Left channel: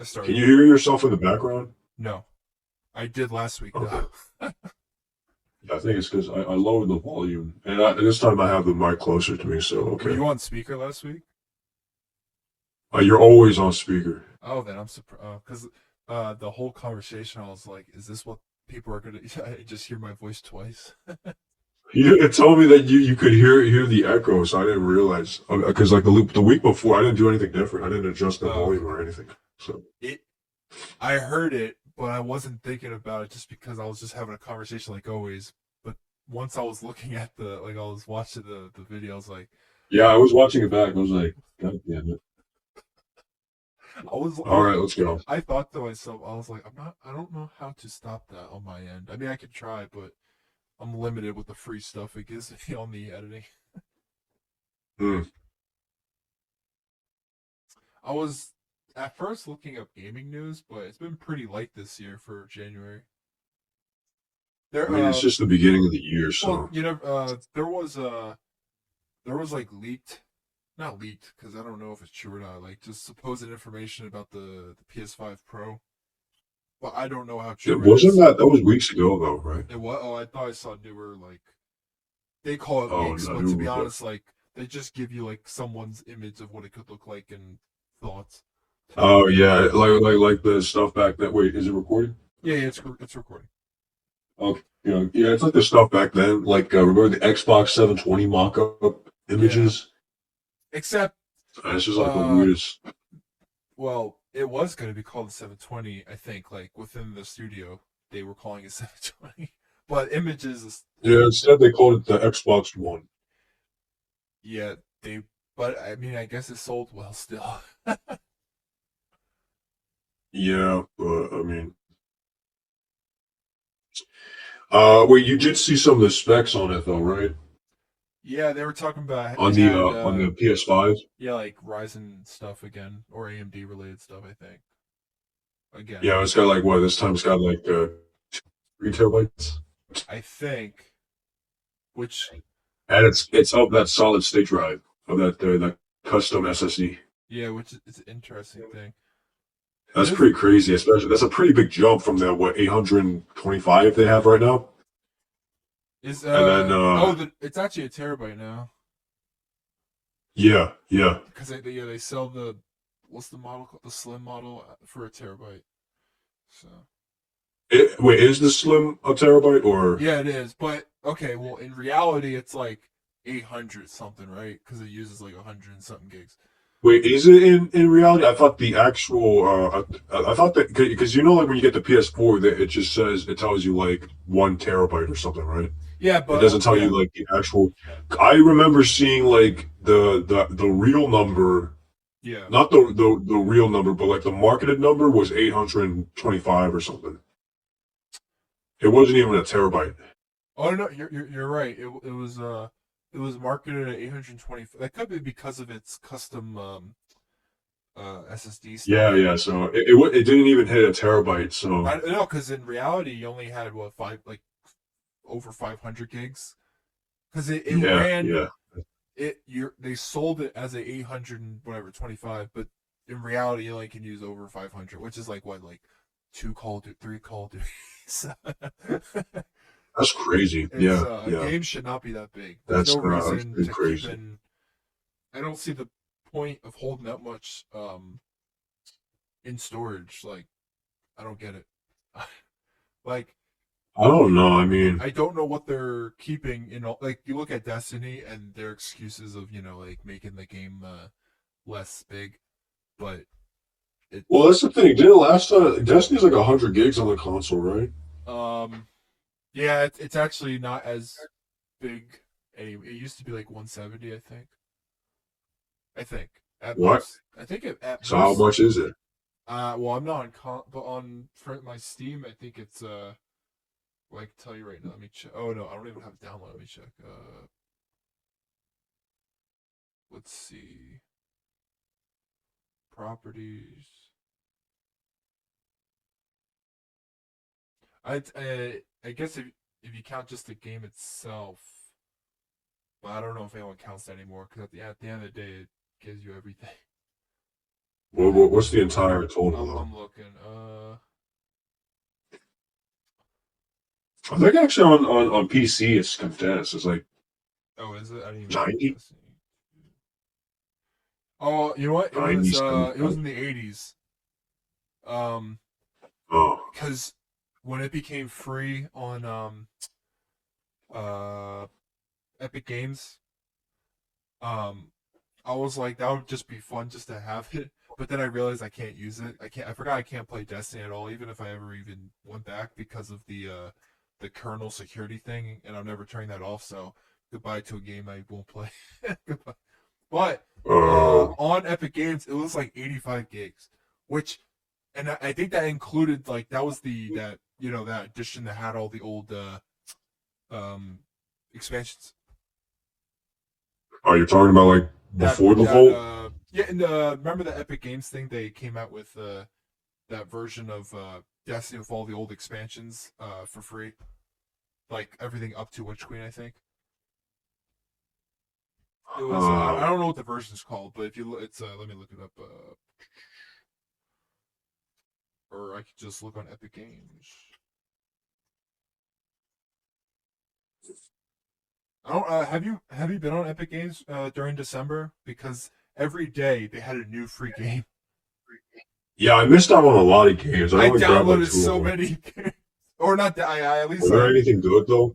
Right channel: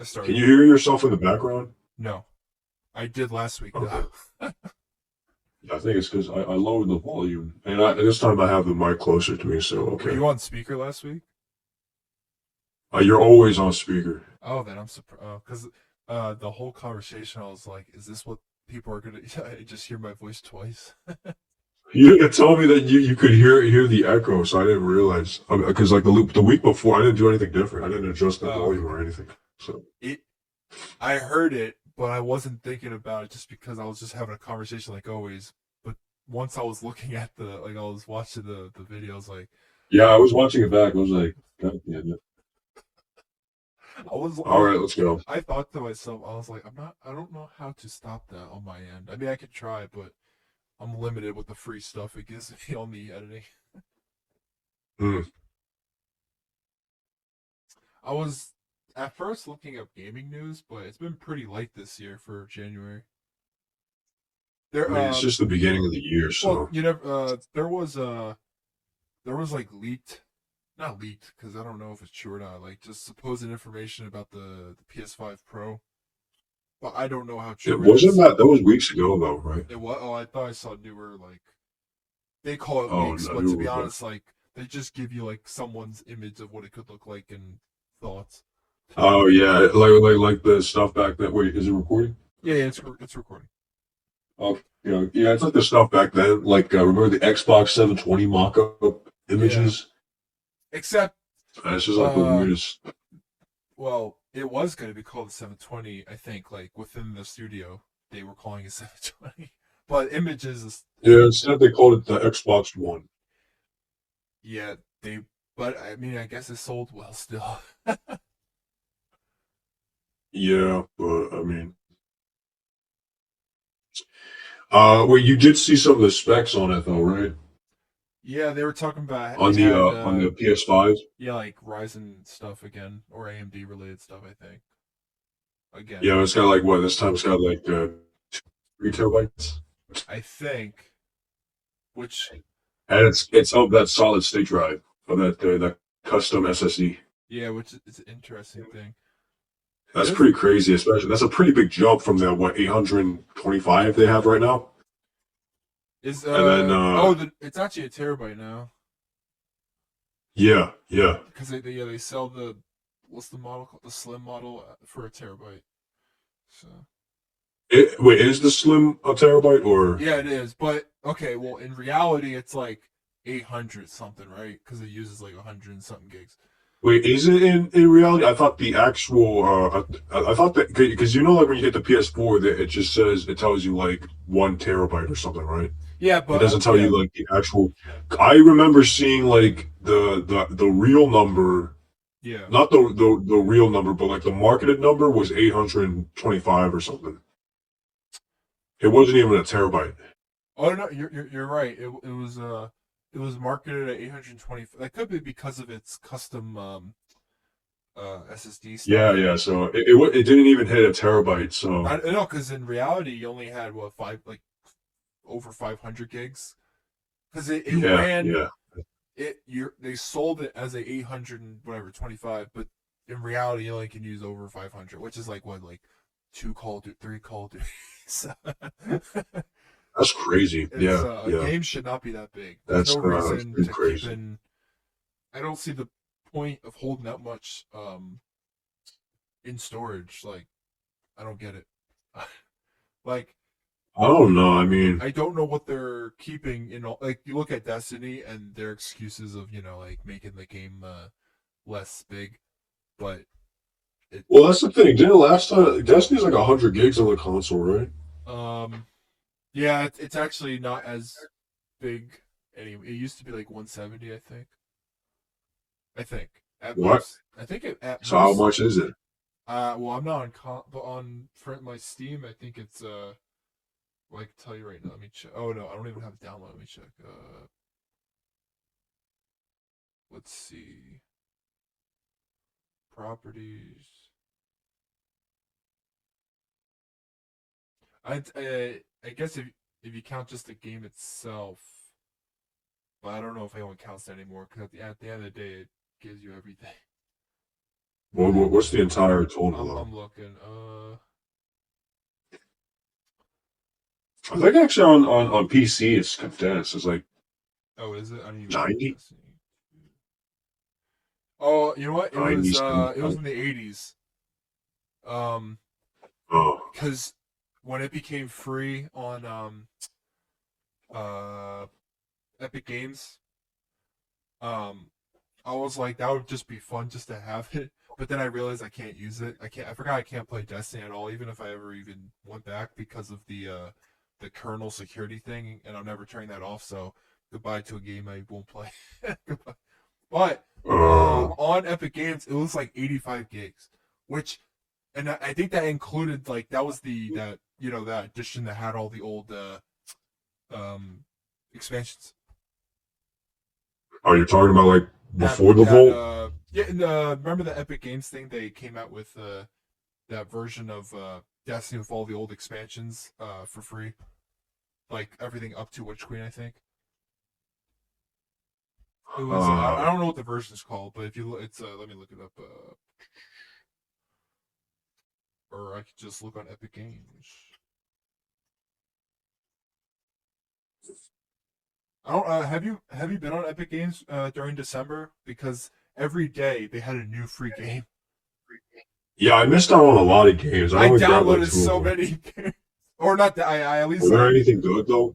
I Can started. you hear yourself in the background? No, I did last week Okay. though. Yeah, I think it's because I lowered the volume, and this time I have the mic closer to me, so Were okay. you on speaker last week? You're always on speaker. Oh, then I'm surprised because the whole conversation I was like, is this what people are gonna just hear my voice twice? You told me that you could hear the echo, so I didn't realize because like the week before I didn't do anything different. I didn't adjust the Oh, volume or anything. So it. I heard it, but I wasn't thinking about it just because I was just having a conversation like always. But once I was looking at I was watching the video, I was like, yeah, I was watching it back. I was like, God damn it! I All was right, let's go. I thought to myself, I was like, I don't know how to stop that on my end. I mean, I could try, but I'm limited with the free stuff it gives me on the editing. Hmm. I was at first looking up gaming news, but it's been pretty light this year for January. I There, mean, it's just the beginning of the year, well, so you know, there was like leaked, not leaked, because I don't know if it's true or not. Like just supposed information about the PS5 Pro, but I don't know how it true it wasn't is. that. That was weeks ago, though, right? It was. Oh, I thought I saw newer like they call it Oh leaks, no, but new to be report. honest, like they just give you like someone's image of what it could look like and thoughts. Oh yeah, like the stuff back that. Wait, is it recording? Yeah, yeah, it's recording. Okay. Yeah, it's like the stuff back then. Like, remember the Xbox 720 mock-up Yeah, images? except It's just like the uh, weirdest. well, it was going to be called the 720. I think like within the studio they were calling it 720, but images is Yeah, instead they called it the Xbox One. yeah they. But I mean, I guess it sold well still. Yeah, but I mean, wait, you did see some of the specs on it though, right? Yeah, they were talking about On it the had on the PS5. yeah like Ryzen stuff again or AMD related stuff. I think again. Yeah, it's got like what this time it's got like 3 terabytes, I think which and it's of that solid state drive of that custom SSD. yeah, which is an interesting thing. That's This pretty crazy, especially that's a pretty big jump from that what 825 they have right now. is And then it's actually a terabyte now yeah, yeah. because they sell the what's the model called, the slim model for a terabyte. So Wait, is the Slim a terabyte or yeah, it is. But okay, well in reality it's like 800 something, right? Because it uses like 100 and something gigs. wait, is it in reality? I thought the actual I thought that because you know like when you get the PS4 that it just says it tells you like 1 terabyte or something, right? Yeah, It but doesn't tell yeah, you like the actual. I remember seeing like the real number, yeah. not the real number, but like the marketed number was 825 or something. It wasn't even a terabyte. Oh no, you're right. It was marketed at 820. That could be because of its custom SSD Yeah, stuff. yeah. So it didn't even hit a terabyte. So I know because in reality you only had what five like over 500 gigs because it yeah, ran yeah. they sold it as a 800 and whatever 25, but in reality you only can use over 500, which is like what like two Call of Duty, three Call of Duty. That's crazy. It's Yeah, a yeah. game should not be that big. There's no That's reason pretty to keep crazy. in. I don't see the point of holding that much in storage. Like I don't get it. Like I don't know. I mean, I don't know what they're keeping in. Like you look at Destiny and their excuses of like making the game less big, but it well, that's the thing. Didn't last time Destiny's like 100 gigs on the console, right? um yeah it's actually not as big anyway. It used to be like 170, I think. I think at What? most. I think at So how most. much is it? Well, I'm not on but on for my Steam, I think it's well, I can tell you right now. Let me check. Oh no, I don't even have it download. Let me check. Let's see. Properties. I guess if you count just the game itself, but I don't know if anyone counts that anymore. Because at the end of the day, it gives you everything. What's the entire total though? I'm looking. I think actually on PC it's condensed. It's like Oh, is it? I didn't even look at 90, Destiny. Oh, you know what? 90, It was in the 80s. Oh, Because when it became free on uh Epic Games, um, I was like, that would just be fun just to have it. But then I realized I can't use it. I forgot I can't play Destiny at all, even if I ever even went back because of the kernel security thing, and I'm never turning that off. So goodbye to a game I won't play. Goodbye. But oh, on Epic Games, it was like 85 gigs, which, and I think that included like that was that that edition that had all the old um expansions. are you talking about like before the vault? Yeah, and remember the Epic Games thing? They came out with that version of Destiny with all the old expansions for free, like everything up to Witch Queen, I think. It was I don't know what the version's called, but if you it's let me look it up, or I could just look on Epic Games. I don't have you been on Epic Games during December, because every day they had a new free game. Yeah, I missed out on a lot of games. I I only grabbed like downloaded two of so them. many games, or not that I at least Were there anything good though?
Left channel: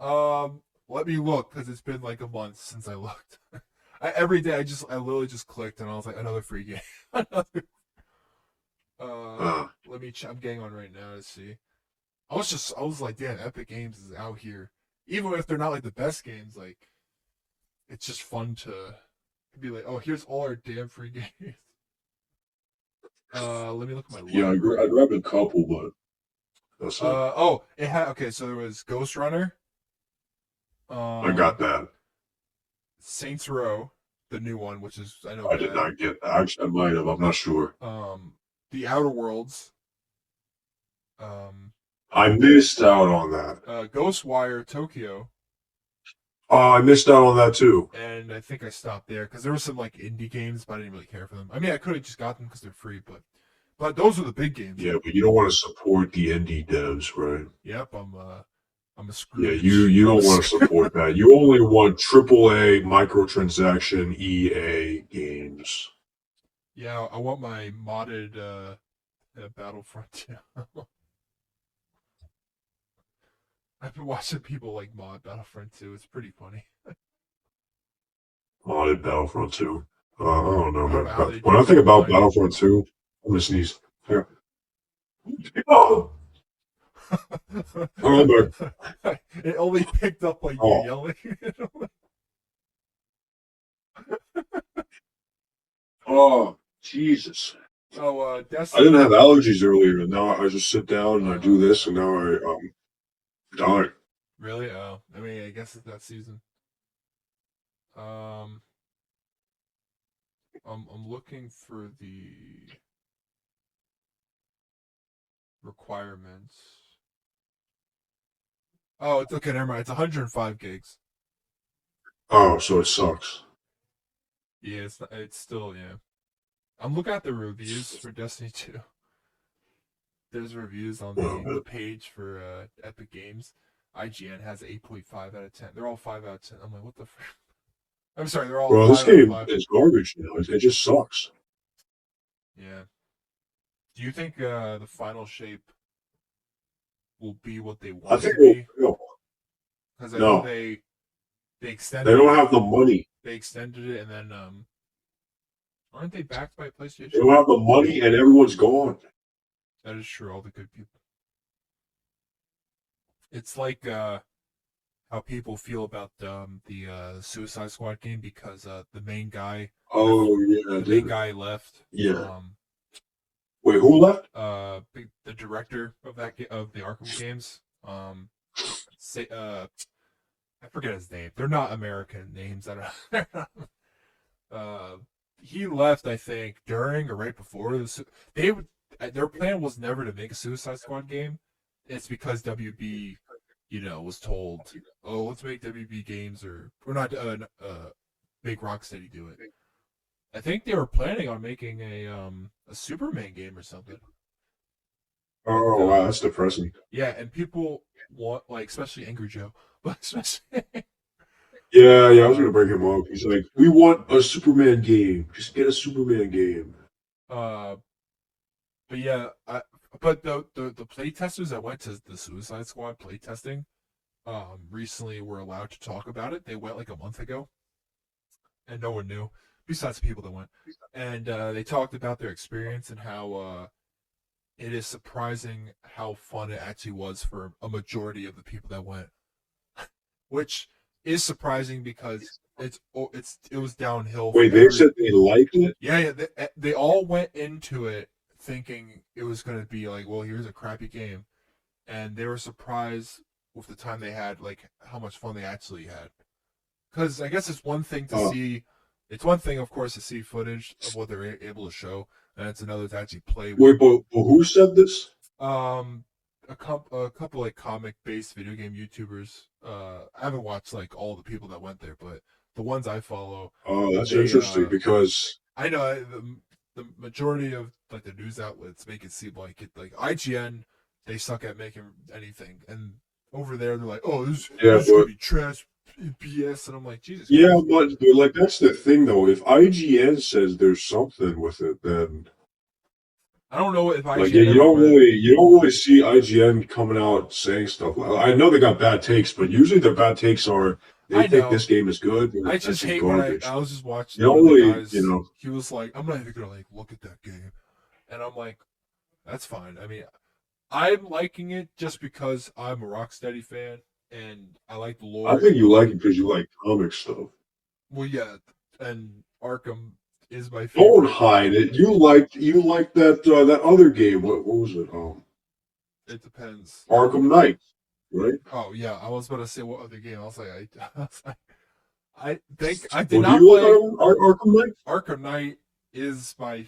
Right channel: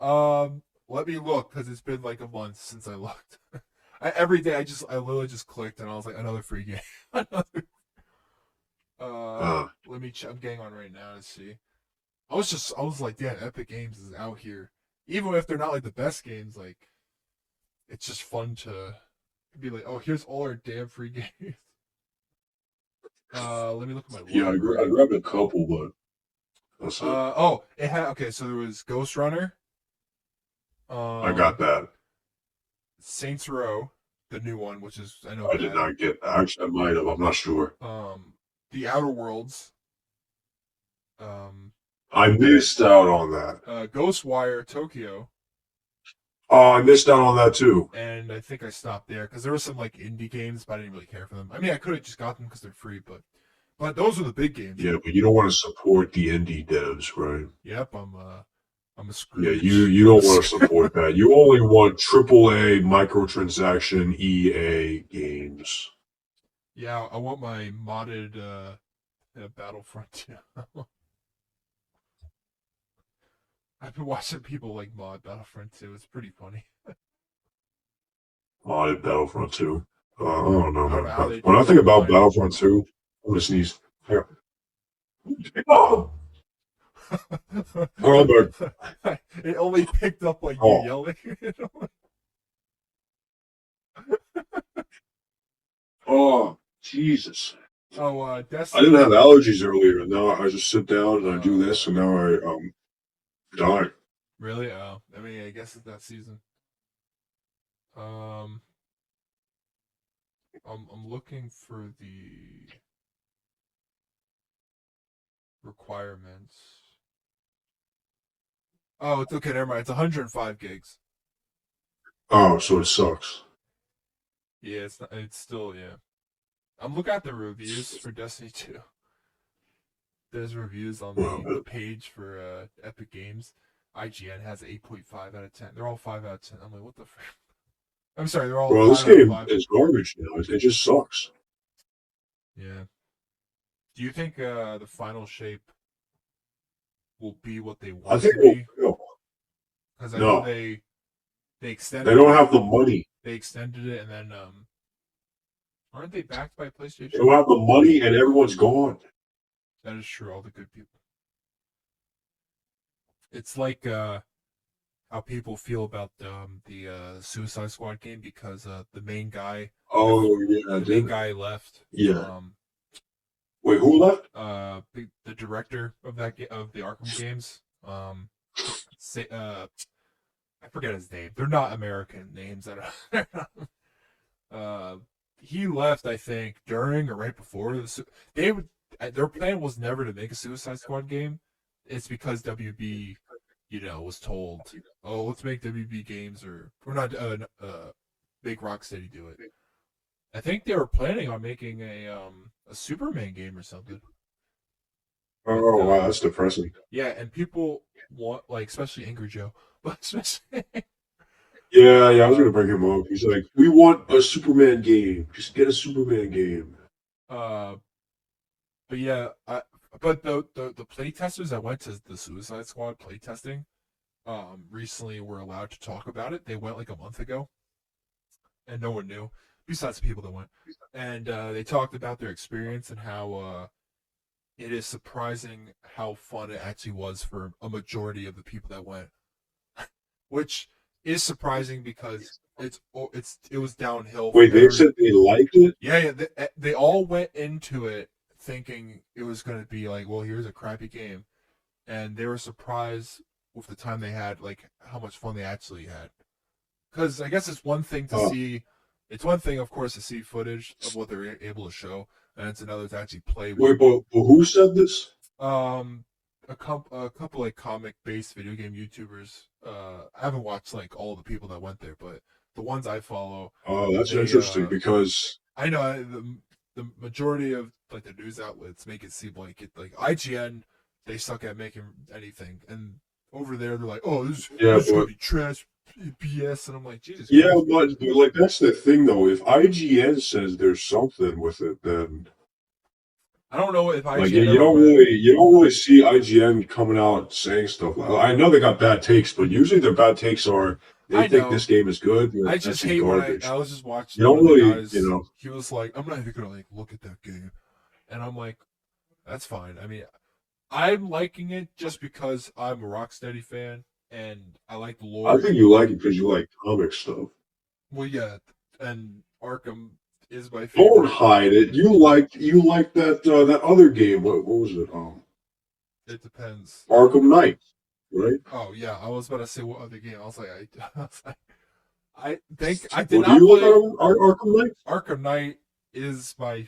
let me look, because it's been like a month since I looked. Every day I literally just clicked and I was like, another free game. Another, Uh, let me I'm getting on right now to see. I was like, damn, Epic Games is out here. Even if they're not like the best games, like it's just fun to be like, oh, here's all our damn free games. Let me look at my yeah, I library. grabbed a couple, but that's it. Oh, it had okay. So there was Ghost Runner, I got um, that. Saints Row, the new one, which is I know I did bad. not get that. Actually, I might have. I'm not sure. The Outer Worlds, um, I missed out on that. Ghostwire Tokyo, Oh, I missed out on that too. and I think I stopped there because there were some like indie games, but I didn't really care for them. I mean, I could have just got them because they're free, but those were the big games. Yeah, but you don't want to support the indie devs, right? Yep, I'm a Yeah, Scrooge. you I'm a don't want to support that. You only want AAA microtransaction EA games. yeah. I want my modded Battlefront 2. I've been watching people like mod Battlefront 2. It's pretty funny. Modded Battlefront 2. I don't know, I don't man. know how they When do I it think about online. Battlefront 2, I'm gonna sneeze. Here. Oh, oh, I'm back. It only picked up like you Oh, yelling. oh, Jesus. Oh, I didn't have Destiny. allergies earlier, and now I just sit down and I do Uh, this, and now I die. really? Oh, I mean, I guess it's that season. Um, I'm looking for the requirements. Oh, it's okay. Never mind. It's 105 gigs. Oh, so it sucks. Yeah, it's not, it's still yeah. I'm looking at the reviews for Destiny 2. There's reviews on the page for Epic Games. IGN has 8.5 out of 10. They're all 5 out of 10. I'm like, what the frick? I'm sorry, they're all Well, this 5 out of game 5. is garbage now. It just sucks. Yeah. Do you think the final shape will be what they I want it think to be? no, Because I know no, they they extended don't it. have the money. They extended it, and then aren't they backed by They PlayStation? don't have the money, and everyone's gone. That is true. All the good people. It's like how people feel about the Suicide Squad game, because Oh yeah, the main dude. guy left. Yeah. Um, Wait, who left? the director of of the Arkham games. Say, I forget his name. They're not American names. I don't. uh, he left, I think, during or right before they would. Their plan was never to make a Suicide Squad game. It's because WB, was told, "Oh, let's make WB games," or we're not make Rocksteady do it. I think they were planning on making a Superman game or something. But Oh wow, that's depressing. yeah, and people want like especially Angry Joe, but especially Yeah, yeah, I was uh gonna bring him up. He's like, we want a Superman game. Just get a Superman game. uh but yeah, but the play testers that went to the Suicide Squad play testing recently were allowed to talk about it. They went like a month ago and no one knew besides the people that went. And they talked about their experience and how it is surprising how fun it actually was for a majority of the people that went, which is surprising because it was downhill Wait, from they every said they liked it? yeah they all went into it thinking it was going to be like, well, here's a crappy game, and they were surprised with the time they had, like how much fun they actually had. Because I guess it's one thing to Oh, see, it's one thing of course to see footage of what they're able to show, and it's another to actually play with. wait, but who said this? Um, a couple like comic based video game YouTubers. I haven't watched like all the people that went there, but the ones I follow, Oh, that's they interesting because I know the majority of like the news outlets make it seem like it, like IGN, they suck at making anything, and over there they're like, oh, yeah, this is gonna but be trash, BS, and I'm like, Jesus yeah, Christ. but like that's the thing though. If IGN says there's something with it, then I don't know if like IGN ever went. you don't really see IGN coming out saying stuff. Like, I know they got bad takes, but usually their bad takes are they I think know. this game is good, or I it's just actually hate when garbage. I was just You watching one don't of the really, guys. know. He was like, I'm not even gonna like look at that game, and I'm like, that's fine. I mean, I'm liking it just because I'm a Rocksteady fan and I like the I lore. think you like it because you like comic stuff. Well, yeah, and Arkham is my Don't favorite. hide it. You liked that that other game. What was it? It depends. Arkham Knight, right? Oh yeah, I was about to say what other game. I was like, I, was like, I think I did Well, do not you like play Arkham Knight? Arkham Knight. Is my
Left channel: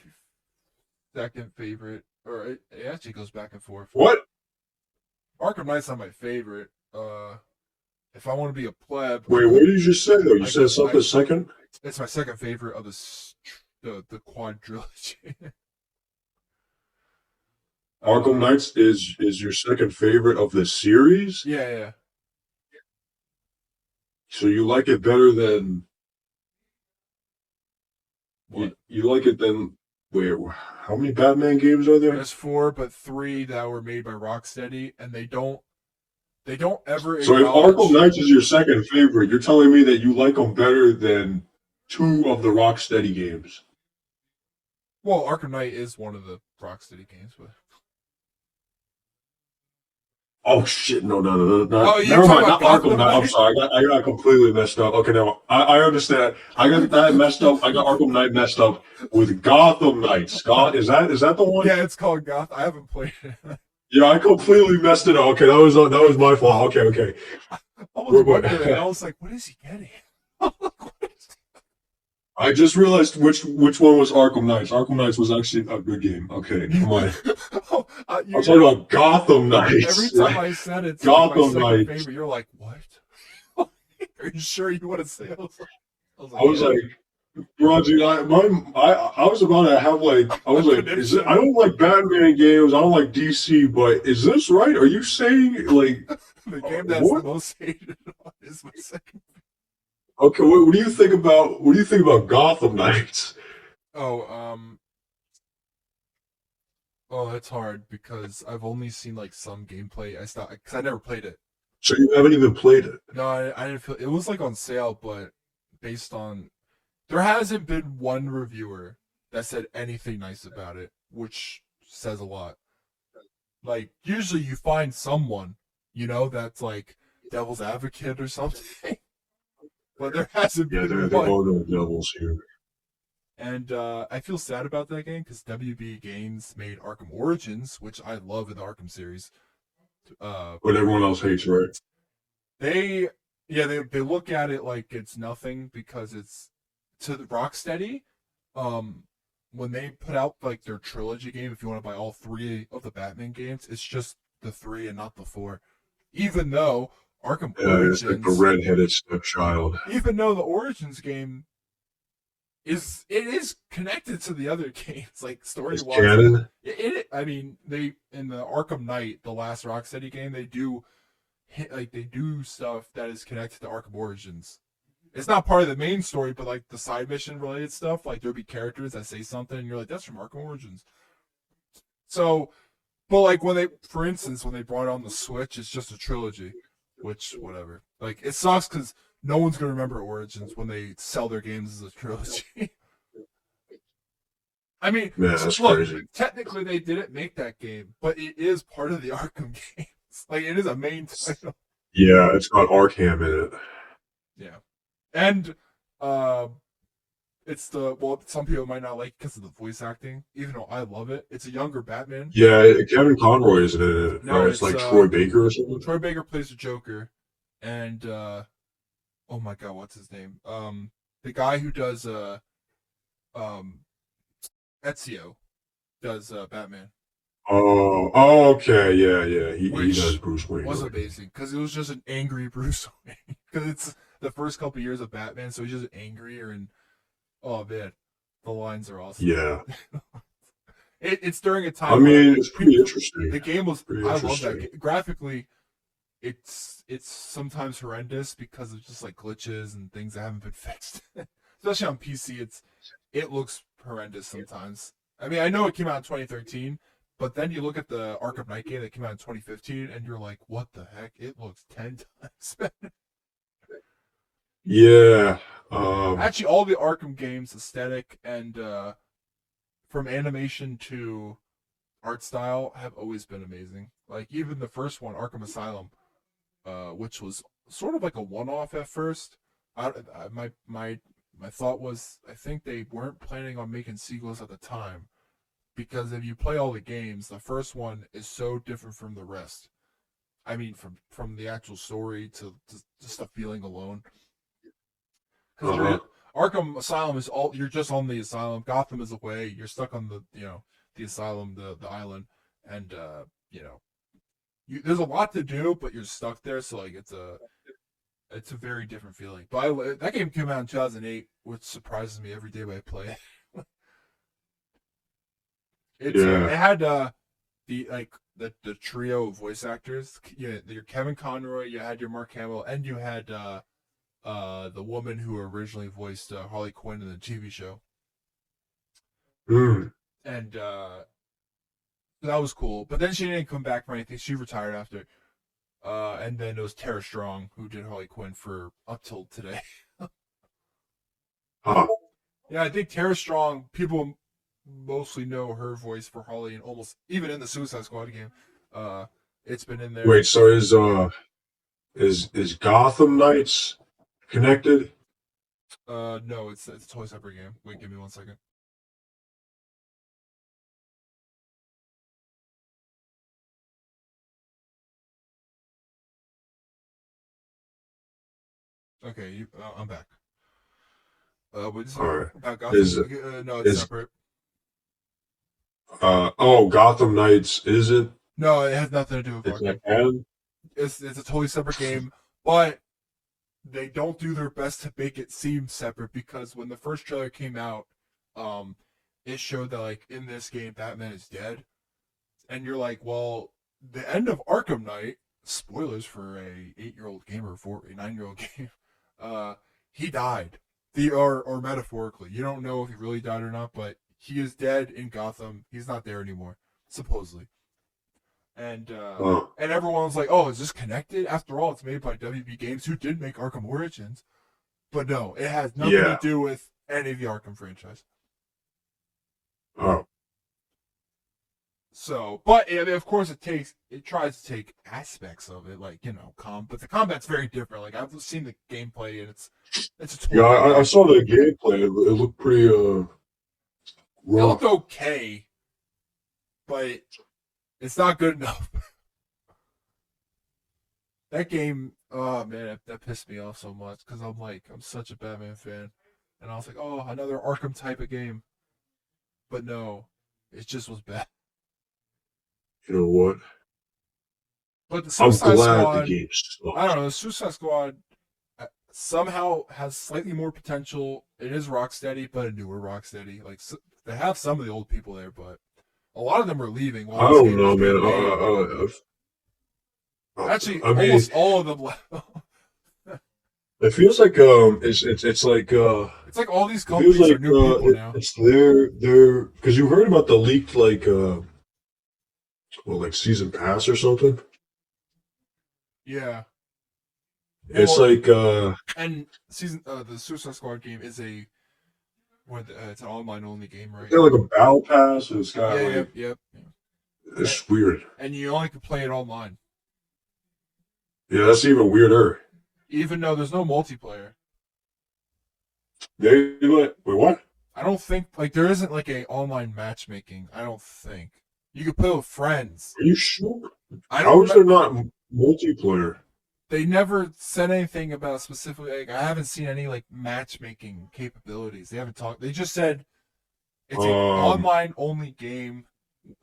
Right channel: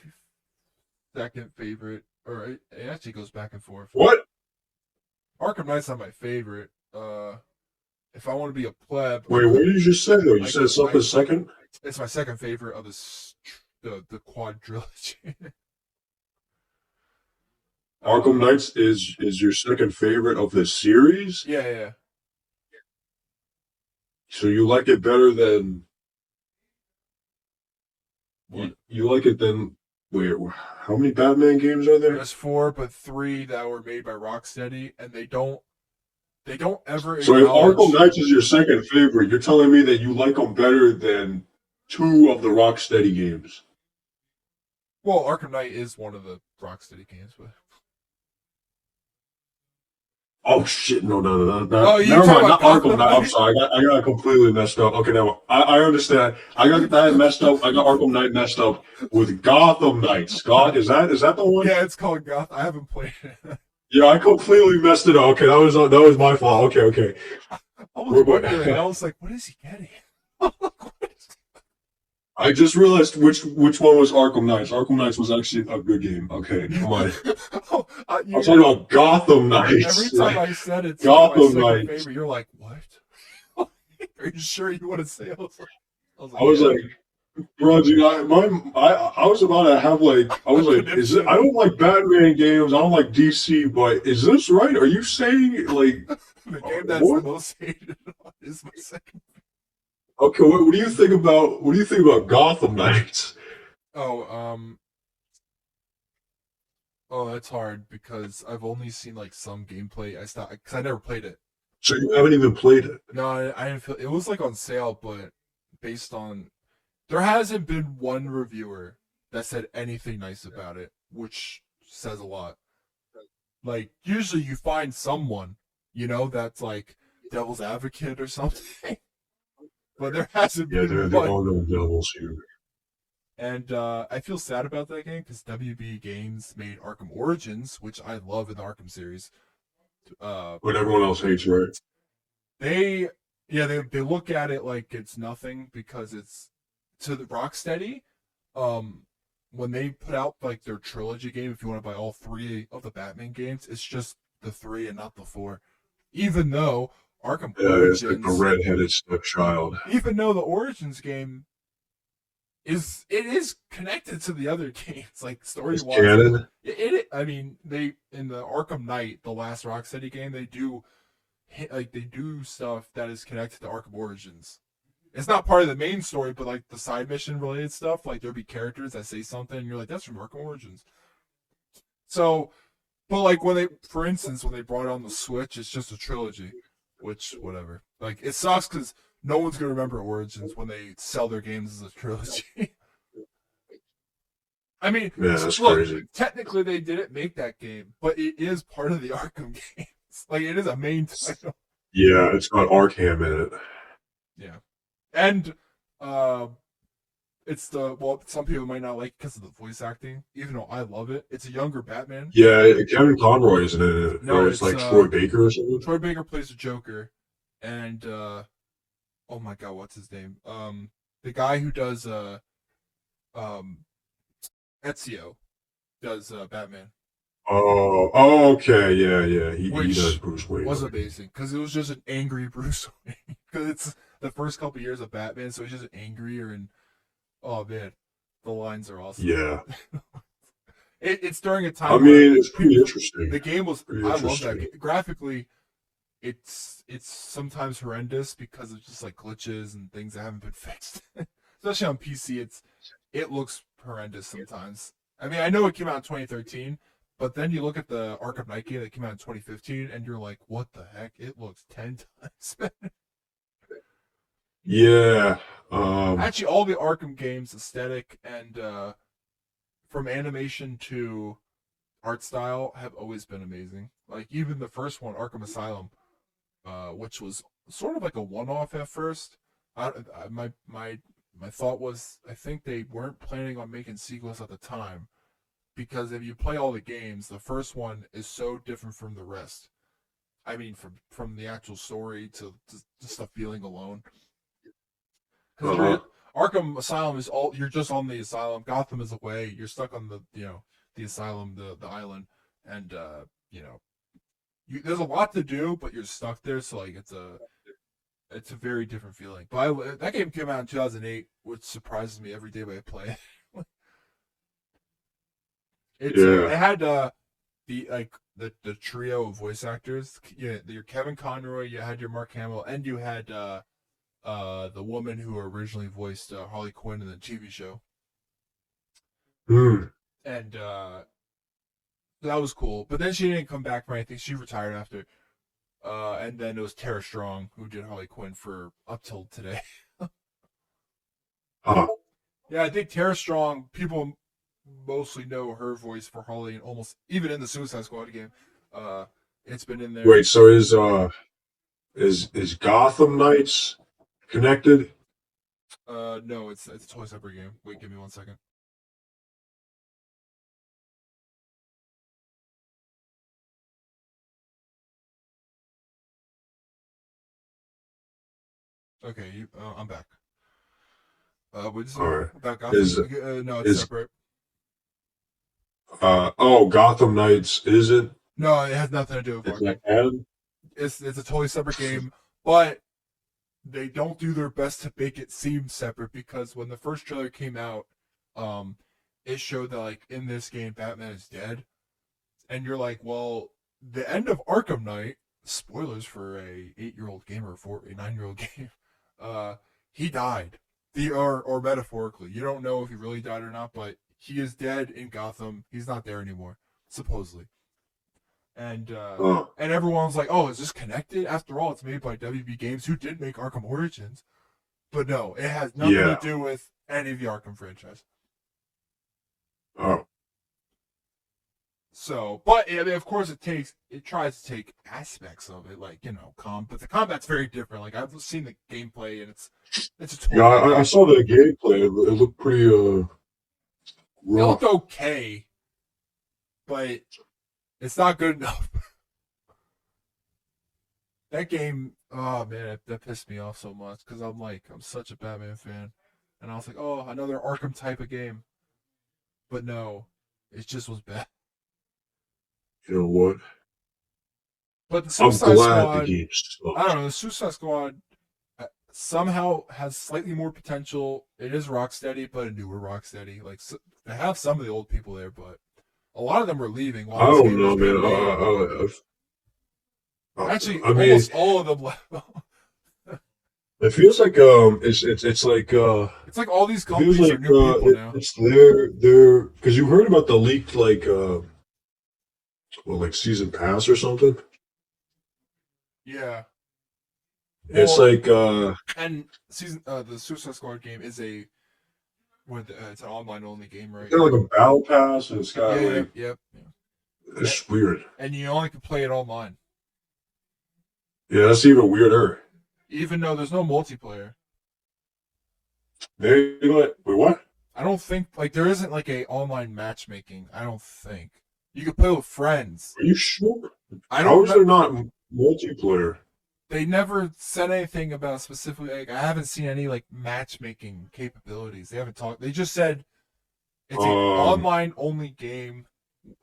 second favorite, or it actually goes back and forth. What? Arkham Knight's not my favorite. If I want to be a pleb, Wait, what did you just say though? You I said go. something second. It's my second favorite of the quadrilogy. Arkham uh, Knights is your second favorite of the series. yeah, yeah. So you like it better than What? you like it than wait, how many Batman games are there? There's four, but three that were made by Rocksteady, and they don't ever So if Arkham acknowledge. Knights is your second favorite, you're telling me that you like them better than two of the Rocksteady games. Well, Arkham Knight is one of the Rocksteady games, but Oh shit! No. oh, you're Never talking mind. about Not Arkham Gotham Knight. I'm Knight? sorry. I got completely messed up. Okay, now I understand. I got that messed up. I got Arkham Knight messed up with Gotham Knights. God, is that the one? Yeah, it's called Goth. I haven't played it. Yeah, I completely messed it up. Okay, that was my fault. Okay. I was What- wondering. I was like, what is he getting? I just realized which one was Arkham Knights. Arkham Knights was actually a good game. Okay, never mind. Oh, I'm talking about Gotham every Knights. time I said it's like my Gotham second Knights. favorite, you're like, what? Are you sure you want to say? I was yeah. like, bro, dude, I was about to have like, I was like, is it? I don't like Batman games. I don't like DC, but is this right? Are you saying like The game that's what? the most hated on is my second. Okay, what do you think about Gotham Knights? Oh, oh, that's hard because I've only seen like some gameplay. I stopped because I never played it. So you haven't even played it. No, I didn't feel it was like on sale, but based on there hasn't been one reviewer that said anything nice about it, which says a lot. Like usually you find someone, that's like devil's advocate or something, but there hasn't Yeah, been there one. are no devils here. And I feel sad about that game because WB Games made Arkham Origins, which I love in the Arkham series. But everyone else hates, right? They, yeah, they look at it like it's nothing because it's to the Rocksteady. Um, when they put out like their trilogy game, if you want to buy all three of the Batman games, it's just the three and not the four. Even though Arkham Yeah, it's like the Origins, redheaded stepchild. even though the Origins game it is connected to the other games, like story It's wise. canon. I mean, they in the Arkham Knight, the last Rocksteady game, they do they do stuff that is connected to Arkham Origins. It's not part of the main story, but like the side mission related stuff, like there'll be characters that say something, and you're like, that's from Arkham Origins. So, but like when they, for instance, when they brought on the Switch, it's just a trilogy, which whatever. Like it sucks because no one's gonna remember Origins when they sell their games as a trilogy. I mean, Yeah, that's look, crazy. technically they didn't make that game, but it is part of the Arkham games. Like it is a main title. Yeah, it's got Arkham in it. Yeah, and uh, it's the well, some people might not like it because of the voice acting, even though I love it. It's a younger Batman. Yeah, Kevin Conroy isn't in it, No, or it's it's like Troy Baker or something. Troy Baker plays the Joker, and oh my god, what's his name? The guy who does um Ezio does Batman, Okay, yeah. He does which Bruce Wayne. was amazing because it was just an angry Bruce Wayne. Because it's the first couple years of Batman, so he's just angrier and oh man, the lines are awesome. Yeah, It's during a I time where mean it's pretty interesting. the game was. Pretty I love that interesting. graphically. It's sometimes horrendous because of just like glitches and things that haven't been fixed. Especially on PC, it looks horrendous sometimes. I mean, I know it came out in 2013, but then you look at the Arkham Knight game that came out in 2015, and you're like, what the heck? It looks 10 times better. Yeah. Actually, all the Arkham games, aesthetic and from animation to art style, have always been amazing. Like even the first one, Arkham Asylum, which was sort of like a one-off at first. My thought was I think they weren't planning on making sequels at the time because if you play all the games, the first one is so different from the rest. I mean, from the actual story to just the feeling alone. Because uh Arkham Asylum is all you're just on the asylum. Gotham is away. You're stuck on the the asylum, the island, and you know there's a lot to do, but you're stuck there. So like it's a very different feeling. But that game came out in 2008, which surprises me every day when I play it. yeah. it had the like the trio of voice actors. Your Kevin Conroy, you had your Mark Hamill, and you had the woman who originally voiced Harley Quinn in the TV show, Mm. and that was cool. But then she didn't come back for anything. She retired after. And then it was Tara Strong who did Harley Quinn for up till today. Ah. Yeah, I think Tara Strong. People mostly know her voice for Harley, and almost even in the Suicide Squad game, uh, it's been in there. Wait, so is Gotham Knights connected? No, it's a totally separate game. Wait, give me 1 second. Okay, I'm back. What did you say All right. about Gotham? Is No, it's is separate. Gotham Knights is it? No, it has nothing to do with It's Arkham. not canon? It's a totally separate game, but they don't do their best to make it seem separate because when the first trailer came out, um, it showed that like in this game Batman is dead, and you're like, well, the end of Arkham Knight, spoilers for a 8-year-old game or for a 9-year-old game, uh, he died. Or metaphorically, you don't know if he really died or not, but he is dead in Gotham. He's not there anymore, supposedly. Oh, And everyone's like, "Oh, is this connected?" After all, it's made by WB Games, who did make Arkham Origins. But no, it has nothing to yeah. do with any of the Arkham franchise. Oh, So, but I mean, of course, it tries to take aspects of it, like but the combat's very different. Like I've seen the gameplay, and it's a yeah. totally I different. saw the gameplay. It looked pretty It looked rough. okay, but it's not good enough. That game, oh man, that pissed me off so much because I'm such a Batman fan, and I was like, oh, another Arkham type of game, but no, it just was bad. You know what? But the I'm Suicide glad the Squad, game I sucked. don't know, the Suicide Squad somehow has slightly more potential. It is Rocksteady, but a newer Rocksteady. Like they have some of the old people there, but a lot of them are leaving I while this don't game was know, being made. man. Actually, I mean, almost all of them left. it feels like it's like It's like all these it feels companies are like new people now. it's their because you heard about the leaked like well, like season pass or something. Yeah. It's Well, like and the Suicide Squad game is it's an online only game, it's right? got like a battle pass and it's got Yeah, yeah, like yep. And, it's weird. and you only can play it online, Yeah, that's even weirder. even though there's no multiplayer. Wait, what? I don't think like there isn't like a online matchmaking. I don't think you could play with friends. Are you sure? I don't How is remember. there not multiplayer? They never said anything about specifically. Like, I haven't seen any like matchmaking capabilities. They haven't talked. They just said it's a Um, online only game,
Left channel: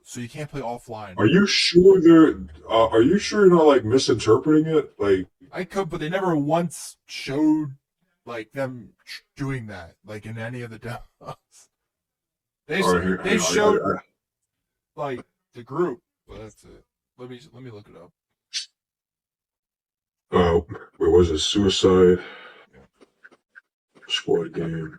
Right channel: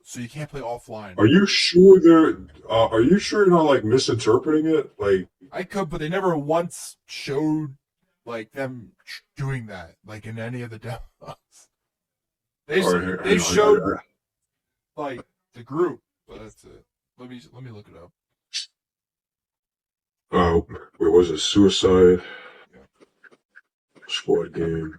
so you can't play offline. are you sure they're? Are you sure you're not like misinterpreting it? Like, I could, but they never once showed like them doing that, like in any of the demos. They all right, here, they hang on, showed like the group, but that's it. Let me look it up. wait, was it Suicide Squad game?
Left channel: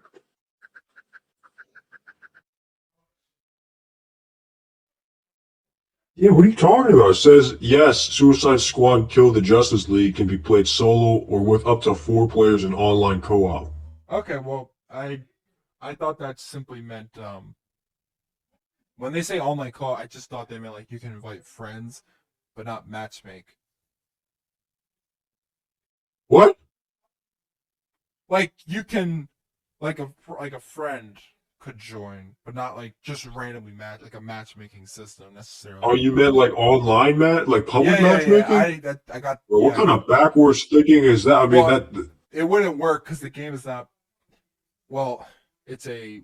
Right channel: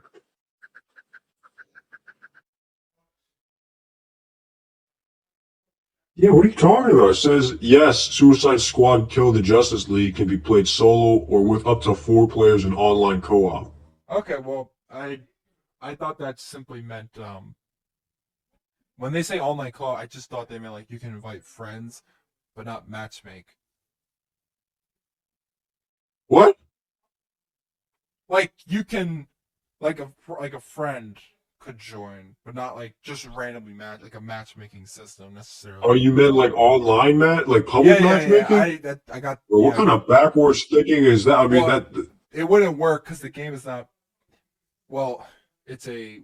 Yeah, what are you talking about? It says yes, Suicide Squad Kill the Justice League can be played solo or with up to 4 players in online co-op. Okay, well, I thought that simply meant when they say online call, I just thought they meant like you can invite friends, but not matchmake. What? Like you can, like a friend could join, but not like just randomly match like a matchmaking system Oh, necessarily. you meant like online like Yeah, public yeah, yeah. matchmaking? I got Or what yeah. kind of backwards thinking is that? I mean, Well, that it wouldn't work because the game is not. Well, it's a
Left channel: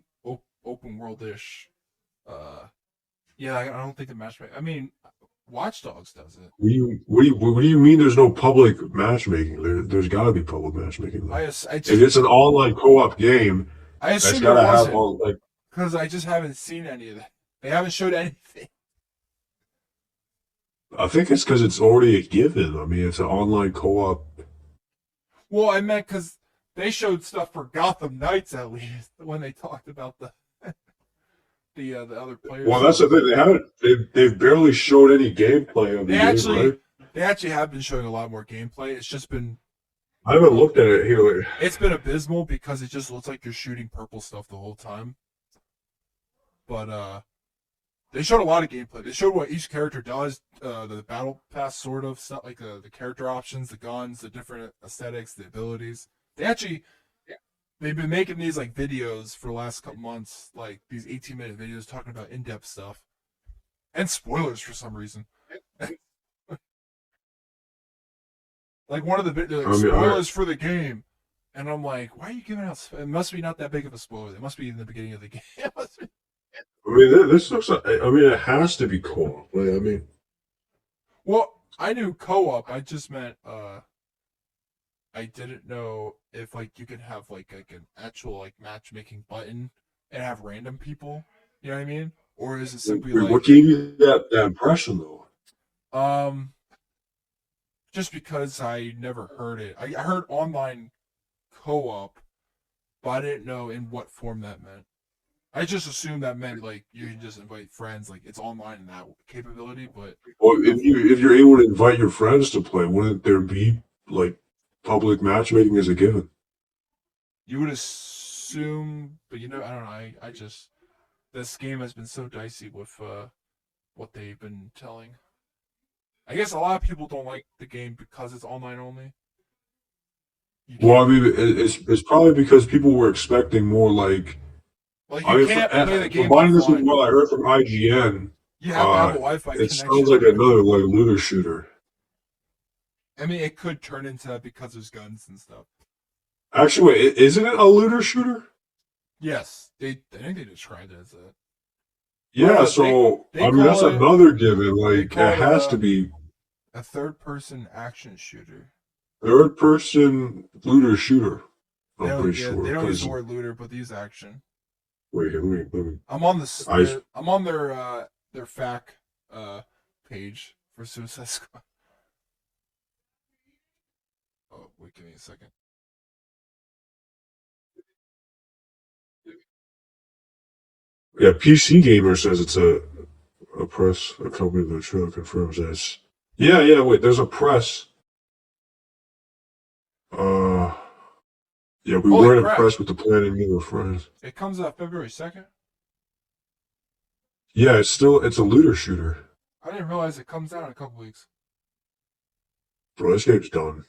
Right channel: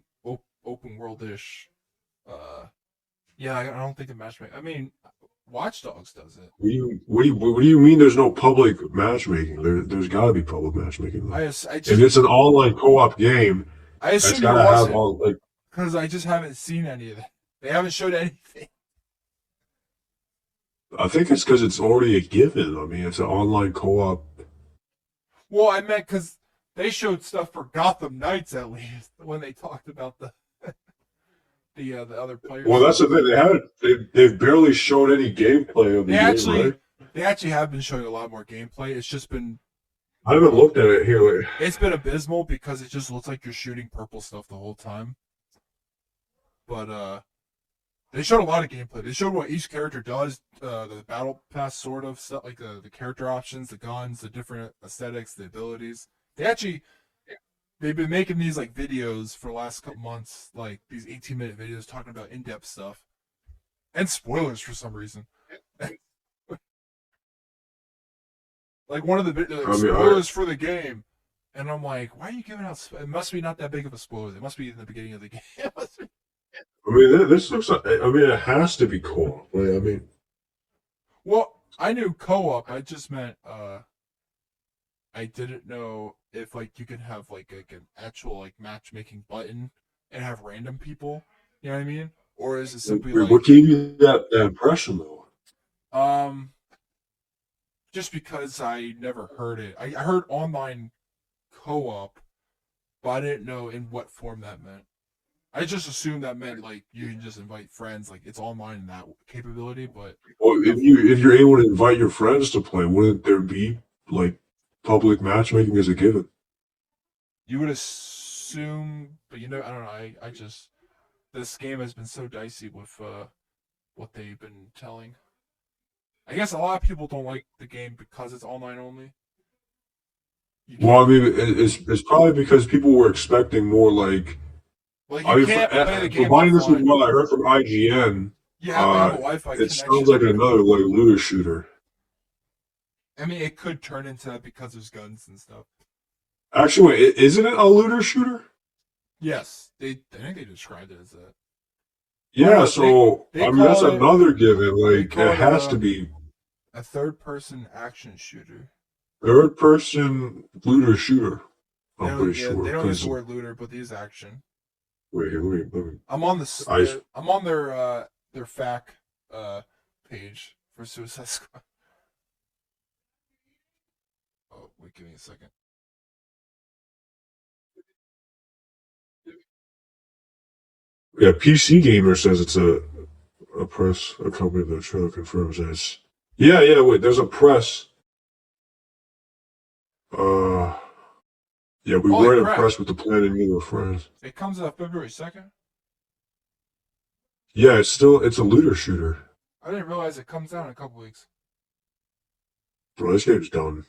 open world ish. Yeah, I don't think the matchmaking. I mean, Watch Dogs does it. what do you mean? There's no public matchmaking. There's got to be public matchmaking though. I If just it's an online co-op game, I that's assume got there to have wasn't all like. because I just haven't seen any of that. They haven't showed anything. I think it's because it's already a given. I mean, it's an online co-op. Well, I meant because they showed stuff for Gotham Knights at least when they talked about the other players. Well, that's the thing. They haven't. They've barely showed any gameplay of the They game, actually right? they actually have been showing a lot more gameplay. It's just been I haven't looked at it here. Like, it's been abysmal because it just looks like you're shooting purple stuff the whole time. But they showed a lot of gameplay. They showed what each character does, the battle pass sort of stuff, like the character options, the guns, the different aesthetics, the abilities. They actually they've been making these like videos for the last couple months, like these 18-minute videos talking about in-depth stuff and spoilers for some reason. Like one of the videos, I like, mean, spoilers for the game, and I'm like, why are you giving out? It must be not that big of a spoiler. It must be in the beginning of the game. I mean, this looks. Like, I mean, it has to be cool. I mean, Well, I knew co-op. I just meant I didn't know if like you could have like an actual like matchmaking button and have random people. You know what I mean? Or is it simply what like gave you that impression though? um just because I never heard it. I heard online co-op, but I didn't know in what form that meant. I just assumed that meant like you can just invite friends, like it's online in that capability, but Well, nothing. if you're able to invite your friends to play, wouldn't there be like public matchmaking as a given? You would assume, but I don't know. I just this game has been so dicey with what they've been telling. I guess a lot of people don't like the game because it's online only. You Well, can't I mean, it's probably because people were expecting more like. like you I mean, can't play the game combining this with offline. what I heard from IGN, You have to have a Wi-Fi it sounds connection. like another like looter shooter. I mean, it could turn into that because there's guns and stuff. Actually, isn't it a looter shooter? Yes, I think they described it as that. Yeah, But so they I mean call that's it another given. they Like call it it has to be. a third-person action shooter. third person looter shooter. I'm pretty Yeah, sure. they don't use the 'Cause- word looter, but they use action. wait, let me. I'm on this. I I'm on their FAQ page for Suicide Squad. Oh, wait, give me a second. yeah, PC Gamer says it's a press a company that trailer confirms this. Yeah, yeah. Wait, there's a press. Uh, yeah, we Holy were crap! impressed with the plan and meeting with friends. It comes out February 2nd. Yeah, it's a looter shooter. I didn't realize it comes out in a couple weeks. Bro, this game's done.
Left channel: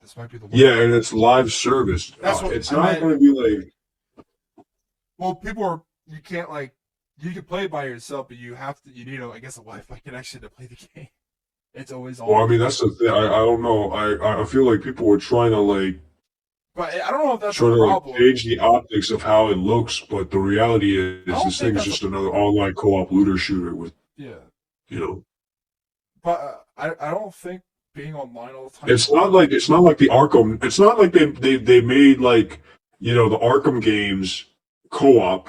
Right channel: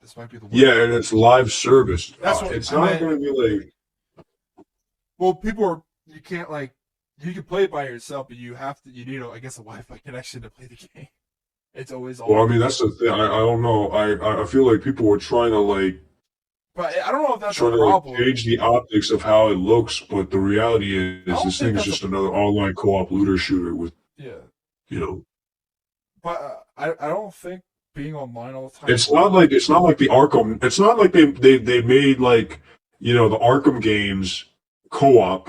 This might be the one. Yeah, and it's live service. That's what it's I not meant. going to be like. Well, people are. You can't like. You can play it by yourself, but you have to. You need, I guess, a Wi-Fi connection to play the game. It's always on. Well, I mean, that's the thing. I don't know. I feel like people were trying to like But I don't know if that's trying a to like problem. change the optics of how it looks, but the reality is don't this think thing is that's just another online co-op looter shooter with Yeah, you know. but I don't think being online all the time. It's not like the Arkham. It's not like they made like the Arkham games co-op.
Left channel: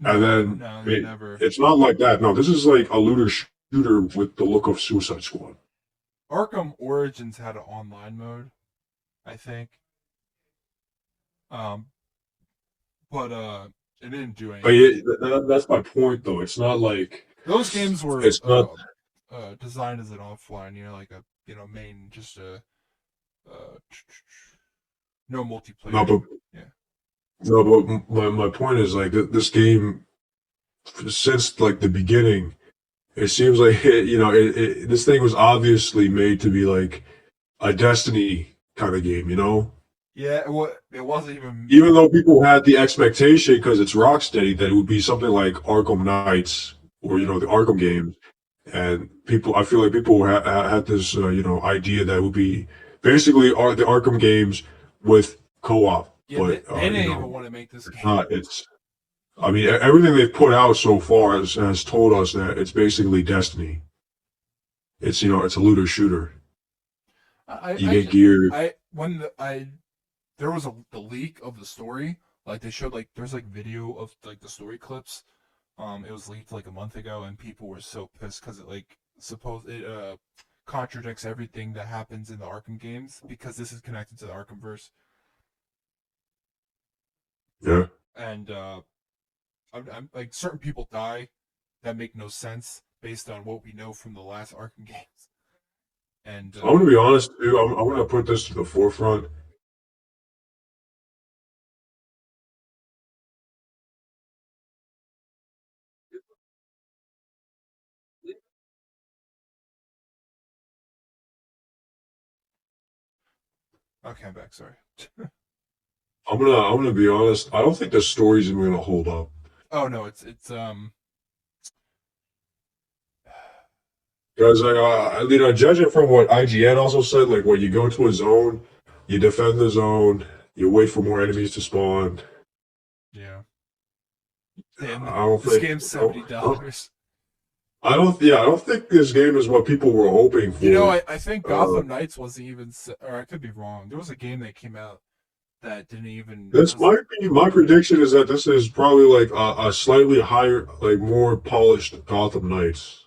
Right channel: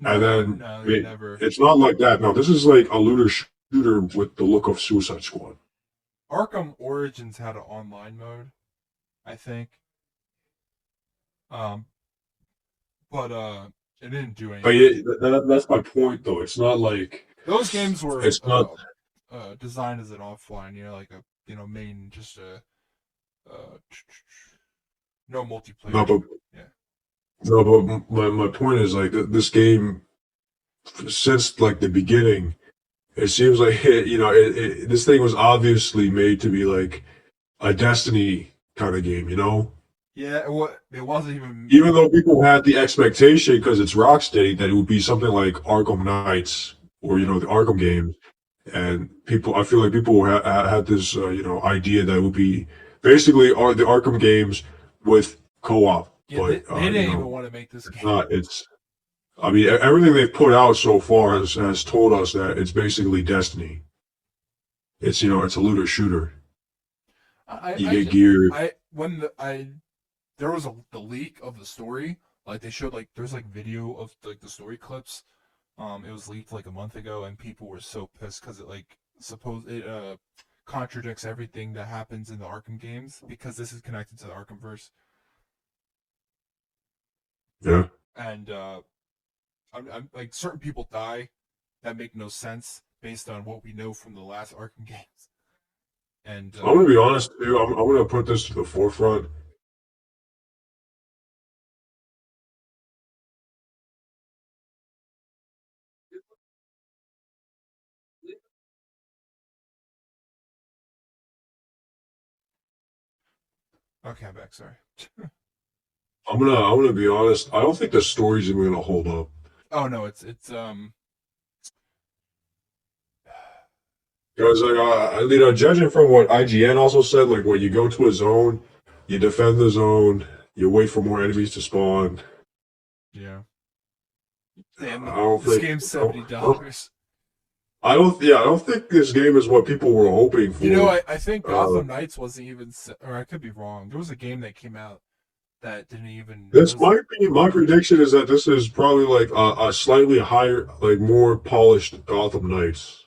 No, And then no, they never. it's not like that. No, this is like a looter shooter with the look of Suicide Squad. Arkham Origins had an online mode, I think. But it didn't do But anything. yeah, that's my point, though. It's not like Those games were it's not. designed as an offline, like a main, just a no multiplayer. No, but Yeah. no, but my point is like this game since like the beginning, it seems like this thing was obviously made to be like a Destiny kind of game, Yeah, it wasn't even. Even though people had the expectation because it's Rocksteady that it would be something like Arkham Knights or the Arkham games, and I feel like people had this idea that it would be basically the Arkham games with co-op, Yeah, but they didn't even want to make this game. not. I mean, everything they've put out so far has told us that it's basically Destiny. It's it's a looter shooter. You get gear. There was the leak of the story, like they showed there's video of the story clips. It was leaked like a month ago, and people were so pissed because it contradicts everything that happens in the Arkham games because this is connected to the Arkhamverse. Yeah. And I'm like certain people die that make no sense based on what we know from the last Arkham games. And I'm gonna be honest, dude. I'm gonna put this to the forefront. okay, I'm back. Sorry. I'm gonna be honest. I don't think the story's even gonna hold up. Oh no, it's Because judging from what IGN also said, like when you go to a zone, you defend the zone, you wait for more enemies to spawn. yeah. And I don't this think game's $70. I don't think this game is what people were hoping for. I think Gotham Knights wasn't even, or I could be wrong. There was a game that came out that didn't even. This might be my prediction is that this is probably like a slightly higher, like more polished Gotham Knights.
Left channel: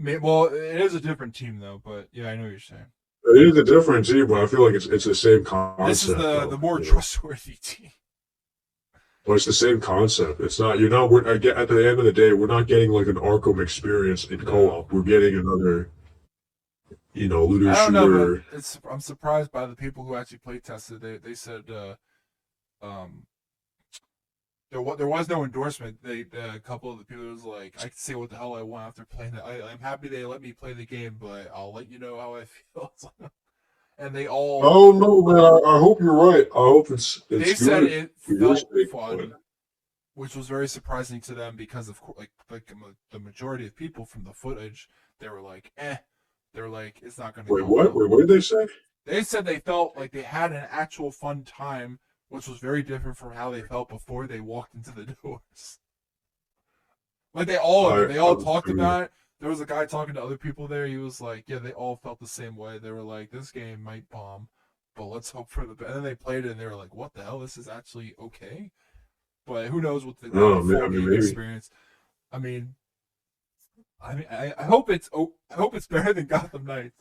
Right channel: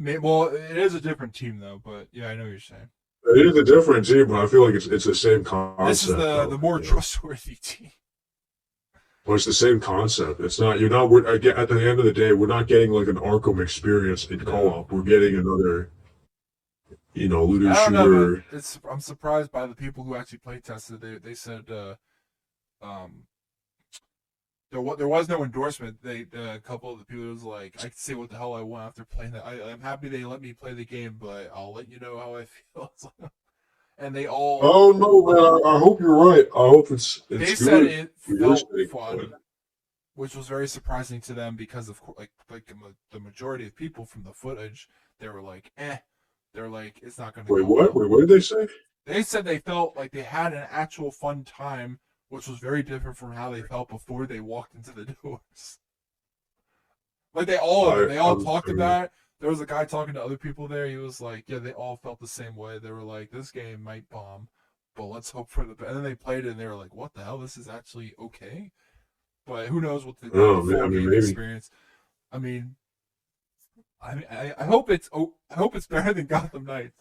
Well, it is a different team though, but yeah, I know what you're saying. It is a different team, but I feel like it's the same concept. This is the more trustworthy team. Well, it's the same concept. It's not. You're not. At the end of the day, we're not getting like an Arkham experience in co-op. We're getting another, looter I don't shooter. know, but I'm surprised by the people who actually play tested. They said there was no endorsement. A couple of the people was like, I can say what the hell I want after playing it. I'm happy they let me play the game, but I'll let you know how I feel. And they all. Oh no, man! I hope you're right. I hope it's They good said it felt sake, fun, which was very surprising to them because of the majority of people from the footage, they were like, eh. They're like, it's not going to. Wait, what? Wait, what did they say? They said they felt like they had an actual fun time, which was very different from how they felt before they walked into the doors. Like they all talked about it. there was a guy talking to other people there. He was like, yeah, they all felt the same way. They were like, this game might bomb, but let's hope for the best. And then they played it and they were like, what the hell? This is actually okay. But who knows what the No, full I mean game maybe. experience. I mean, I hope I hope it's better than Gotham Knights.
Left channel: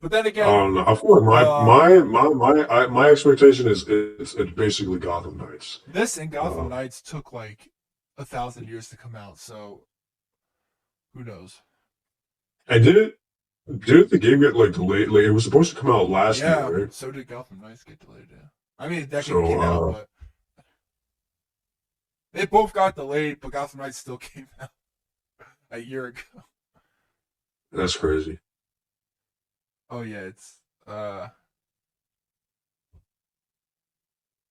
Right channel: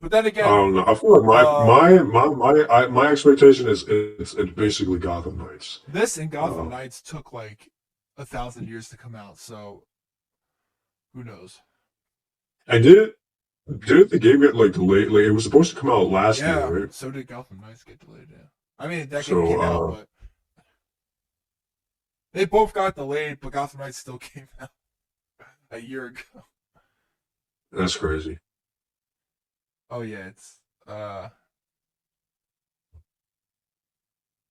But then again, I feel like uh, my expectation is it's basically Gotham Knights. this and Gotham Uh, Knights took like 1,000 years to come out, so who knows? and didn't the game get like delayed? Like it was supposed to come out last year, Yeah, right? so did Gotham Knights get delayed. Yeah, I mean that game So came out, but they both got delayed. But Gotham Knights still came out a year ago. that's crazy. Oh yeah, it's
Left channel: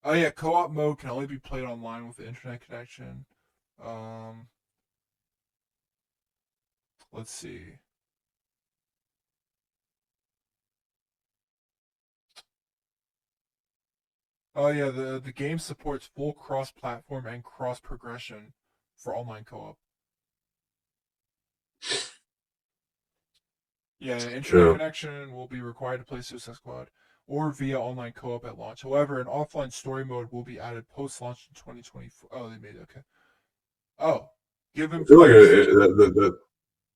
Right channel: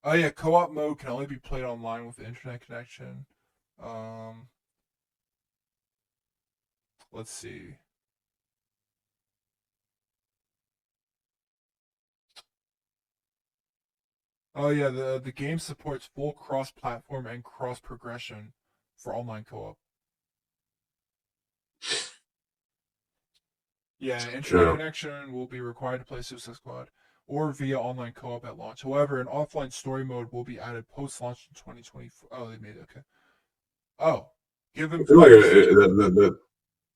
oh yeah, co-op mode can only be played online with the internet connection. Um, let's see. Oh yeah, the game supports full cross-platform and cross-progression for online co-op. Yeah, internet Yeah. connection will be required to play Suicide Squad or via online co-op at launch. However, an offline story mode will be added post-launch in 2024. Oh, they made it. Okay. Oh, I given feel like players.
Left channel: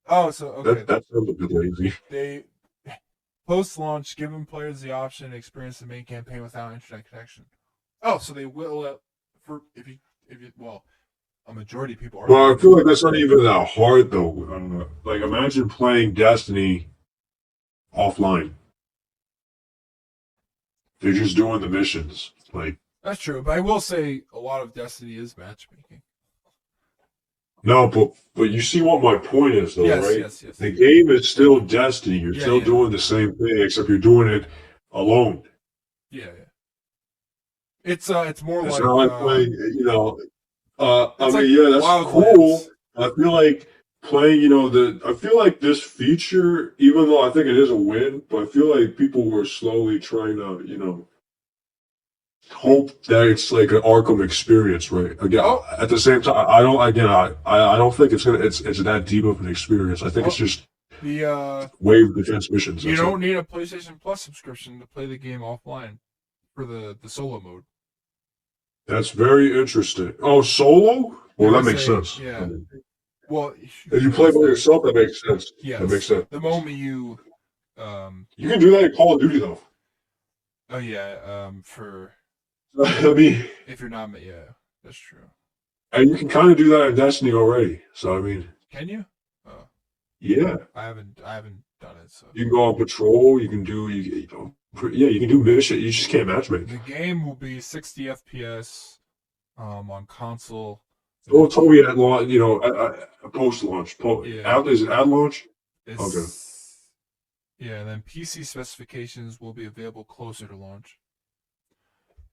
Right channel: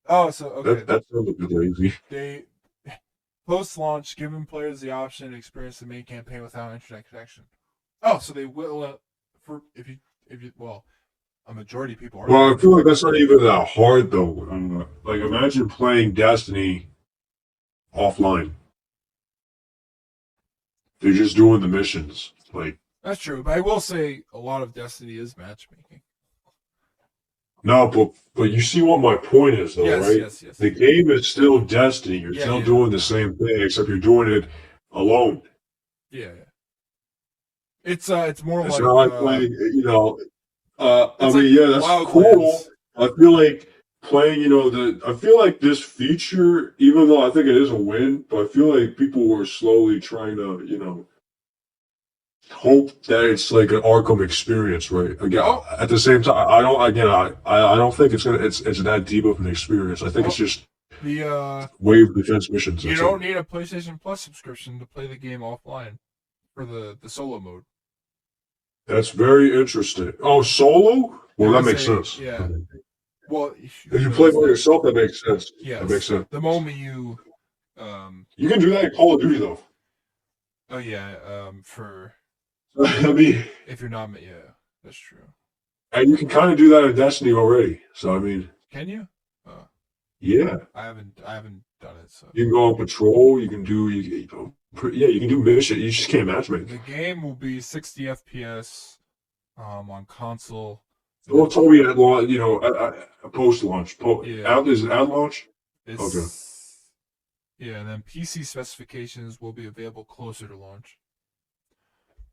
Oh, so okay. that sounds a bit lazy. They post-launch, giving players the option to experience the main campaign without internet connection. Oh, so they will for if you well, a majority of people are Well, I doing feel that. like that's not even that hard though. Like imagine playing Destiny offline. They're just doing the missions. Like That's true, but I will say a lot of Destiny is matchmaking. no, but you see what my point is though, Yes, right? yes, yes. The game is still Destiny. You're Yeah, still yeah, doing the same thing, except you're doing it alone. yeah, yeah. It's more It's like not like playing, I it's like mean, yeah, that's cool. Wildlands. I feel like playing, I feel like this feature, even though I think it is a win, but I feel like people were slowly trying to, hope that it's like an Arkham experience, right? Again, Oh, at the same time, I don't, again, I don't think it's that deep of an experience. I think it's oh, just the wave defense missions. you That's don't all. need a PlayStation Plus subscription to play the game offline for the solo mode. That's very interesting. Oh, solo? It Well, that was makes saying, sense. yeah. Well, If you there play is by that. yourself, that makes sense. That makes Yes, sense. the moment you um You can do that in Call of Duty, though. oh yeah for I mean, if you're not yeah, that's true. and you can kind of do that in Destiny already. So I mean, Can you? Oh, yeah, I haven't done it. So you can go on patrol. You can do yeah, you can do mission. You just can't matchmake. the game will be 60 FPS on console. And Well, then told me at launch, post launch. yeah, Is it at launch? Okay. it's yeah, and then PC specifications will be available closer to launch.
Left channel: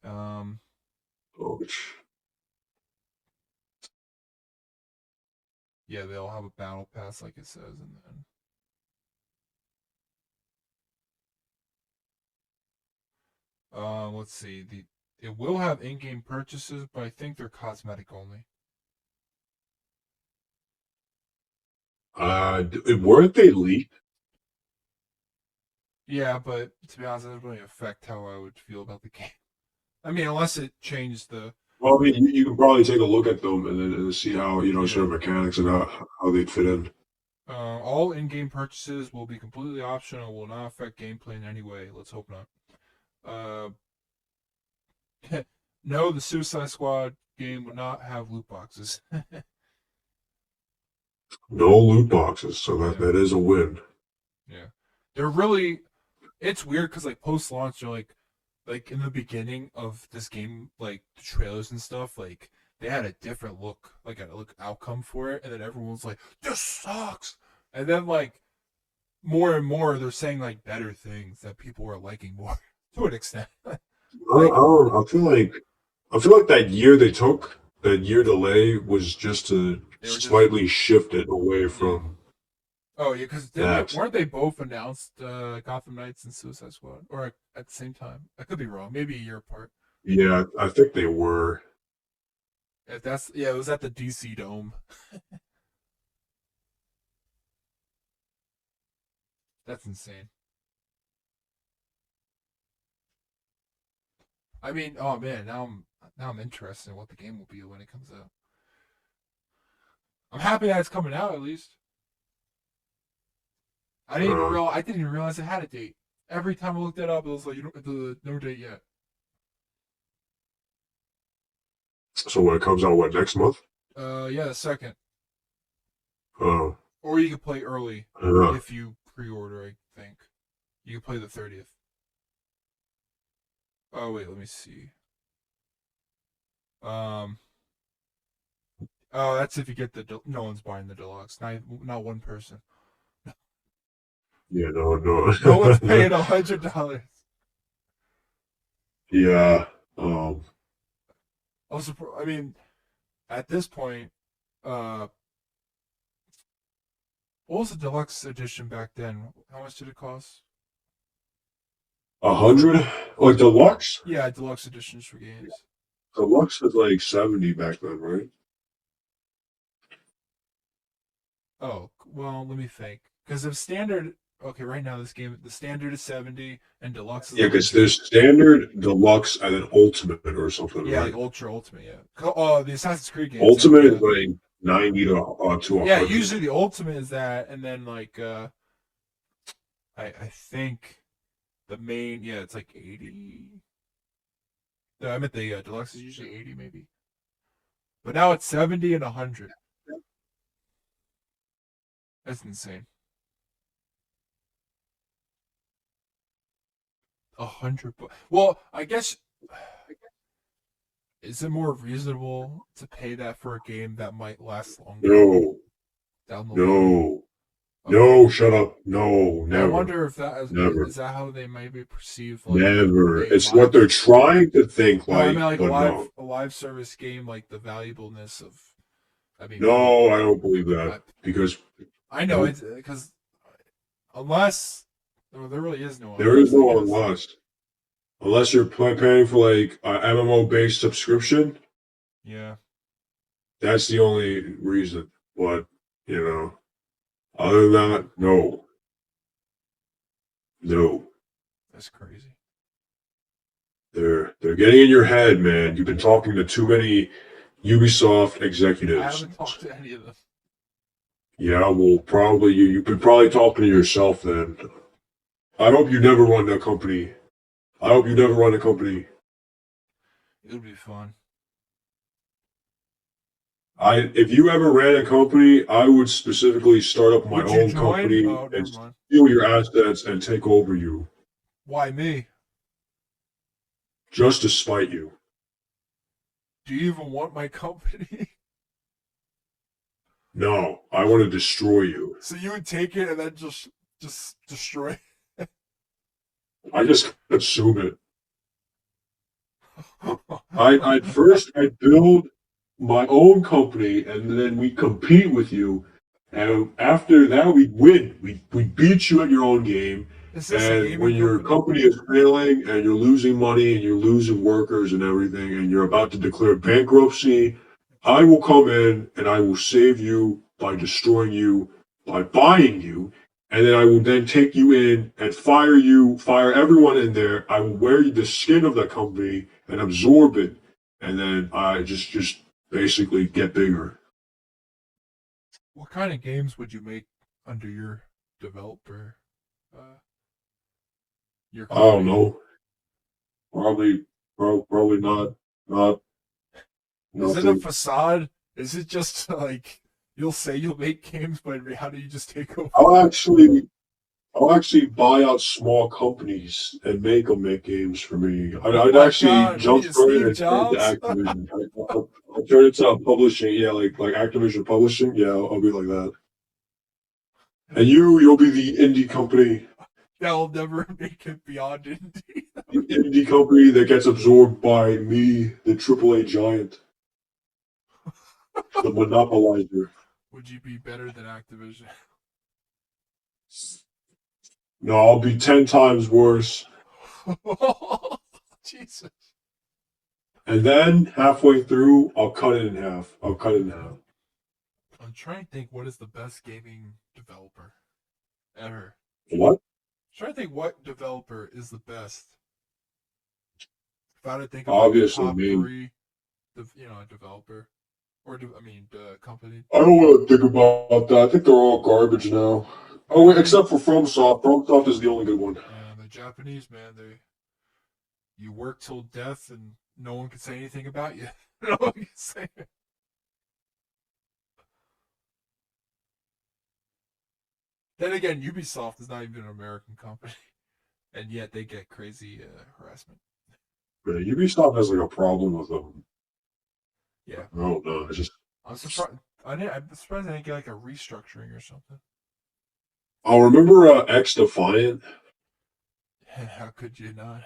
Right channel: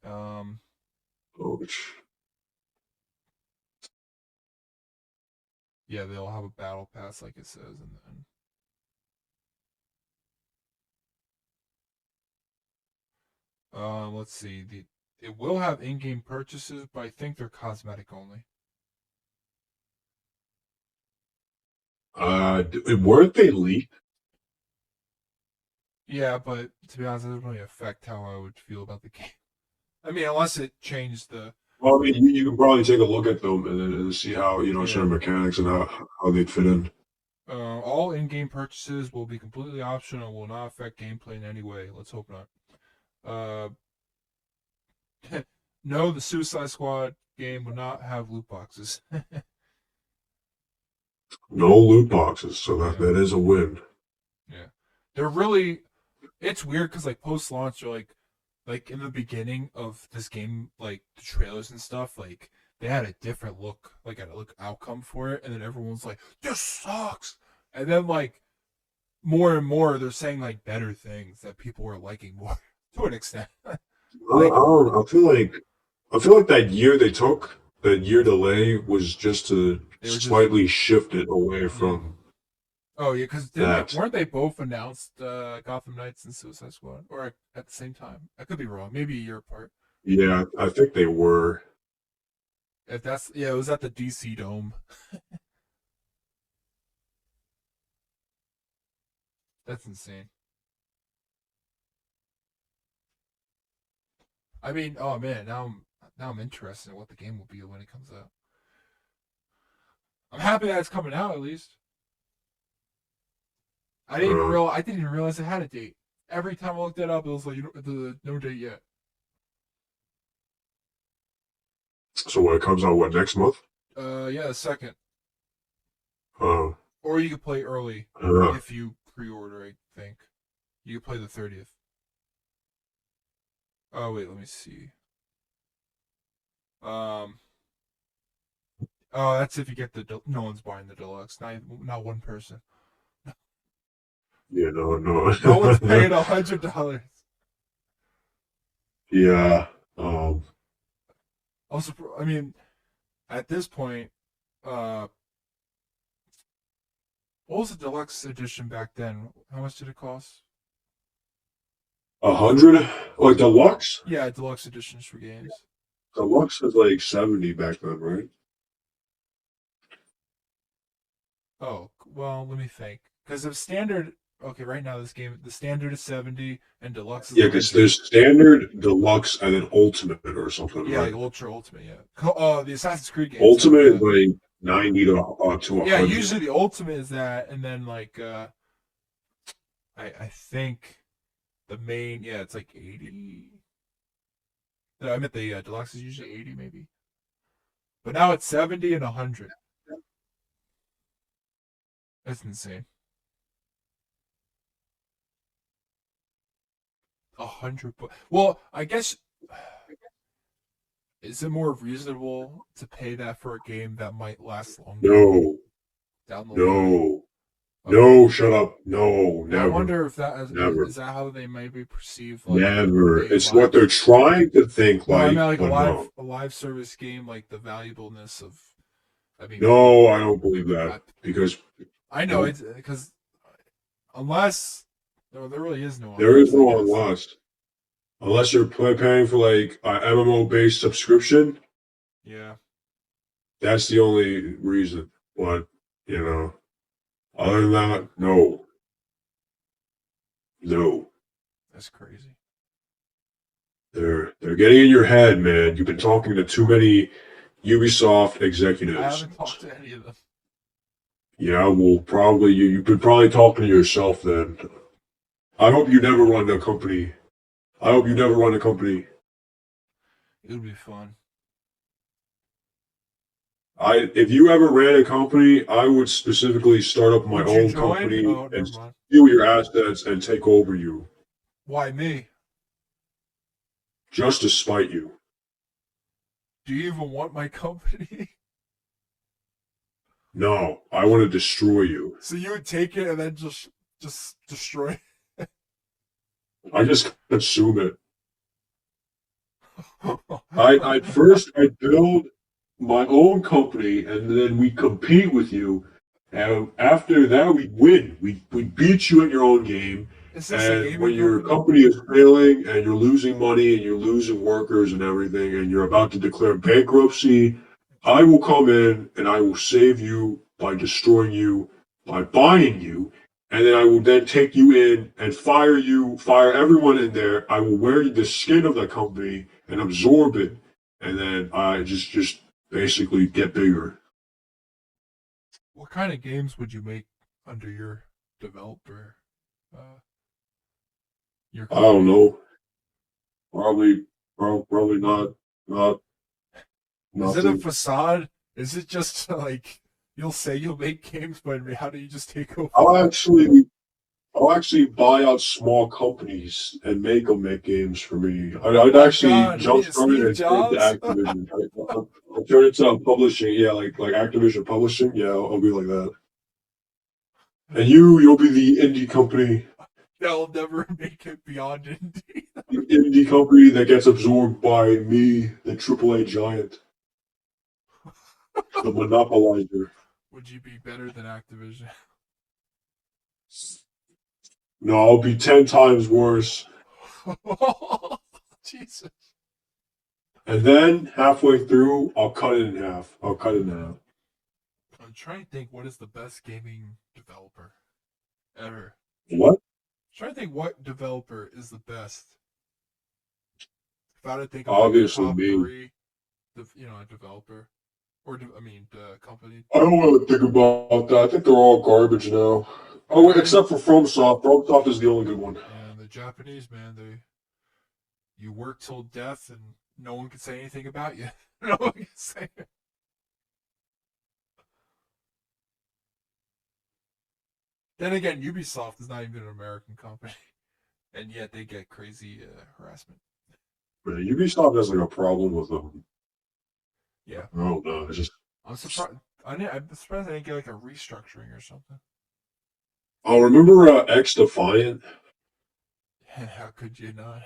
Um, Oh, yeah, they'll have a battle pass like it says, and then let's see the it will have in-game purchases, but I think they're cosmetic only. weren't they leaked? Yeah, but to be honest, it doesn't really affect how I would feel about the game. I mean, unless it changed the Well, I mean, you can probably take a look at them and see how yeah. certain mechanics and how they'd fit in. All in-game purchases will be completely optional and will not affect gameplay in any way. Let's hope not. No, the Suicide Squad game will not have loot boxes. No loot boxes, so Yeah, that is a win. yeah. They're really. It's weird because like post-launch, they're like in the beginning of this game, like the trailers and stuff, like they had a different look, like a look outcome for it, and then everyone's like, "This sucks," and then like more and more, they're saying like better things that people are liking more to an extent. I Like don't. I feel like that year they took, that year delay was just to they were just slightly shift it away yeah. from Oh yeah, because didn't they that. weren't they both announced Gotham Knights and Suicide Squad, or at the same time? I could be wrong. Maybe a year apart. Yeah, I think they were. If that's yeah, it was at the DC Dome. That's insane. I mean, oh man, now I'm interested in what the game will be when it comes out. I'm happy that it's coming out at least. Uh, I didn't even realize it had a date. Every time I looked it up, it was like the no date yet. so when it comes out, what, next month? Yeah, the second, Uh, or you could play early uh, if you pre-order. I think you could play the 30th. Oh wait, let me see. Um, oh, that's if you get no one's buying the deluxe. Not one person. yeah, no, no. No one's paying $100. Yeah. I mean, at this point, uh, what was the deluxe edition back then? How much did it cost? 100? Like deluxe? Yeah, deluxe editions for games. Deluxe was like 70 back then, right? Oh, well, let me think. Because if standard, okay, right now the standard is 70 and deluxe is Yeah, because 100. there's standard, deluxe, and then ultimate or something, Yeah, right? like ultra ultimate. Yeah. The Assassin's Creed games have Ultimate is the. like 90 to Yeah, 100. usually the ultimate is that, and then like I think the main, yeah, it's like 80. No, I meant the deluxe is usually 80 maybe, but now it's 70 and 100. That's insane. 100. Well, I guess is it more reasonable to pay that for a game that might last longer No, down the line? no, Okay. no, shut up. No, I never, wonder if that never, is that how they might be perceived like never. a It's what live. they're trying to think No, I like, mean like but no. a live service game, like the valuableness of. I mean, No, I don't believe that I, because, I know nope, it's because unless there really is no there is unless I no guess. unless. Unless you're paying for like an MMO based subscription, Yeah, that's the only reason. But, you know, other than that, no, no. that's crazy. They're getting in your head, man. You've been talking to too many Ubisoft I executives. haven't talked to any of them. Yeah, well, probably you've been probably talking to yourself then. I hope you never run a company. I hope you never run a company. It would be fun. If you ever ran a company, I would specifically start up my Would you own join? company Oh, and never mind. steal your assets and take over you Why me? just to spite you. Do you even want my company? No, I want to destroy you. So you would take it and then just destroy I just consume it. it. I'd first I'd build my own company and then we compete with you. And after that we win. We beat you in your own game. Is this a And gaming when your company? company is failing and you're losing money and you're losing workers and everything and you're about to declare bankruptcy, I will come in and I will save you by destroying you, by buying you, and then I will then take you in and fire you, fire everyone in there. I will wear the skin of the company and absorb it, and then I just basically get bigger. What kind of games would you make under your developer, uh, your I don't company? know. Probably, probably not Is it a nothing. facade? Is it just like you'll say you'll make games, but in reality you just take over? I'll actually I'll actually buy out small companies and make them make games for me. Oh I'd my actually god, what are you, jumpstart it Steve and turn it to Jobs? Activision. I'll turn it to publishing. Yeah, like Activision publishing. Yeah, I'll be like that. And you'll be the indie company, They'll never make it beyond indie. the indie company that gets absorbed by me, the AAA giant, the monopolizer. Would you be better than Activision? No, I'll be 10 times worse. Jesus. And then halfway through, I'll cut it in half. I'll cut it in half. I'm trying to think what is the best gaming developer ever. What? Trying to think what developer is the best. If I had to think of like a Obviously top me. three, a developer or the company. I don't want to think about that. I think they're all garbage now. Oh, Yeah, wait, except for FromSoft. FromSoft is the only good one. yeah, the Japanese man, they you work till death and no one can say anything about you. No one can say. Then again, Ubisoft is not even an American company, and yet they get crazy harassment. Yeah, Ubisoft has like a problem with them. Yeah, I don't know. It's just I'm surprised. I'm surprised I didn't get like a restructuring or something. I'll remember X Defiant. How could you not?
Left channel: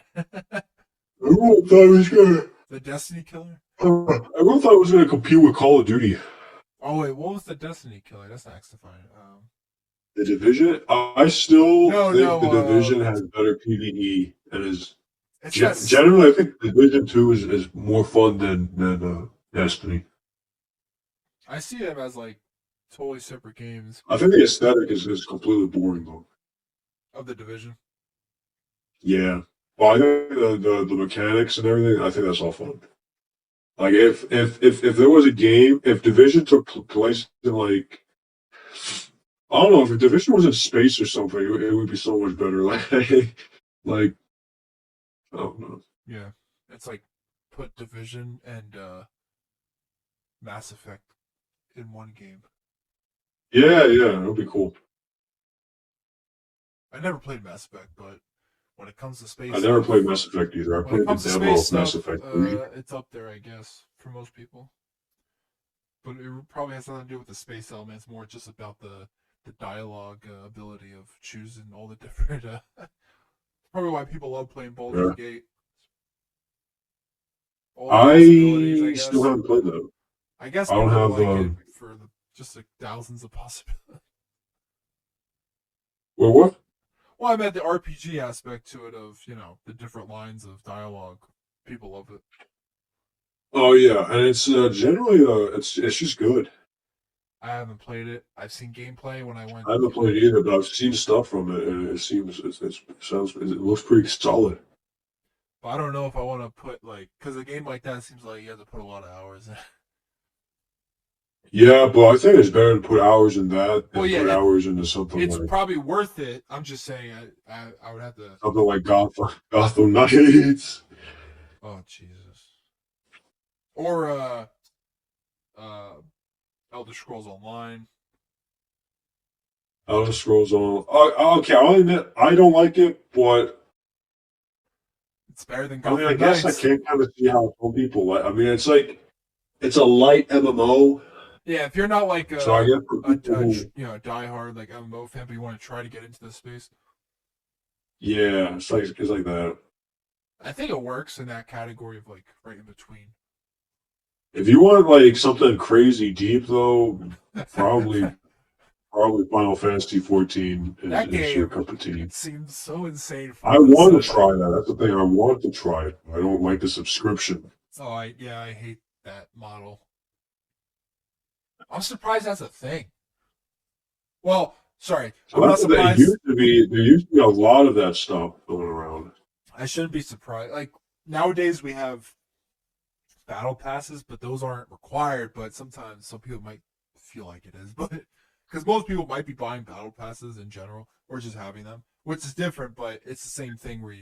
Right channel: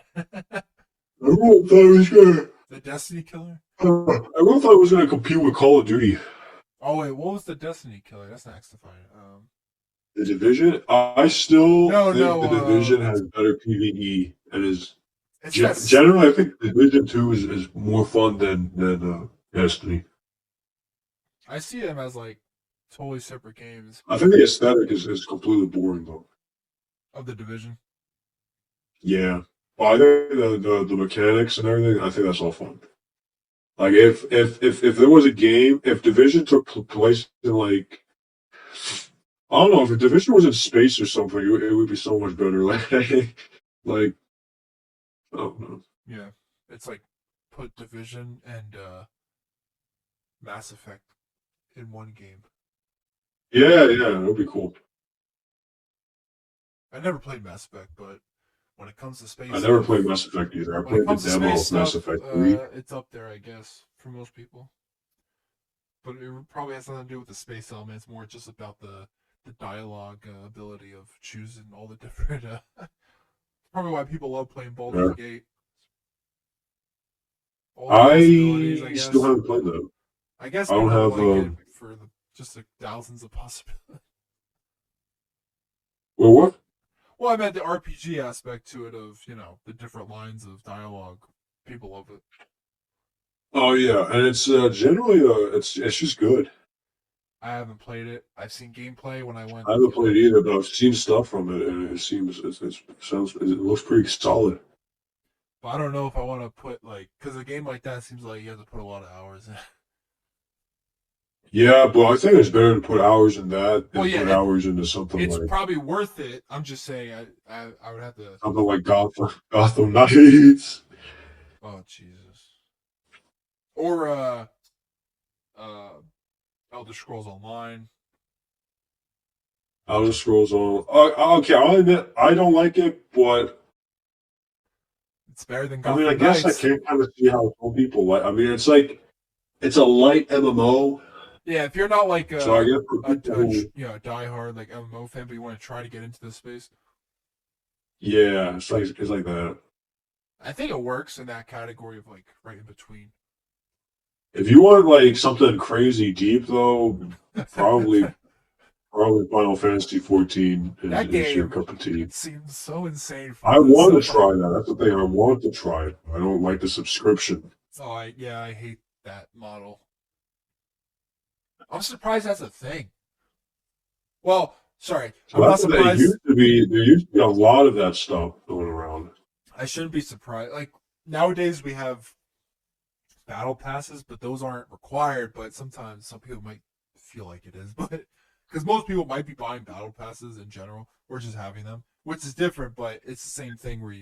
Everyone thought he was gonna. The Destiny killer. Everyone thought it was gonna compete with Call of Duty. Oh wait, what was the Destiny killer? That's not X-Defiant. The Division. I still No, think the no. Division has better PVE and is It's that. generally. I think Division Two is more fun than Destiny. I see them as like totally separate games I think the aesthetic is completely boring though. of the division. Yeah. Well, I think the mechanics and everything, I think that's all fun. Like if there was a game, if Division took place in like I don't know, if a Division was in space or something, it would be so much better. Like I don't know. Yeah, it's like put Division and Mass Effect in one game. Yeah, it would be cool. I never played Mass Effect, but when it comes to I space never stuff, played Mass Effect either. I when it played the comes to demo space of Mass stuff, Effect 3. it's up there, I guess, for most people. But it probably has nothing to do with the space element. It's more just about the dialogue ability of choosing all the different. Probably why people love playing Baldur's Yeah. Gate. All the possibilities, I I still guess. haven't played that. I guess I don't people have like it for just the thousands of possibilities. well what? Well, I meant the RPG aspect to it of the different lines of dialogue. People love it. Oh yeah, and it's generally it's just good. I haven't played it. I've seen gameplay when I went. I haven't played it either, but I've seen stuff from it, and it seems it looks pretty solid. But I don't know if I want to put because a game like that seems like you have to put a lot of hours in. Yeah, but I think it's better to put hours in that Well, than yeah, put hours into something it's like probably worth it. I'm just saying I would have to. Gotham Knights. Oh Jesus. Or uh Elder Scrolls Online. Elder Scrolls on. Okay, I'll admit I don't like it, but It's better than I mean, I Gotham guess I Knights. can kind of see how some people like. I mean, it's like it's a light MMO, Yeah, if you're not like so I guess for a, people a who, diehard like MMO fan, but you want to try to get into this space, yeah, it's like that. I think it works in that category of like right in between. If you want like something crazy deep though, probably probably Final Fantasy 14 That is your game cup of tea. seems so insane I from the want to stuff. try that. That's the thing. I want to try it. I don't like the subscription. I hate that model. I'm surprised that's a thing. Well, sorry, So I'm not that's what it surprised. used to be. There used to be a lot of that stuff going around. I shouldn't be surprised. Like nowadays we have battle passes, but those aren't required. But sometimes some people might feel like it is, but because most people might be buying battle passes in general or just having them, which is different. But it's the same thing where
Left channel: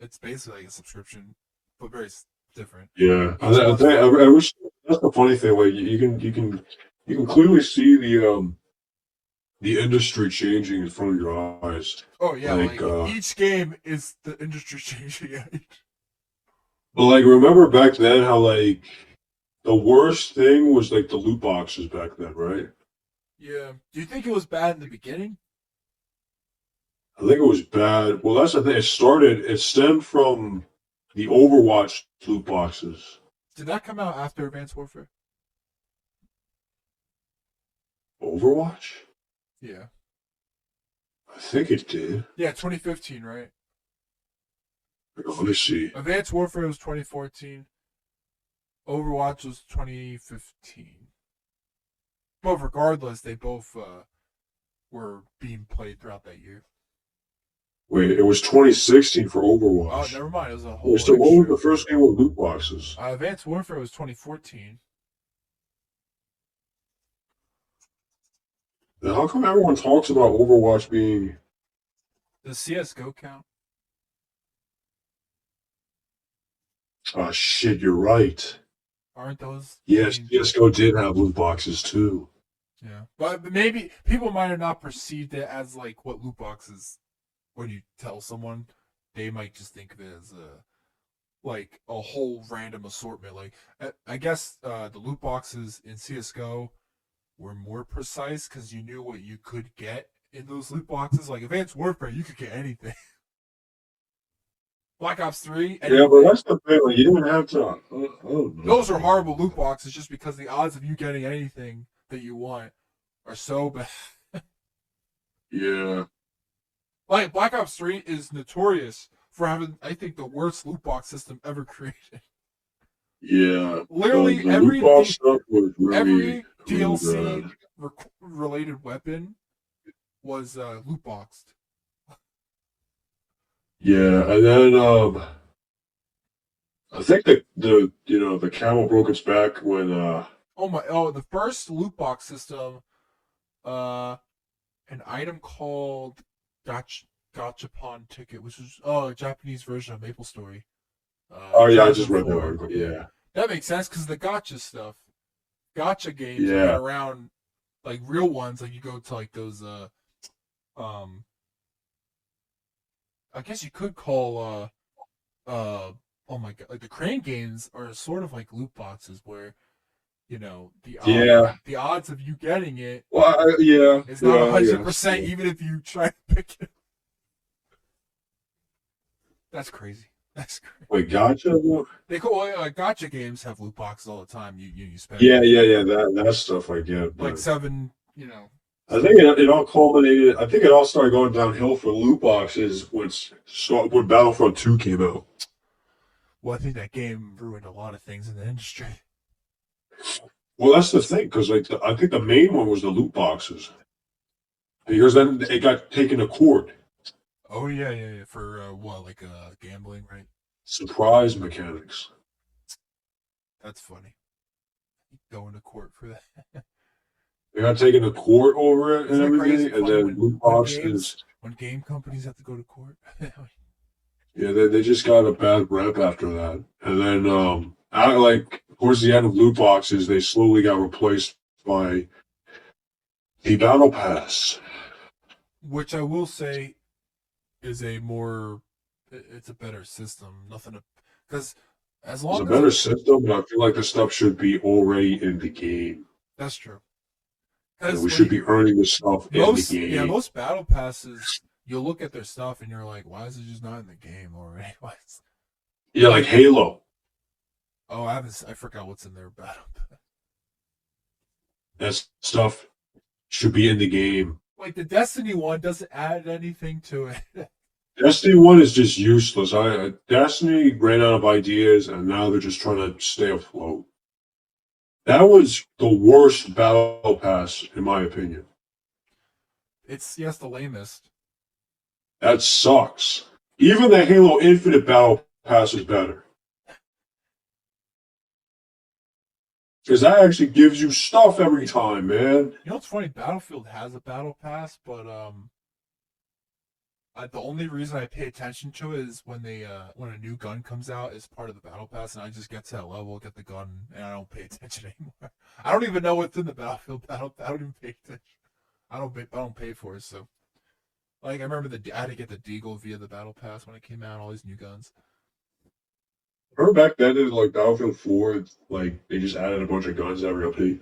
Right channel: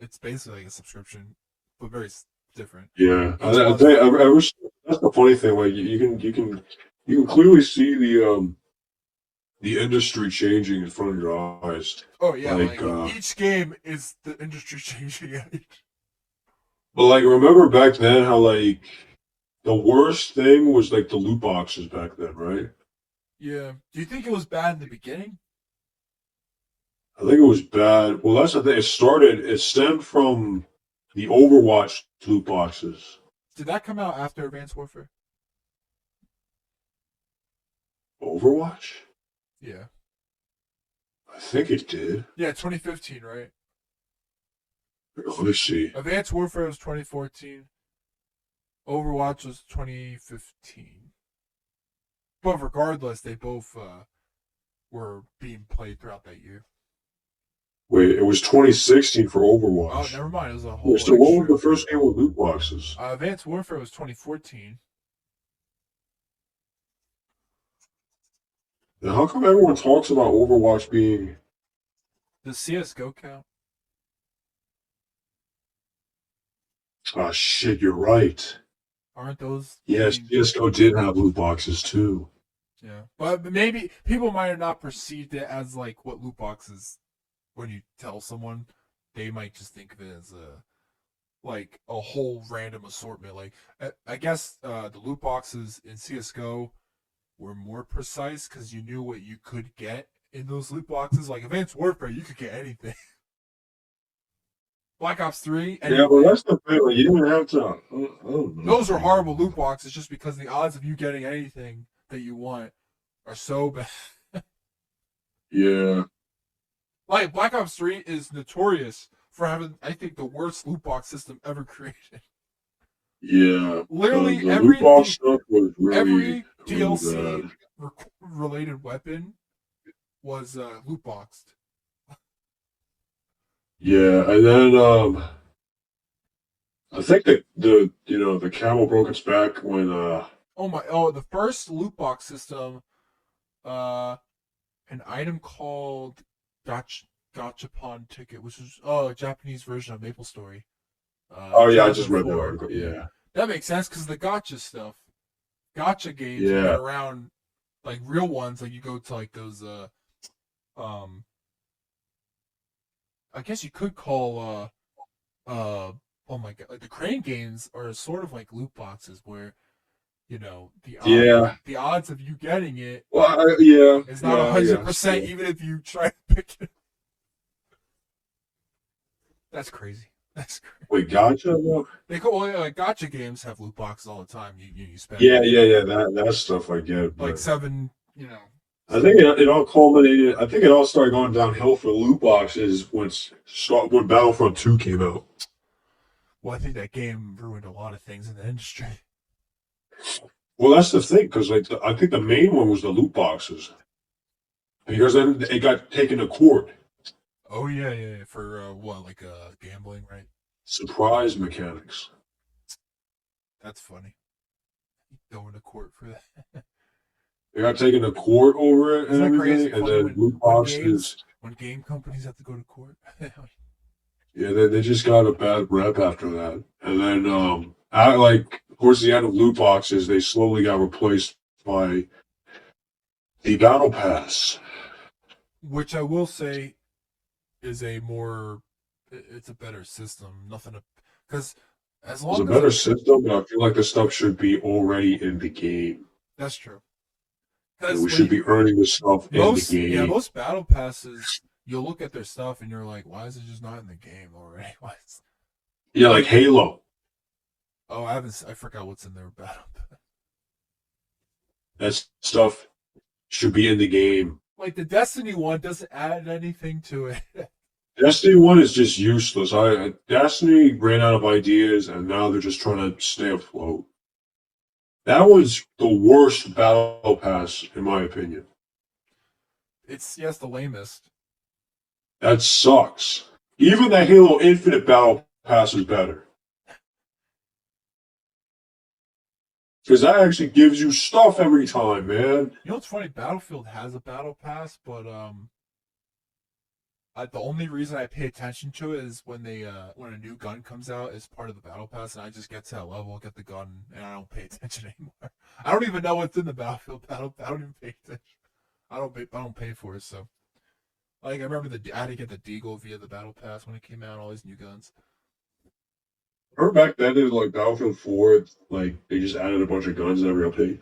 it's basically like a subscription, but very different. Yeah, and Each then, one's fun. that's the funny thing. Like you can clearly see the industry changing in front of your eyes. Oh yeah, Like like each game is the industry changing. but like remember back then how like the worst thing was like the loot boxes back then, right? Yeah. Do you think it was bad in the beginning? I think it was bad. Well, that's the thing. It stemmed from the Overwatch loot boxes. Did that come out after Advanced Warfare? Overwatch? Yeah. I think it did. Yeah, 2015, right? Let me see. Advanced Warfare was 2014. Overwatch was 2015. But regardless, they both were being played throughout that year. Wait, it was 2016 for Oh, Overwatch. never mind. It was a Wait, whole so what was extra. the first game with loot boxes? Advanced Warfare was 2014. Then how come everyone talks about Overwatch being? Does CS:GO count? Ah, shit, you're right. Aren't those? I Yes, mean, CS:GO did have loot boxes too. yeah. But maybe people might have not perceived it as like what loot boxes. When you tell someone, they might just think of it as a like a whole random assortment. Like I guess the loot boxes in CS:GO were more precise because you knew what you could get in those loot boxes. Like Advanced Warfare, you could get anything. Black Ops 3, Yeah, but anything. that's the thing. Like, you don't have to. I don't know, Those are man. horrible loot boxes just because the odds of you getting anything that you want are so bad. Yeah, Like Black Ops 3 is notorious for having, I think, the worst loot box system ever created. yeah. The Literally the loot box stuff was every really DLC bad. related weapon was loot boxed. Yeah, and then I think the camel broke its back when The first loot box system, uh, an item called Gachapon Ticket, which is a Japanese version of Maple Story. oh yeah, I just read that 2004. article. Yeah, Yeah, that makes sense because the gotcha stuff, gotcha games have been yeah, around, like real ones. Like you go to like those, um, I guess you could call, oh my god, like the crane games are sort of like loot boxes where yeah. the odds of you getting it Well, yeah, is not yeah, a I hundred guess. percent, Yeah. even if you try to pick it. That's crazy. That's crazy. Wait, gotcha. They call like gotcha games have loot boxes all the time. You spend Yeah, like yeah, yeah. That stuff I get, like but seven, I think seven. it all culminated. I think it all started going downhill for loot boxes when Battlefront 2 came out. Well, I think that game ruined a lot of things in the industry. Well, that's the thing, because I think the main one was the loot boxes, because then it got taken to court. Oh yeah. For what, like gambling, right? Surprise mechanics. That's funny. Going to court for that. They got taken to court over it and Isn't it everything, crazy and funny then when loot boxes. game companies have to go to court? Yeah, they just got a bad rep after that. And then towards the end of loot boxes, they slowly got replaced by the battle pass. Which I will say is it's a better system. Nothing to, because as It's a long as better system, but I feel like the stuff should be already in the game. that's true. And Because we should be earning the stuff in the game. most battle passes, you'll look at their stuff and you're like, why is it just not in the game already? Yeah, like like, Halo. oh, I forgot what's in their battle. That stuff should be in the game. Like the Destiny one doesn't add anything to it. Destiny 1 is just useless. Destiny ran out of ideas and now they're just trying to stay afloat. That was the worst battle pass, in my opinion. It's yes, the lamest. That sucks. Even the Halo Infinite battle pass is better. Because that actually gives you stuff every time, man. You know what's funny? Battlefield has a battle pass, but the only reason I pay attention to it is when a new gun comes out as part of the battle pass, and I just get to that level, get the gun, and I don't pay attention anymore. I don't even know what's in the Battlefield battle. I don't even pay attention. I don't pay for it. So like I remember I had to get the Deagle via the battle pass when it came out. All these new guns. Remember back then, it was like Battlefield 4, like they just added a bunch of guns every update.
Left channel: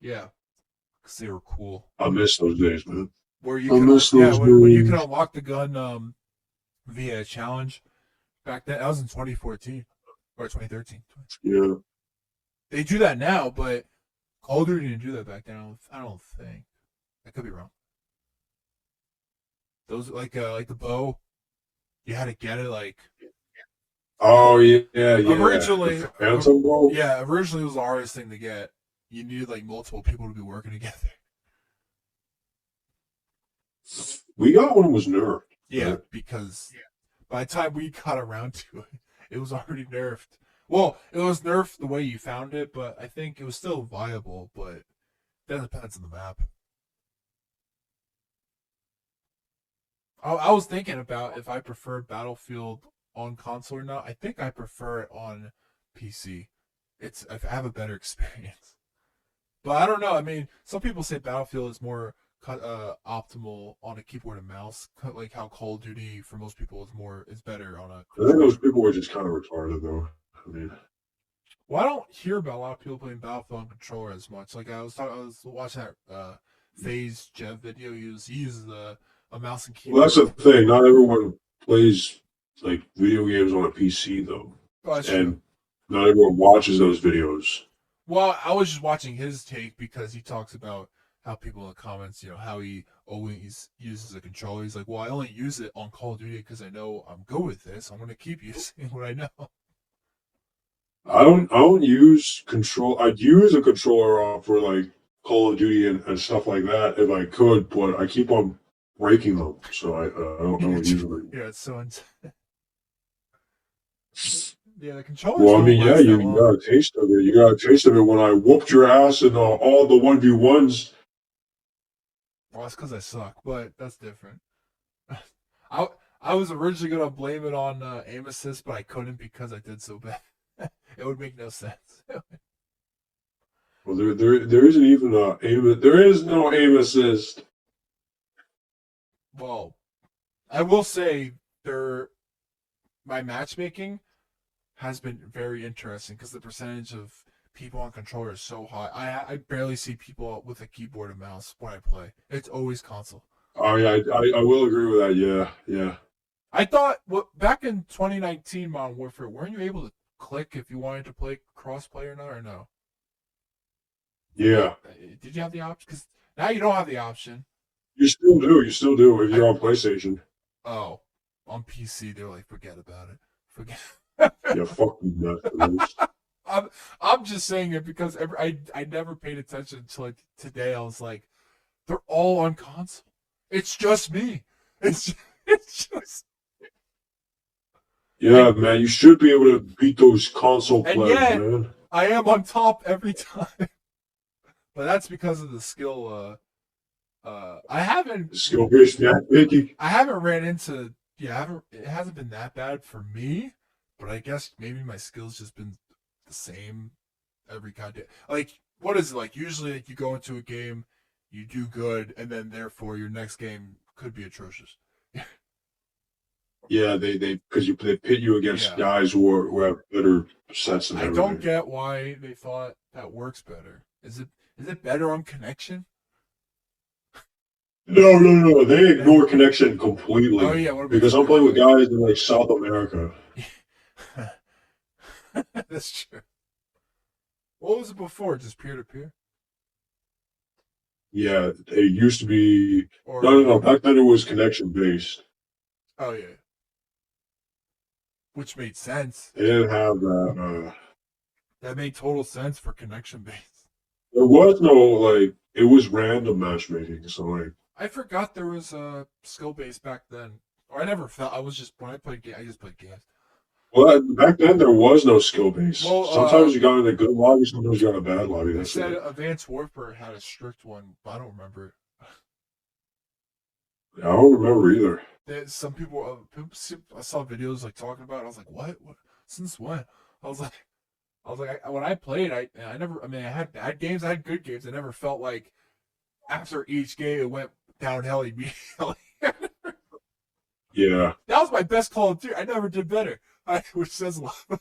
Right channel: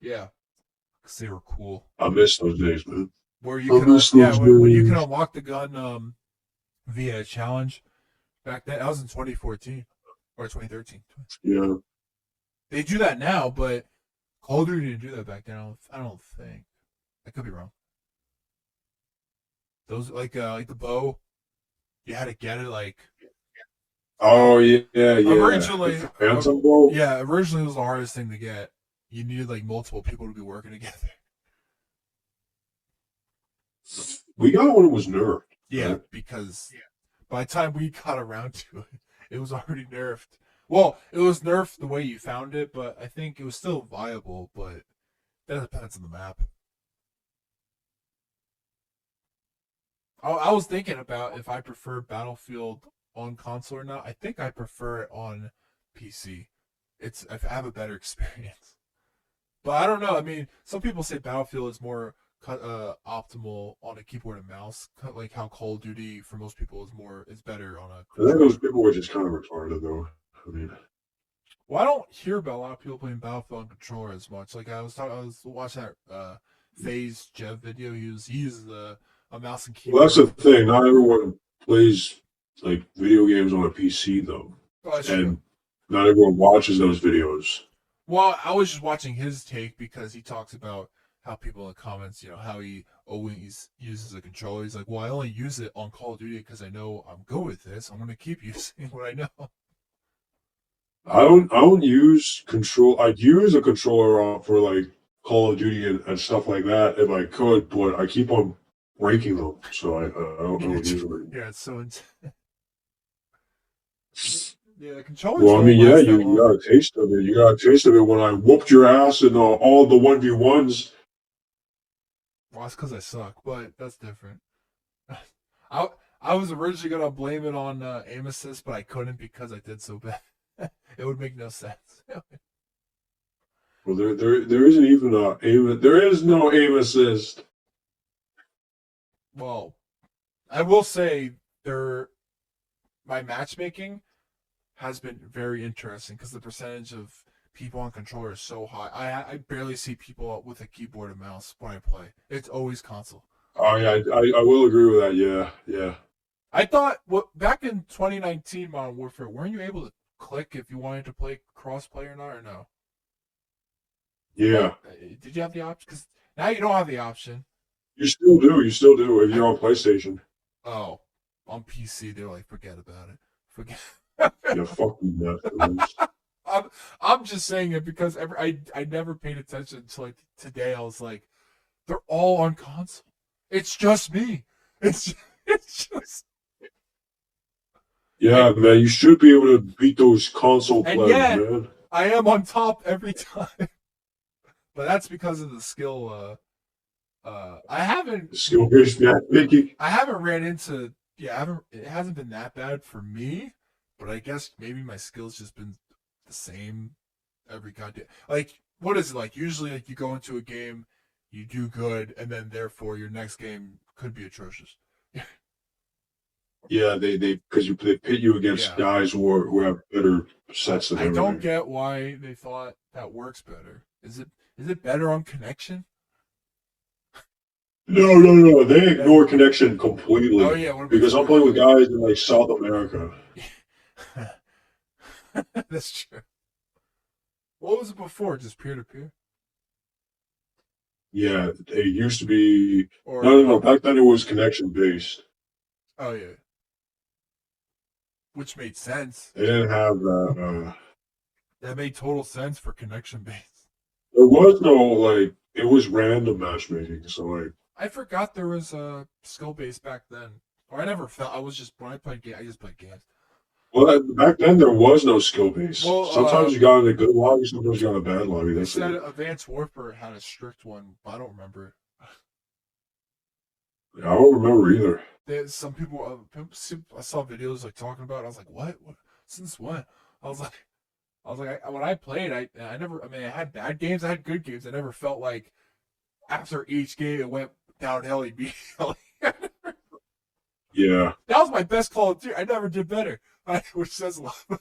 Yeah, because they were cool. I miss those days, man. Where you I can miss those when you can days. unlock the gun via a challenge. Back then, that was in 2014 or 2013. Yeah. They do that now, but Call of Duty didn't do that back then. I don't think. I could be wrong. Those like the bow, you had to get it like Oh yeah, yeah, yeah. originally. The Phantom Bolt. Yeah, originally it was the hardest thing to get. You needed like multiple people to be working together. We got when it was nerfed. Yeah, Right? because by the time we got around to it, it was already nerfed. Well, it was nerfed the way you found it, but I think it was still viable, but that depends on the map. I was thinking about if I prefer Battlefield on console or not. I think I prefer it on PC. I have a better experience. But I don't know. I mean, some people say Battlefield is more optimal on a keyboard and mouse, like how Call of Duty for most people is better on a I think those controller. people were just kind of retarded, though. I mean, Well, I don't hear about a lot of people playing Battlefield on controller as much. Like I was watching that Phase Jeff video. He uses a mouse and well, that's the keyboard. thing. Not everyone plays like video games on a PC, though, Oh, that's true. and not everyone watches those videos. Well, I was just watching his take because he talks about how people in the comments, how he always uses a controller. He's like, well, I only use it on Call of Duty because I know I'm good with this. I'm going to keep using what I know. I don't use control. I'd use a controller for like Call of Duty and stuff like that if I could, but I keep on breaking them, so I don't usually. Yeah, it's so intense. Yeah, the controllers Well, I don't mean, yeah, last that you long. got a taste of it. You got a taste of it when I whooped your ass in all the 1v1s. Well, that's because I suck, but that's different. I I was originally gonna blame it on aim assist, but I couldn't because I did so bad. It would make no sense. Well, there isn't even a aim. There is no aim assist. Well, I will say there my matchmaking has been very interesting because the percentage of people on controller is so high. I barely see people out with a keyboard and mouse when I play. It's always console. Oh yeah, I will agree with that. Yeah, yeah, I thought back in 2019 Modern Warfare, weren't you able to click if you wanted to play crossplay or not, or no? yeah. Did you have the option? Because now you don't have the option. You still do. You still do if I you're on PlayStation. Oh, on PC they're like, forget about it. Forget. Yeah, fuck you, Netflix. I'm I'm just saying it because I never paid attention until like today. I was like, they're all on console. It's just me. It's it's just Yeah, and man, you should be able to beat those console and plebs, yet man. I am on top every time. But that's because of the skill. I haven't Skill-based matchmaking. I haven't ran into yeah I haven't it hasn't been that bad for me. But I guess maybe my skills just been the same every goddamn like what is it like usually like you go into a game you do good and then therefore your next game could be atrocious. Yeah, they because they pit you against Yeah, guys who have better sets and I don't everything. get why they thought that works better. Is it better on connection? No, no, no. They That, ignore connection oh completely yeah, what about because I'm playing with guys in like South America. that's true. What was it before? Just peer to peer Yeah, it used to be. or No, no, no. Back then it was connection based. oh yeah, which made sense. They didn't have that. That made total sense for connection based. There was no like. It was random matchmaking. So like, I forgot there was a skill base back then. Or I never felt I was just when I played I just played games. well, back then there was no skill base. Well, Sometimes you got in a good lobby, sometimes you got in a bad lobby. they That's said it. Advanced Warfare had a strict one, but I don't remember. Yeah, I don't remember either. There's some people, I saw videos like talking about it. I was like, what? What? Since when? I was like, when I played, I never. I mean, I had bad games, I had good games. I never felt like after each game it went downhill immediately. Yeah. That was my best Call of Duty. I never did better, which says a lot.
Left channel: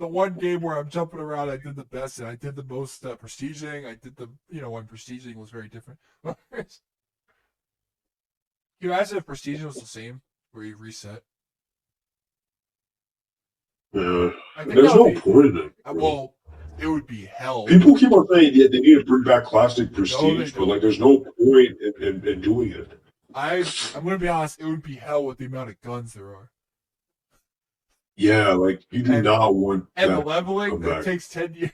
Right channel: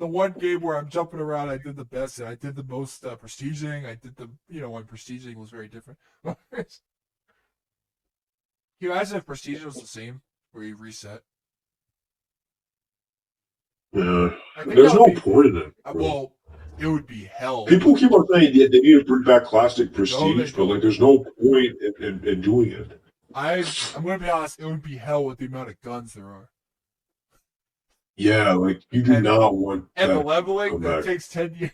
The one game where I'm jumping around, I did the best, and I did the most prestiging. I did the when prestiging was very different. Can you imagine if prestiging was the same, where you reset? Yeah. I think There's that would no be point in it. Really. well. It would be hell. People keep on saying they need to bring back classic No, they prestige, but like, don't. there's no point in doing it. I'm gonna be honest. It would be hell with the amount of guns there are, Yeah, like you do and not want the that to leveling come that back. takes 10 years.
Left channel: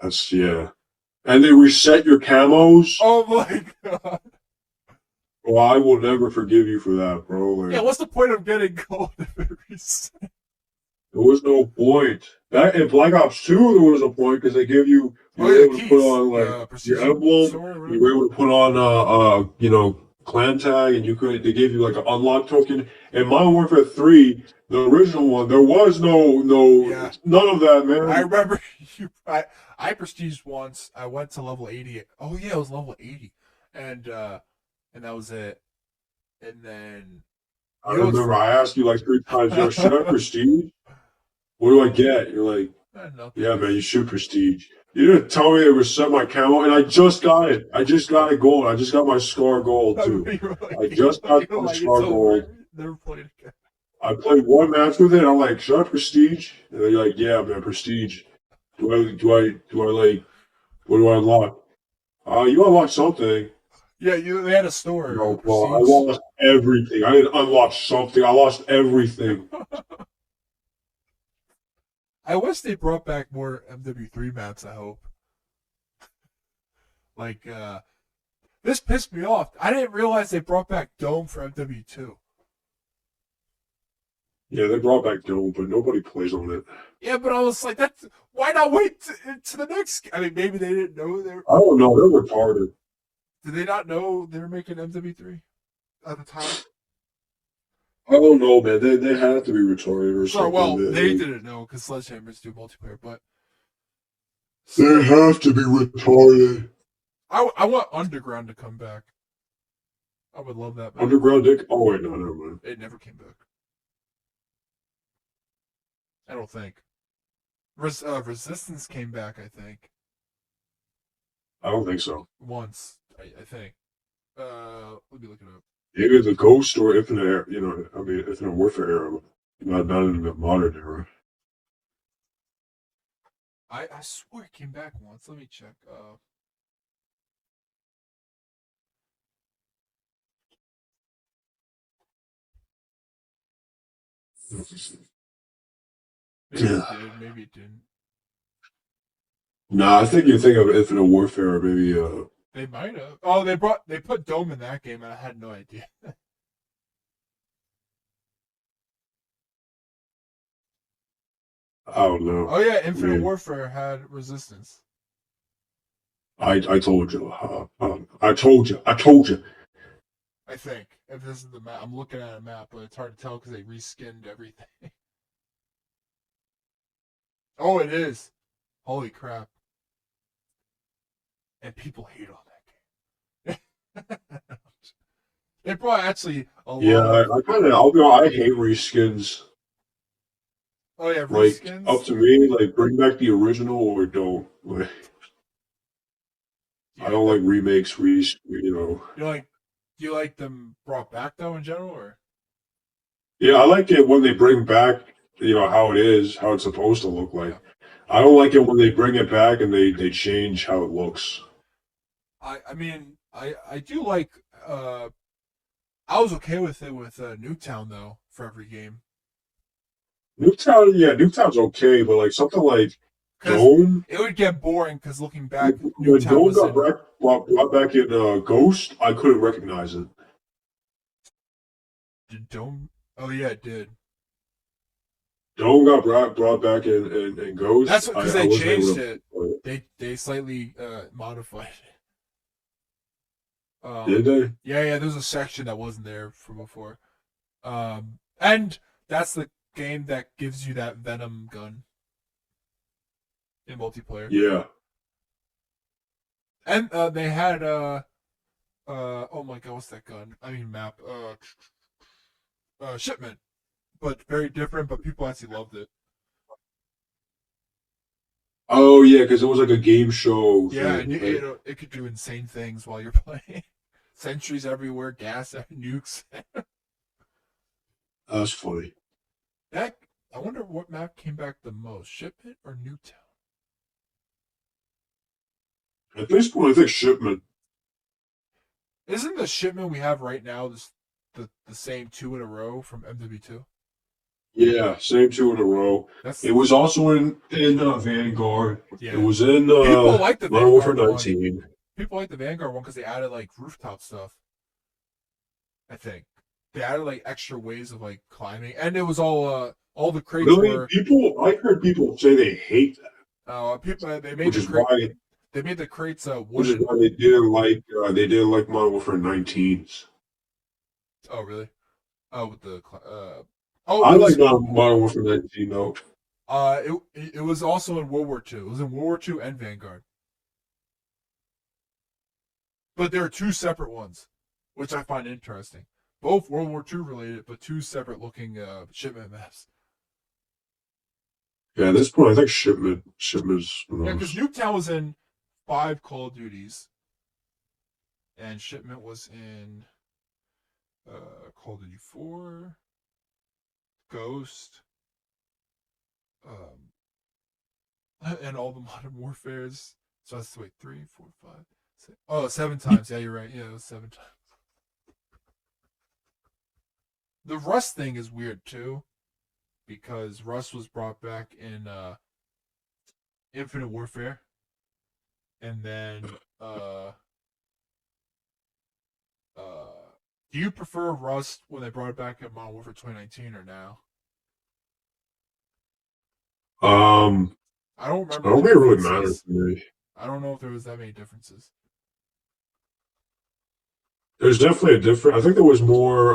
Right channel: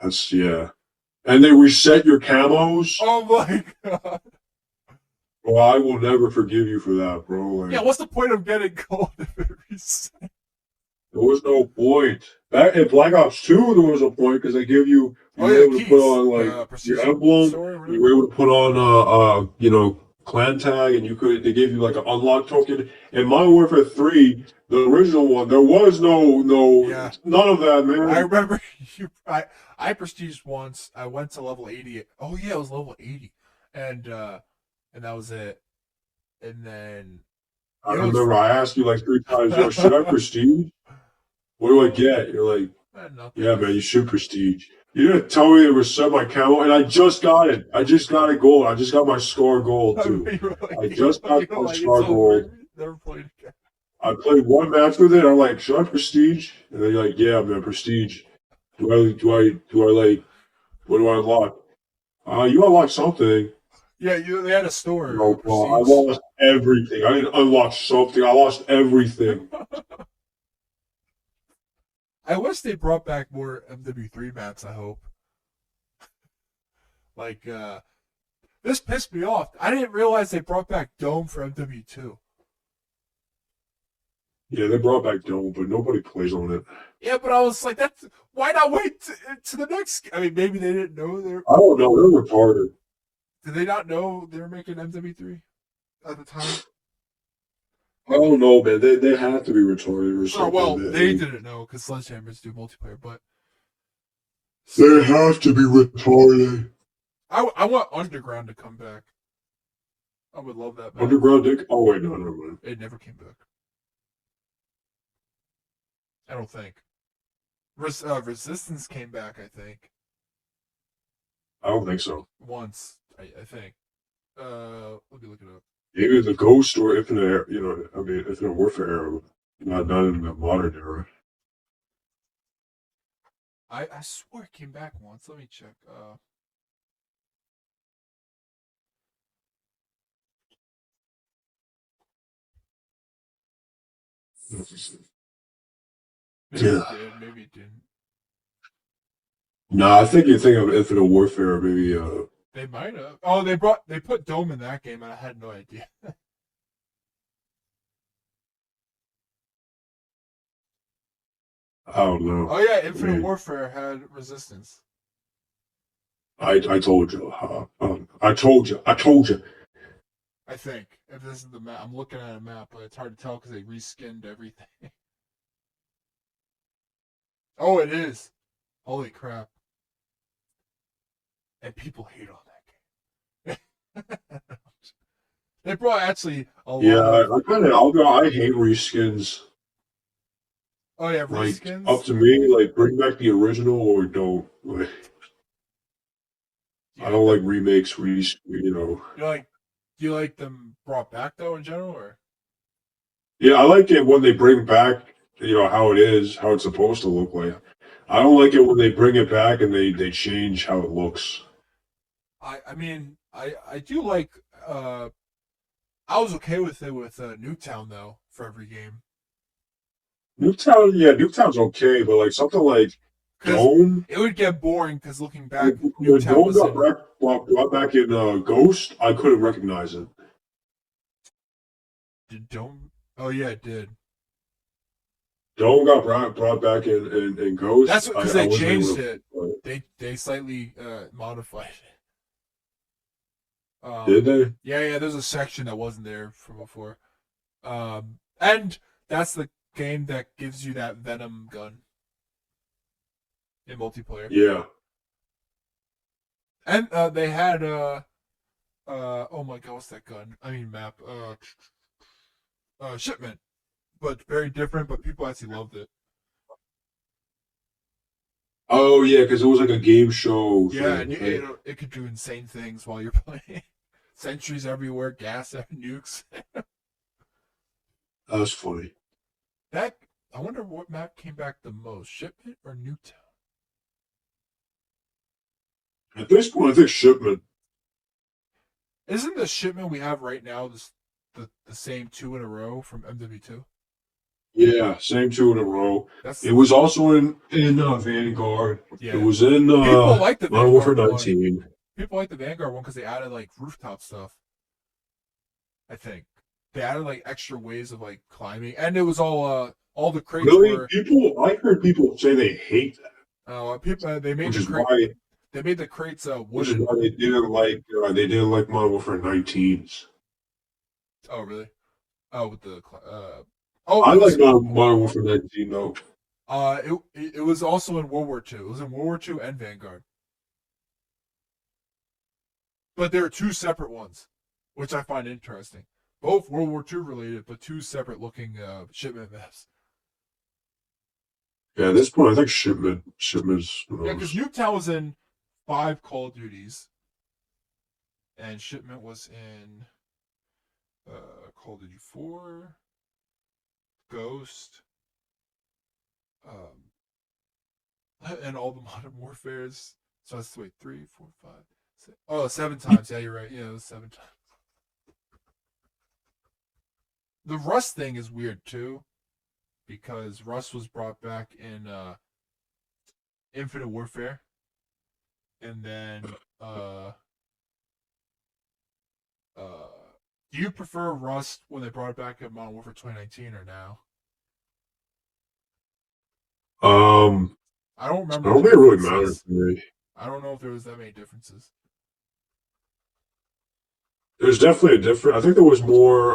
That's yeah. and they reset your camos. Oh my god. Well, I will never forgive you for that, bro. Yeah, Like, what's the point of getting gold if it resets? there was no point. That in Black Ops 2, there was a point because they give you Oh you were yeah, able to put keys. on like your Prestige emblem, sword or you whatever. were able to put on clan tag, and you could they gave you like an unlock token. In Modern Warfare 3, the original one, there was Yeah. none of that, I man. remember I prestige once. I went to level 80. Oh yeah, it was level 80. And that was it. And then I you know what's remember I asked you like 3 times, yo, should I prestige? What do I get? You're like, nothing. yeah, man, you should prestige. You didn't tell me it was set my camo, and I just got it. I just got it gold. I just got my scar gold I too. mean, you were like, I just got you know, my like it's scar gold. over. Never played again. I played one match with it. I'm like, should I prestige? And they're like, yeah, man, prestige. Do I like? What do I unlock? You unlock something. Yeah, they had a store, No, bro, I prestige. lost everything. I didn't unlock something. I lost everything. I wish they brought back more MW3 maps. I hope. Like, this pissed me off. I didn't realize they brought back Dome for MW2. Yeah, they brought back Dome, but nobody plays on it. Yeah, but I was like, that's why not wait to the next? I mean, maybe they didn't know they were. I don't know. They're retarded. Did they not know they were making MW3 at the time? I don't know, man. They have to be retarded or Sorry, something. well, they didn't know because Sledgehammers do multiplayer, but They still, have to be retarded. I want Underground to come back. I would love that map. Underground Dick. Oh wait, no, never mind. It never came back. I don't think. Resistance came back. I think I don't think so. once. I think. Let me look it up. Maybe the Ghost or Infinite, I mean, Infinite Warfare era, not in the modern era. I swear it came back once. Let me check. Maybe Yeah. it did. Maybe it didn't. Nah, I think you think of Infinite Warfare, maybe. They might have. Oh, they put Dome in that game, and I had no idea. I don't know. Oh yeah, I Infinite mean, Warfare had Resistance. I told you. I told you. I told you. I think if this is the map, I'm looking at a map, but it's hard to tell because they reskinned everything. Oh, it is. Holy crap! And people hate on that game. They brought actually a Yeah, lot of. I kind of. I'll be. I hate reskins. Oh yeah, Like up reskins. to me, like bring back the original or don't. Like I Yeah, don't like remakes. you like. Do you like them brought back though in general, or? Yeah, I like it when they bring back, how it is, how it's supposed to look like. Yeah. I don't like it when they bring it back and they change how it looks. I mean I do like I was okay with it with Nuketown though for every game Nuketown's okay, but like something like because Dome, it would get boring because looking back when Nuketown Dome got wasn't brought back in Ghost, I couldn't recognize it. did Dome. Oh yeah, it did. Dome got brought back in That's Ghost. because I they wasn't able changed to it. play it. They slightly modified it. Did they? Yeah, there's a section that wasn't there from before. And that's the game that gives you that Venom gun in multiplayer. Yeah. And they had oh my god, what's that gun? I mean map. Shipment, but very different. But people actually loved it. Oh yeah, because it was like a game show Yeah, thing, and right? it could do insane things while you're playing. Sentries everywhere, gas, nukes. That's funny. That I wonder what map came back the most, Shipment or Nuketown? At this point, I think Shipment. Isn't the Shipment we have right now the same two in a row from MW2? Yeah, same two in a row. That's It was also in Vanguard. It yeah. was in People like the Modern Warfare Vanguard one. 19. People like the Vanguard one because they added like rooftop stuff. I think they added like extra ways of like climbing, and it was all the crates Really, were I heard people say they hate that, people they made which the is crate why they made the crates which is wooden. why they didn't like Modern Warfare 19s. Oh really? Oh with the oh I it like was Modern Warfare 19 though. it was also in World War II. It was in World War II and Vanguard, but there are two separate ones, which I find interesting. Both World War II related, but two separate looking shipment maps. Yeah, at this point, I think shipment's the Yeah, because most. Nuketown was in 5 Call of Duties, and Shipment was in Call of Duty 4, Ghost, and all the Modern Warfares. So that's wait, 3, 4, 5, 6. Oh, 7 times. Yeah, you're right. Yeah, it was 7 times. The Rust thing is weird too, because Rust was brought back in Infinite Warfare, and then uh do you prefer Rust when they brought it back in Modern Warfare 2019 or now? Um, I don't I remember don't the think it really matters differences. to me. I don't know if there was that many differences. There's definitely a different. I think there was more.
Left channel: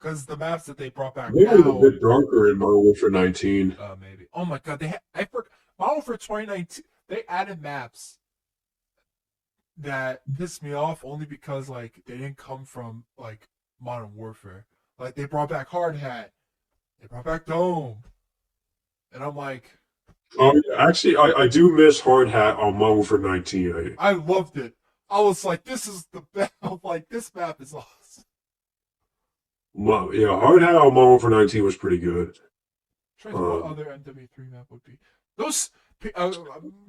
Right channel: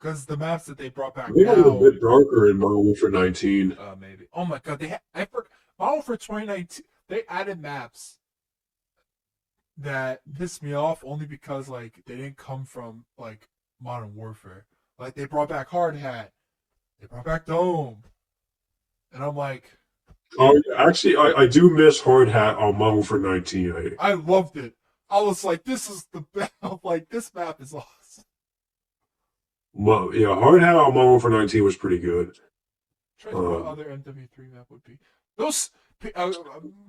Because the maps that they brought I back think it was a now, bit darker in Modern Warfare 19. maybe. Oh my god, I forgot. Modern Warfare 2019, they added maps that pissed me off only because like they didn't come from like Modern Warfare. Like they brought back Hard Hat, they brought back Dome, and I'm like, Oh, yeah, actually, I do miss Hard Hat on Modern Warfare 19. I loved it. I was like, this is the best. Like this map is awesome. Yeah, Hard Hat on Modern Warfare 19 was pretty good. Trying to think what Um, other MW3 map would be. Those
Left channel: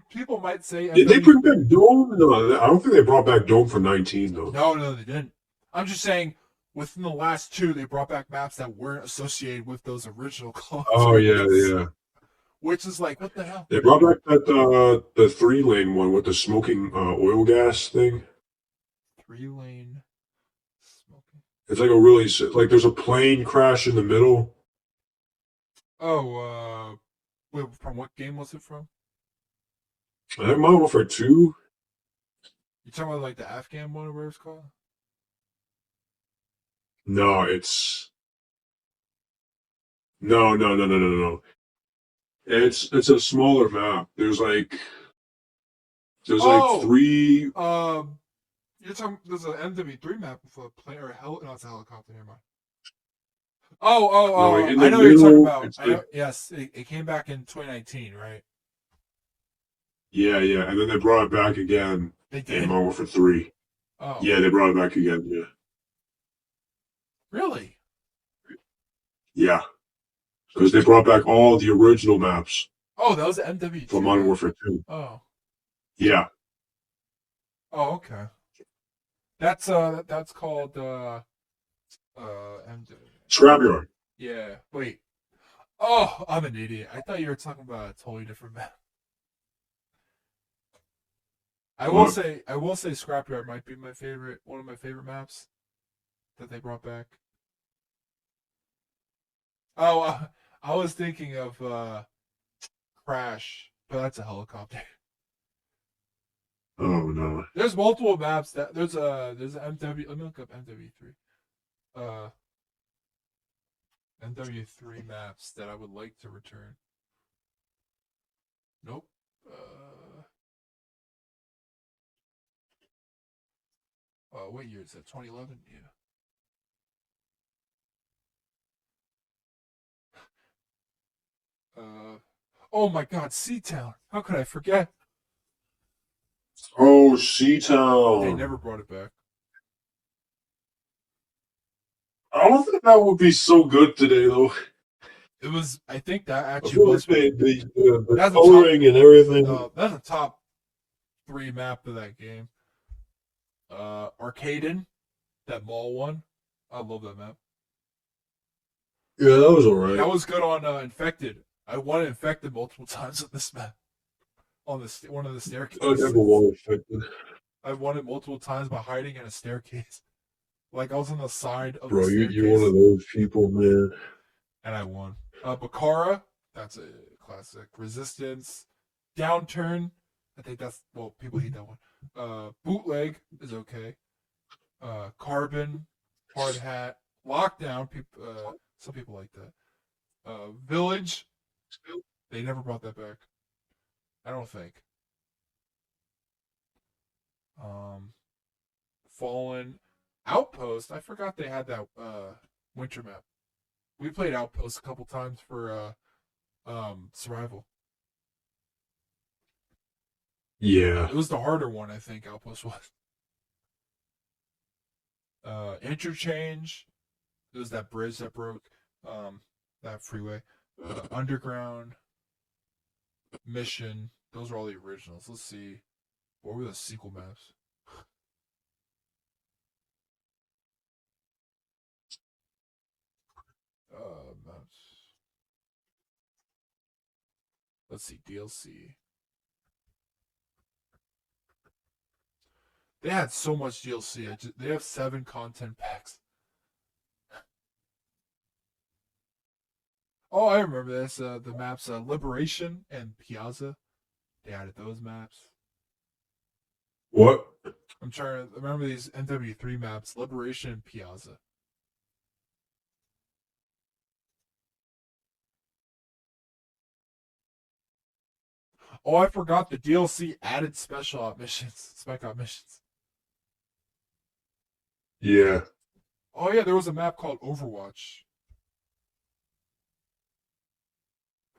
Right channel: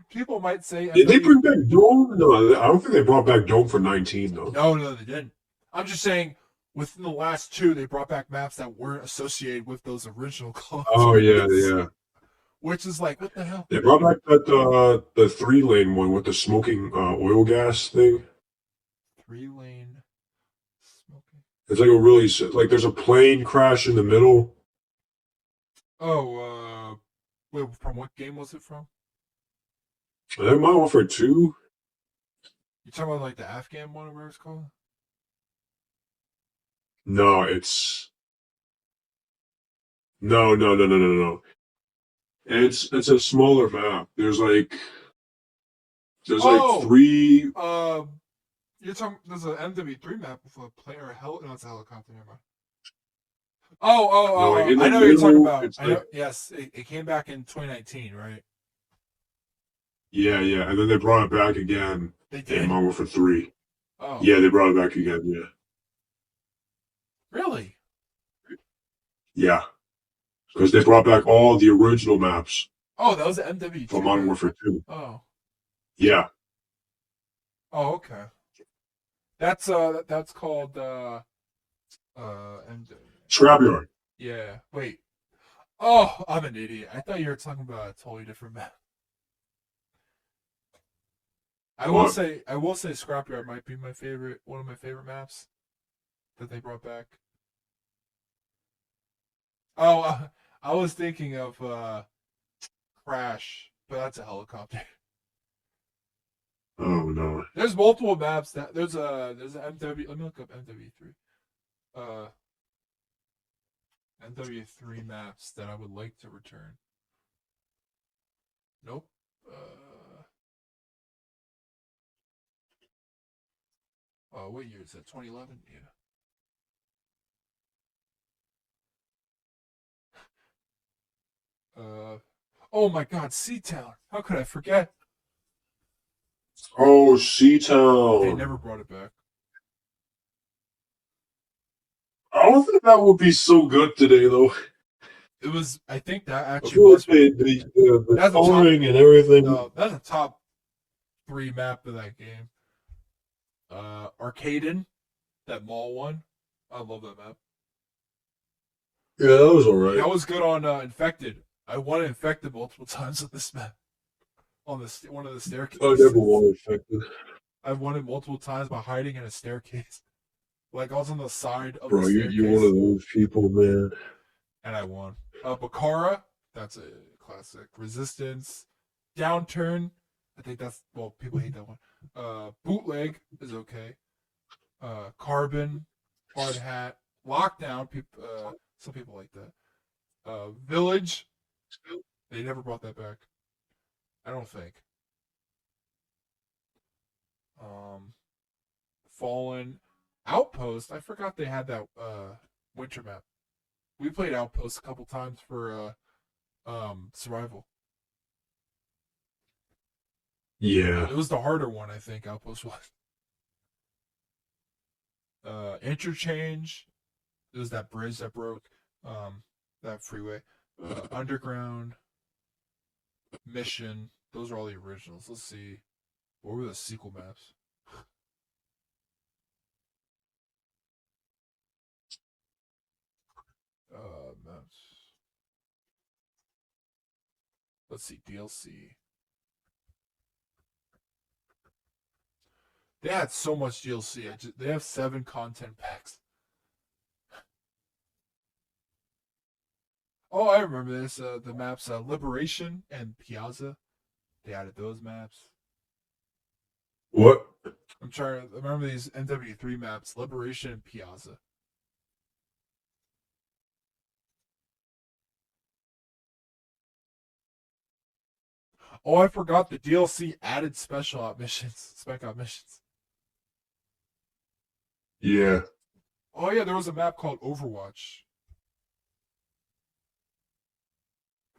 people might say did they MW. bring back Dome? No, I don't think they brought back Dome for 19 though. No, no, they didn't. I'm just saying, within the last two, they brought back maps that weren't associated with those original Call of Oh yeah, Duties, yeah. which is like, what the hell? They brought back that the 3-lane one with the smoking oil gas thing. 3 lane smoking. It's like a really like there's a plane crash in the middle. Oh, wait, from what game was it from? I think Modern Warfare 2. You talking about like the Afghan one, or whatever it's called? No, it's no. It's a smaller map. There's like Oh, three. you're talking. There's an MW3 map with a plane or a hell. No, it's a helicopter. Never mind. No, like in I the know what you're talking middle. about. It's I like know. Yes, it came back in 2019, right? yeah, and then they brought it back again They in did. Modern Warfare 3. Oh, Yeah, they brought it back again. Yeah, really? yeah, because they brought back all the original maps Oh, that was the for MW2 Modern map. Warfare 2. Oh, Yeah, oh, okay. That's called and Scrapyard. yeah. Wait. Oh, I'm an idiot. I thought you were talking about a totally different map. What? I will say Scrapyard might be my favorite, one of my favorite maps that they brought back. Oh, I was thinking of Crash, but that's a helicopter. Oh no. There's multiple maps that there's an MW. Let me look up MW3. Uh, MW3 maps that I would like to return. Nope. What year is that? 2011. Yeah. Oh my God, Seatown. How could I forget? Oh, They Seatown. never brought it back. I don't think that would be so good today, though. It was. I think that I actually feel like was one. the That's a top. coloring and everything. That's a top three map of that game. Arcaden, that mall one. I love that map. Yeah, that was alright. That was good on Infected. I won Infected multiple times on this map. On the one of the I never staircases. won Infected. I've won it multiple times by hiding in a staircase. Like I was on the side of the Bro, you're one staircase of those people, man. and I won. Bakara, that's a classic. Resistance, Downturn. I think that's well, people hate that one. Bootleg is okay. Carbon, Hard Hat, Lockdown. People, some people like that. Village, they never brought that back. I don't think. Um, Fallen, Outpost. I forgot they had that winter map. We played Outpost a couple times for survival. Yeah. It was the harder one, I think. Outpost was. Interchange. It was that bridge that broke. That freeway. Underground. Mission. Those are all the originals. Let's see. What were the sequel maps? Maps. Let's see. DLC. They had so much DLC. They have 7 content packs. Oh, I remember this. The maps Liberation and Piazza. They added those maps. What? I'm trying to remember these NW3 maps, Liberation and Piazza. Oh, I forgot the DLC added special op missions, spec op missions. Yeah. Oh yeah, there was a map called Overwatch.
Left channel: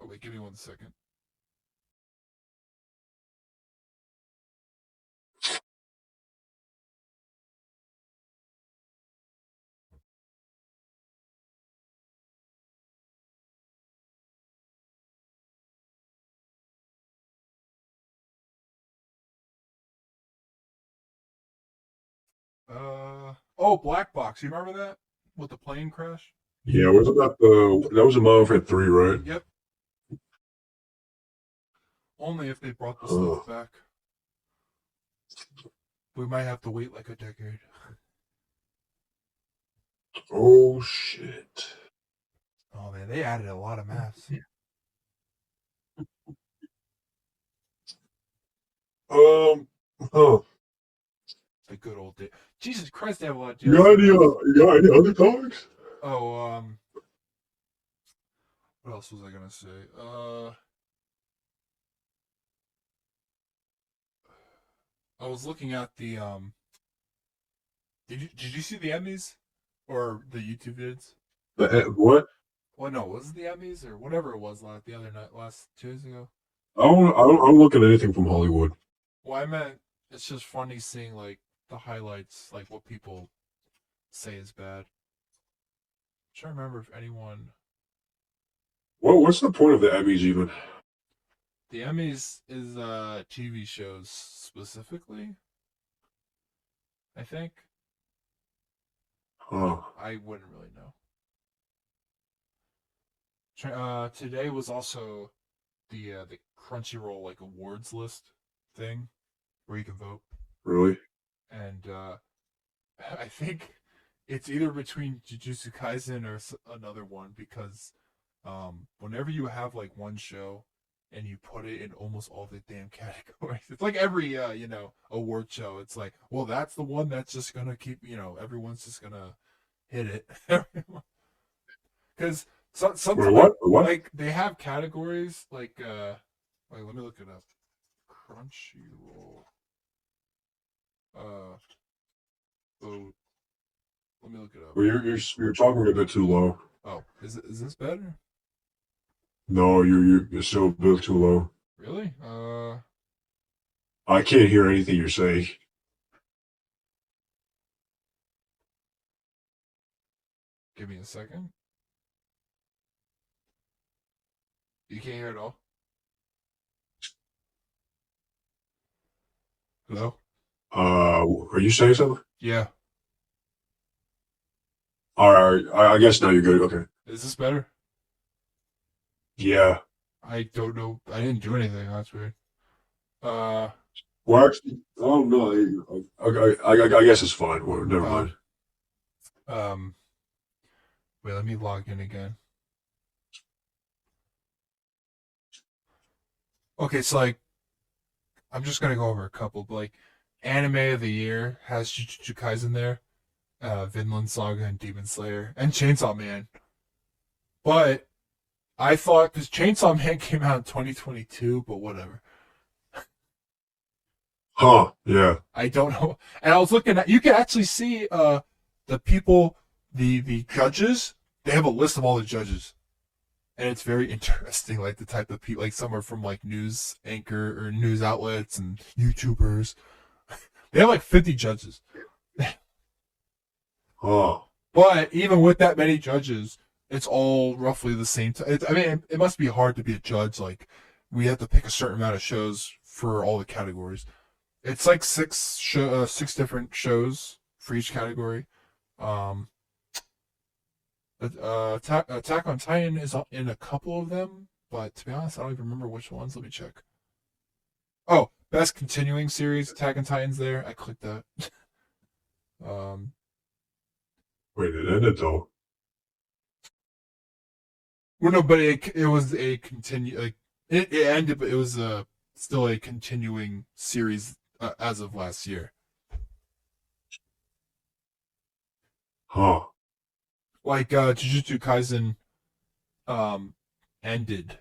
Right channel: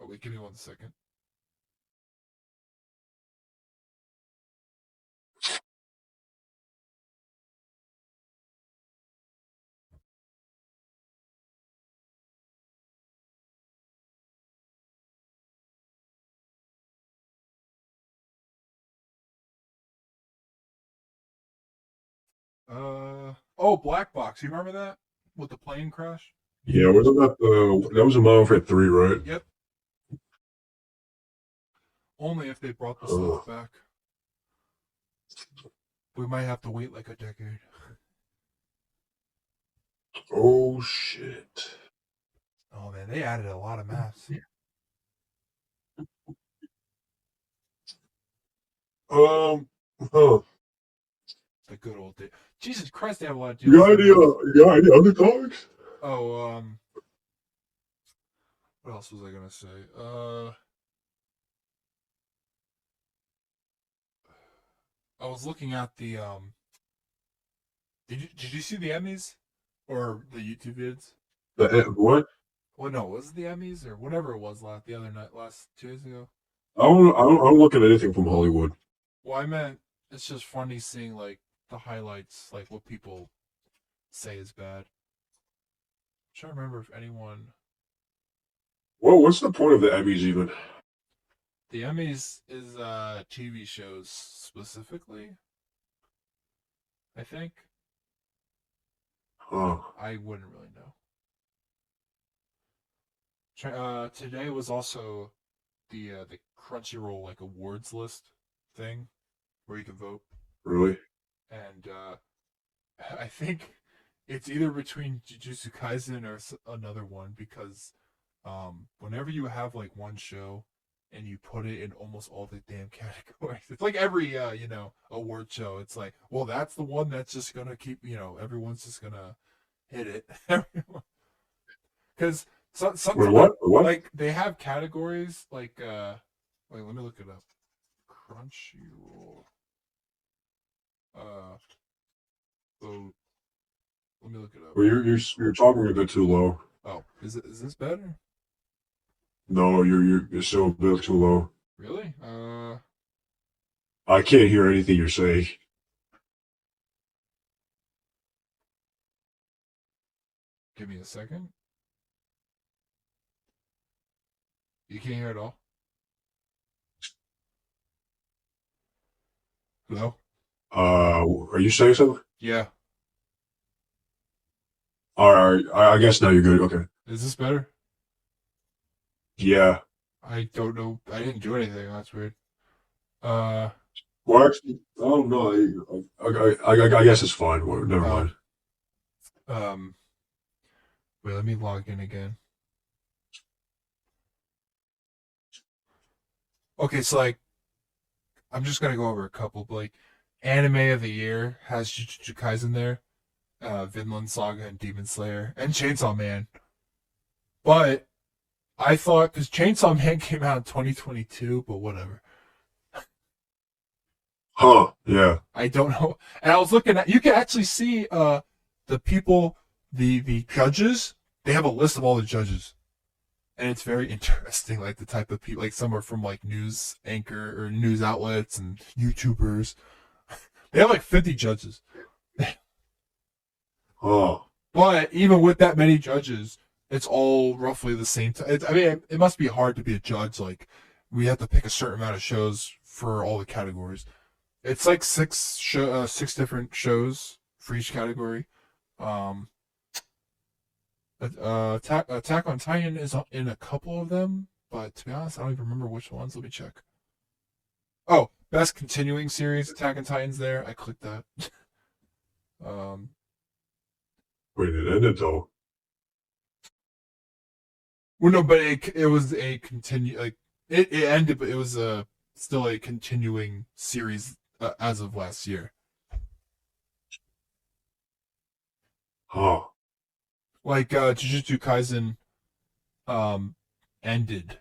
Oh wait, give me 1 second. Oh, Black Box. You remember that with the plane crash? Yeah, wasn't that was a Modern Warfare 3, right? Yep. Only if they brought the Uh, stuff back. We might have to wait like a decade. oh shit. Oh man, they added a lot of maps. Um huh. The good old day. Jesus Christ, they have a lot of You got DLC any maps. you got any other topics? Oh, what else was I gonna say? I was looking at the Did you see the Emmys or the YouTube vids? What? Well, no, was it the Emmys or whatever it was the other night, last 2 days ago? I don't look at anything from Hollywood. Well, I meant it's just funny seeing like the highlights, like what people say is bad. I'm trying to remember if anyone. What's the point of the Emmys even? The Emmys is TV shows specifically. I think Oh, I wouldn't really know. Today was also the Crunchyroll like awards list thing where you can vote, really? and I think it's either between Jujutsu Kaisen or another one because whenever you have like one show and you put it in almost all the damn categories, it's like every award show. It's like, well, that's the one that's just gonna keep everyone's just gonna hit it because Wait, sometimes what? What? like they have categories like wait, let me look it up. Crunchyroll. Uh, oh, let me look it up. Well, you're talking a bit too low. Oh, is this better? No, you're still a bit too low. Really? I can't hear anything you're saying. Give me a second. You can't hear it all. Hello? Are you saying something? Yeah. All right, I guess now you're good. Okay. Is this better? Yeah. I don't know. I didn't do anything. That's weird. Uh, Well, actually, I don't know. I guess it's fine. Well, never uh, mind. um, wait, let me log in again. Okay, so like, I'm just gonna go over a couple. But like, anime of the year has Jujutsu Kaisen there, Vinland Saga and Demon Slayer and Chainsaw Man. But I thought because Chainsaw Man came out in 2022, but whatever. Huh? Yeah. I don't know. And I was looking at you can actually see the people the judges. They have a list of all the judges. And it's very interesting, like the type of people like some are from like news anchor or news outlets and YouTubers. They have like 50 judges. Huh. But even with that many judges, it's all roughly the same. I mean, it must be hard to be a judge. Like, we have to pick a certain amount of shows for all the categories. It's like six different shows for each category. Um, Attack on Titan is in a couple of them, but to be honest, I don't even remember which ones. Let me check. Oh, best continuing series, Attack on Titan's there. I clicked that. um, Wait, it ended though. well, no, but it was a like it ended, but it was still a continuing series as of last year. Huh. Like Jujutsu Kaisen um ended.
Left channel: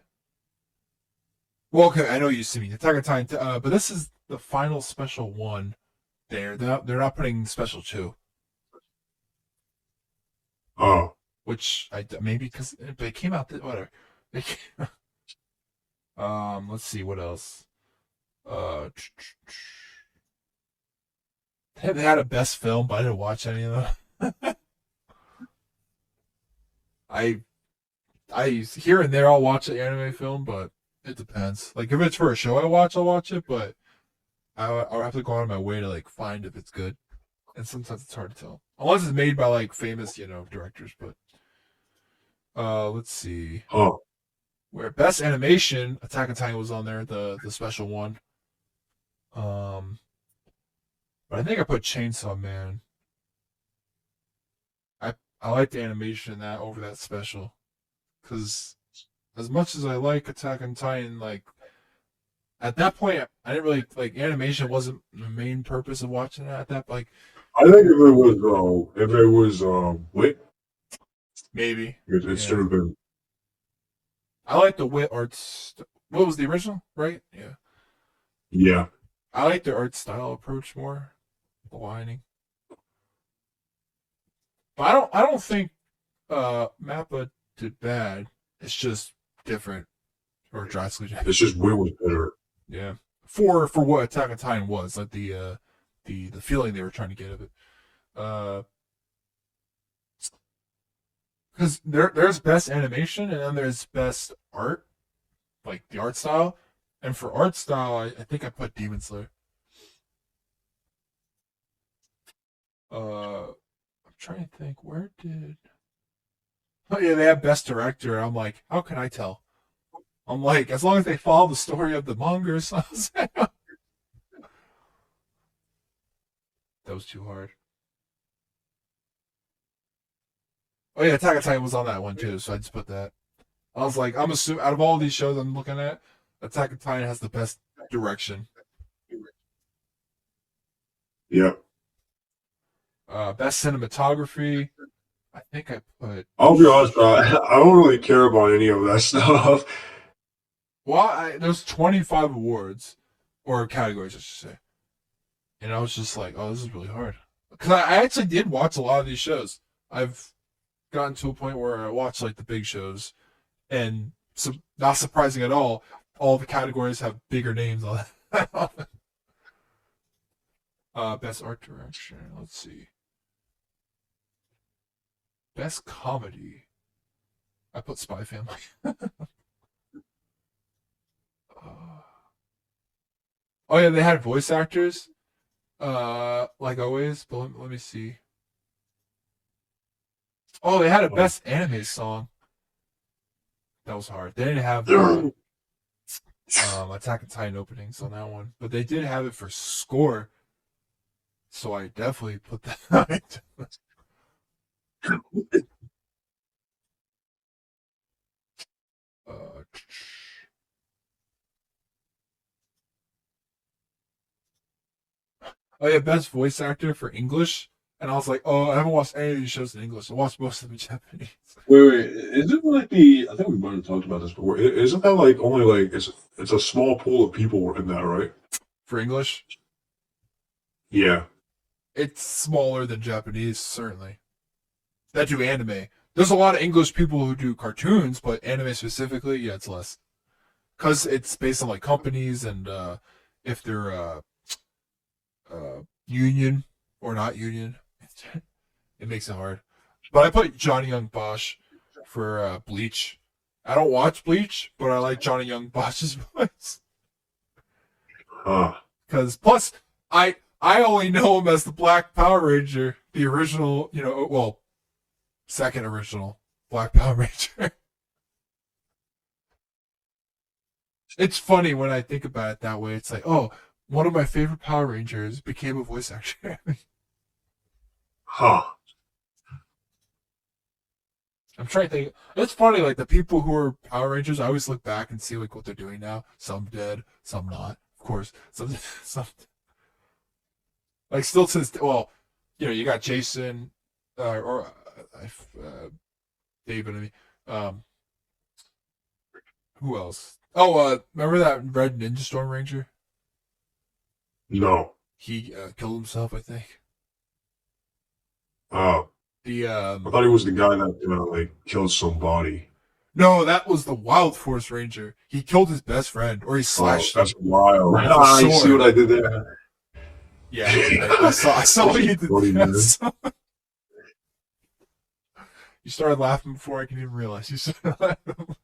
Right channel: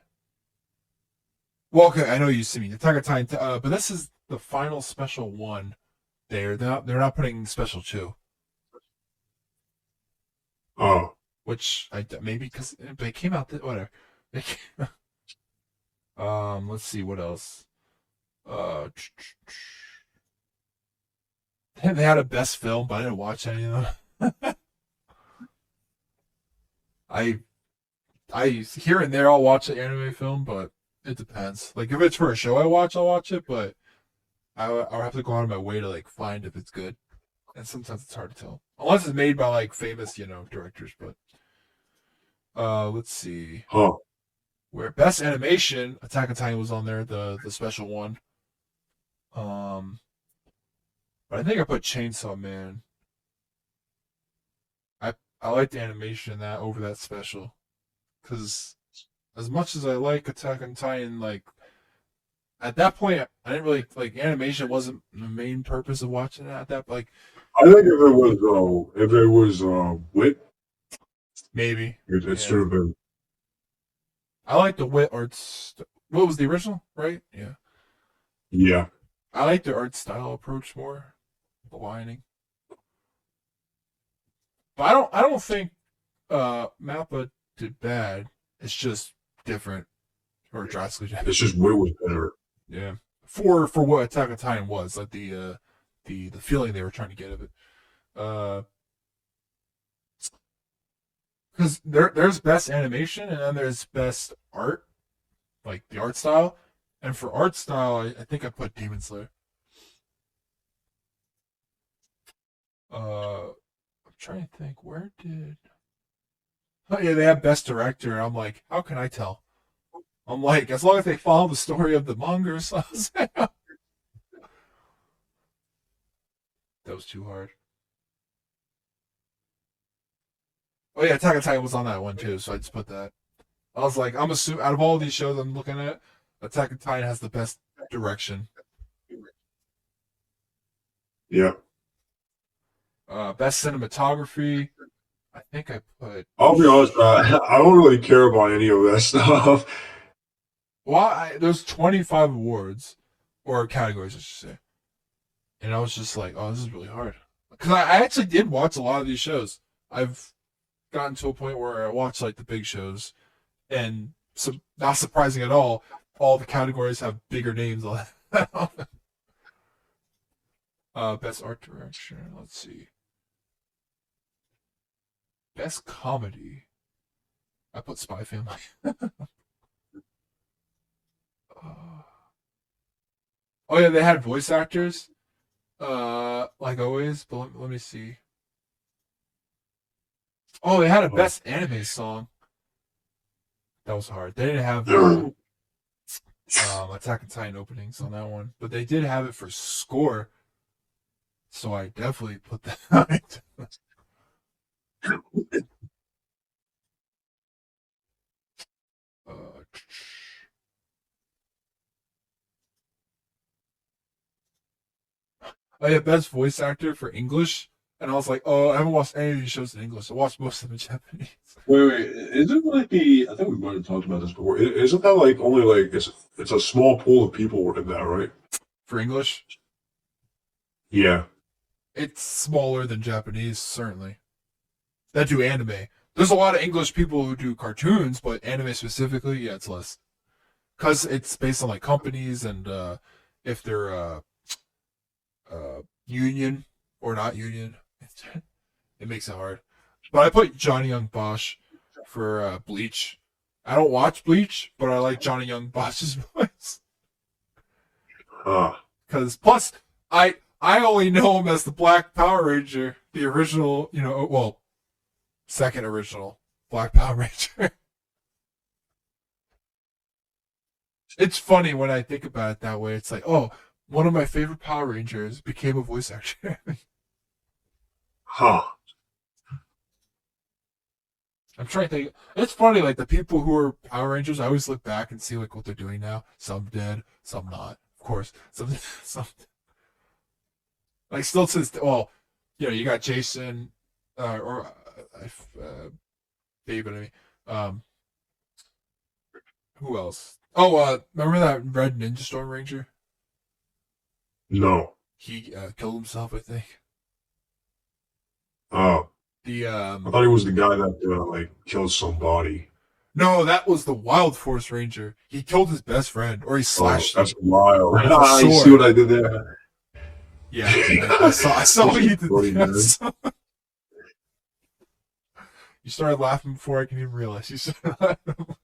Well, okay, I know you see me Attack on Titan, but this is the final special one. They're not putting special two, Oh. which I maybe because they came out whatever. They let's see what else. Uh, they had a best film, but I didn't watch any of them. I I here and there I'll watch an anime film, but it depends. Like if it's for a show I watch, I'll watch it, but I'll have to go out of my way to like find if it's good, and sometimes it's hard to tell unless it's made by like famous directors. But let's see Huh. where best animation Attack on Titan was on there, the special one. Um, but I think I put Chainsaw Man. I like the animation in that over that special because as much as I like Attack on Titan, like at that point I didn't really like animation wasn't the main purpose of watching it at that like I think if it was wit, maybe it yeah. should have been. I like the wit arts. What was the original? Right? Yeah. Yeah. I like the art style approach more. The lining. But I don't think Mappa did bad. It's just different or drastically different. It's just wit was better. Yeah. For what Attack on Titan was, like the feeling they were trying to get of it. Because there's best animation and then there's best art, like the art style. And for art style, I think I put Demon Slayer. I'm trying to think where did. Oh yeah, they have best director. I'm like, how can I tell? I'm like, as long as they follow the story of the manga or something. That was too hard. Oh yeah, Attack on Titan was on that one too, so I just put that. I was like, I'm assuming out of all these shows I'm looking at, Attack on Titan has the best direction. Yeah. Best cinematography. I think I put. I'll be honest, I don't really care about any of that stuff. Well, there's 25 awards or categories, I should say, and I was just like, oh, this is really hard because I actually did watch a lot of these shows. I've gotten to a point where I watch like the big shows, and so not surprising at all the categories have bigger names on it. Best art direction. Let's see. Best comedy. I put Spy Family. Oh yeah, they had voice actors. Like always. But let me see. Oh, they had a best anime song. That was hard. They didn't have Attack on Titan openings on that one, but they did have it for Score. So I definitely put that on it. Uh, oh yeah, best voice actor for English, and I was like, oh, I haven't watched any of these shows in English. I watched most of them in Japanese. Wait. Isn't like the? I think we might have talked about this before. Isn't that like only like it's a small pool of people in that, right? For English, Yeah. it's smaller than Japanese, certainly. That do anime. There's a lot of English people who do cartoons, but anime specifically, yeah, it's less. Because it's based on like companies and if they're union or not union, it makes it hard. But I put Johnny Young Bosch for Bleach. I don't watch Bleach, but I like Johnny Young Bosch's voice. Huh. Because plus, I only know him as the Black Power Ranger, the original, well, second original Black Power Ranger. It's funny when I think about it that way. It's like, oh, one of my favorite Power Rangers became a voice actor. Huh. I'm trying to think. It's funny, like the people who are Power Rangers. I always look back and see like what they're doing now. Some dead, some not. Of course, some like still to this. Well, you got Jason, or David. I mean, who else? Oh, remember that Red Ninja Storm Ranger? No. He killed himself, I think. Oh. The I thought he was the guy that like killed somebody. No, that was the Wild Force Ranger. He killed his best friend, or he slashed That's him wild. with a Ah, you see sword. what I did there? Yeah, I saw what you did. Bloody man. You started laughing before I can even realize you started laughing.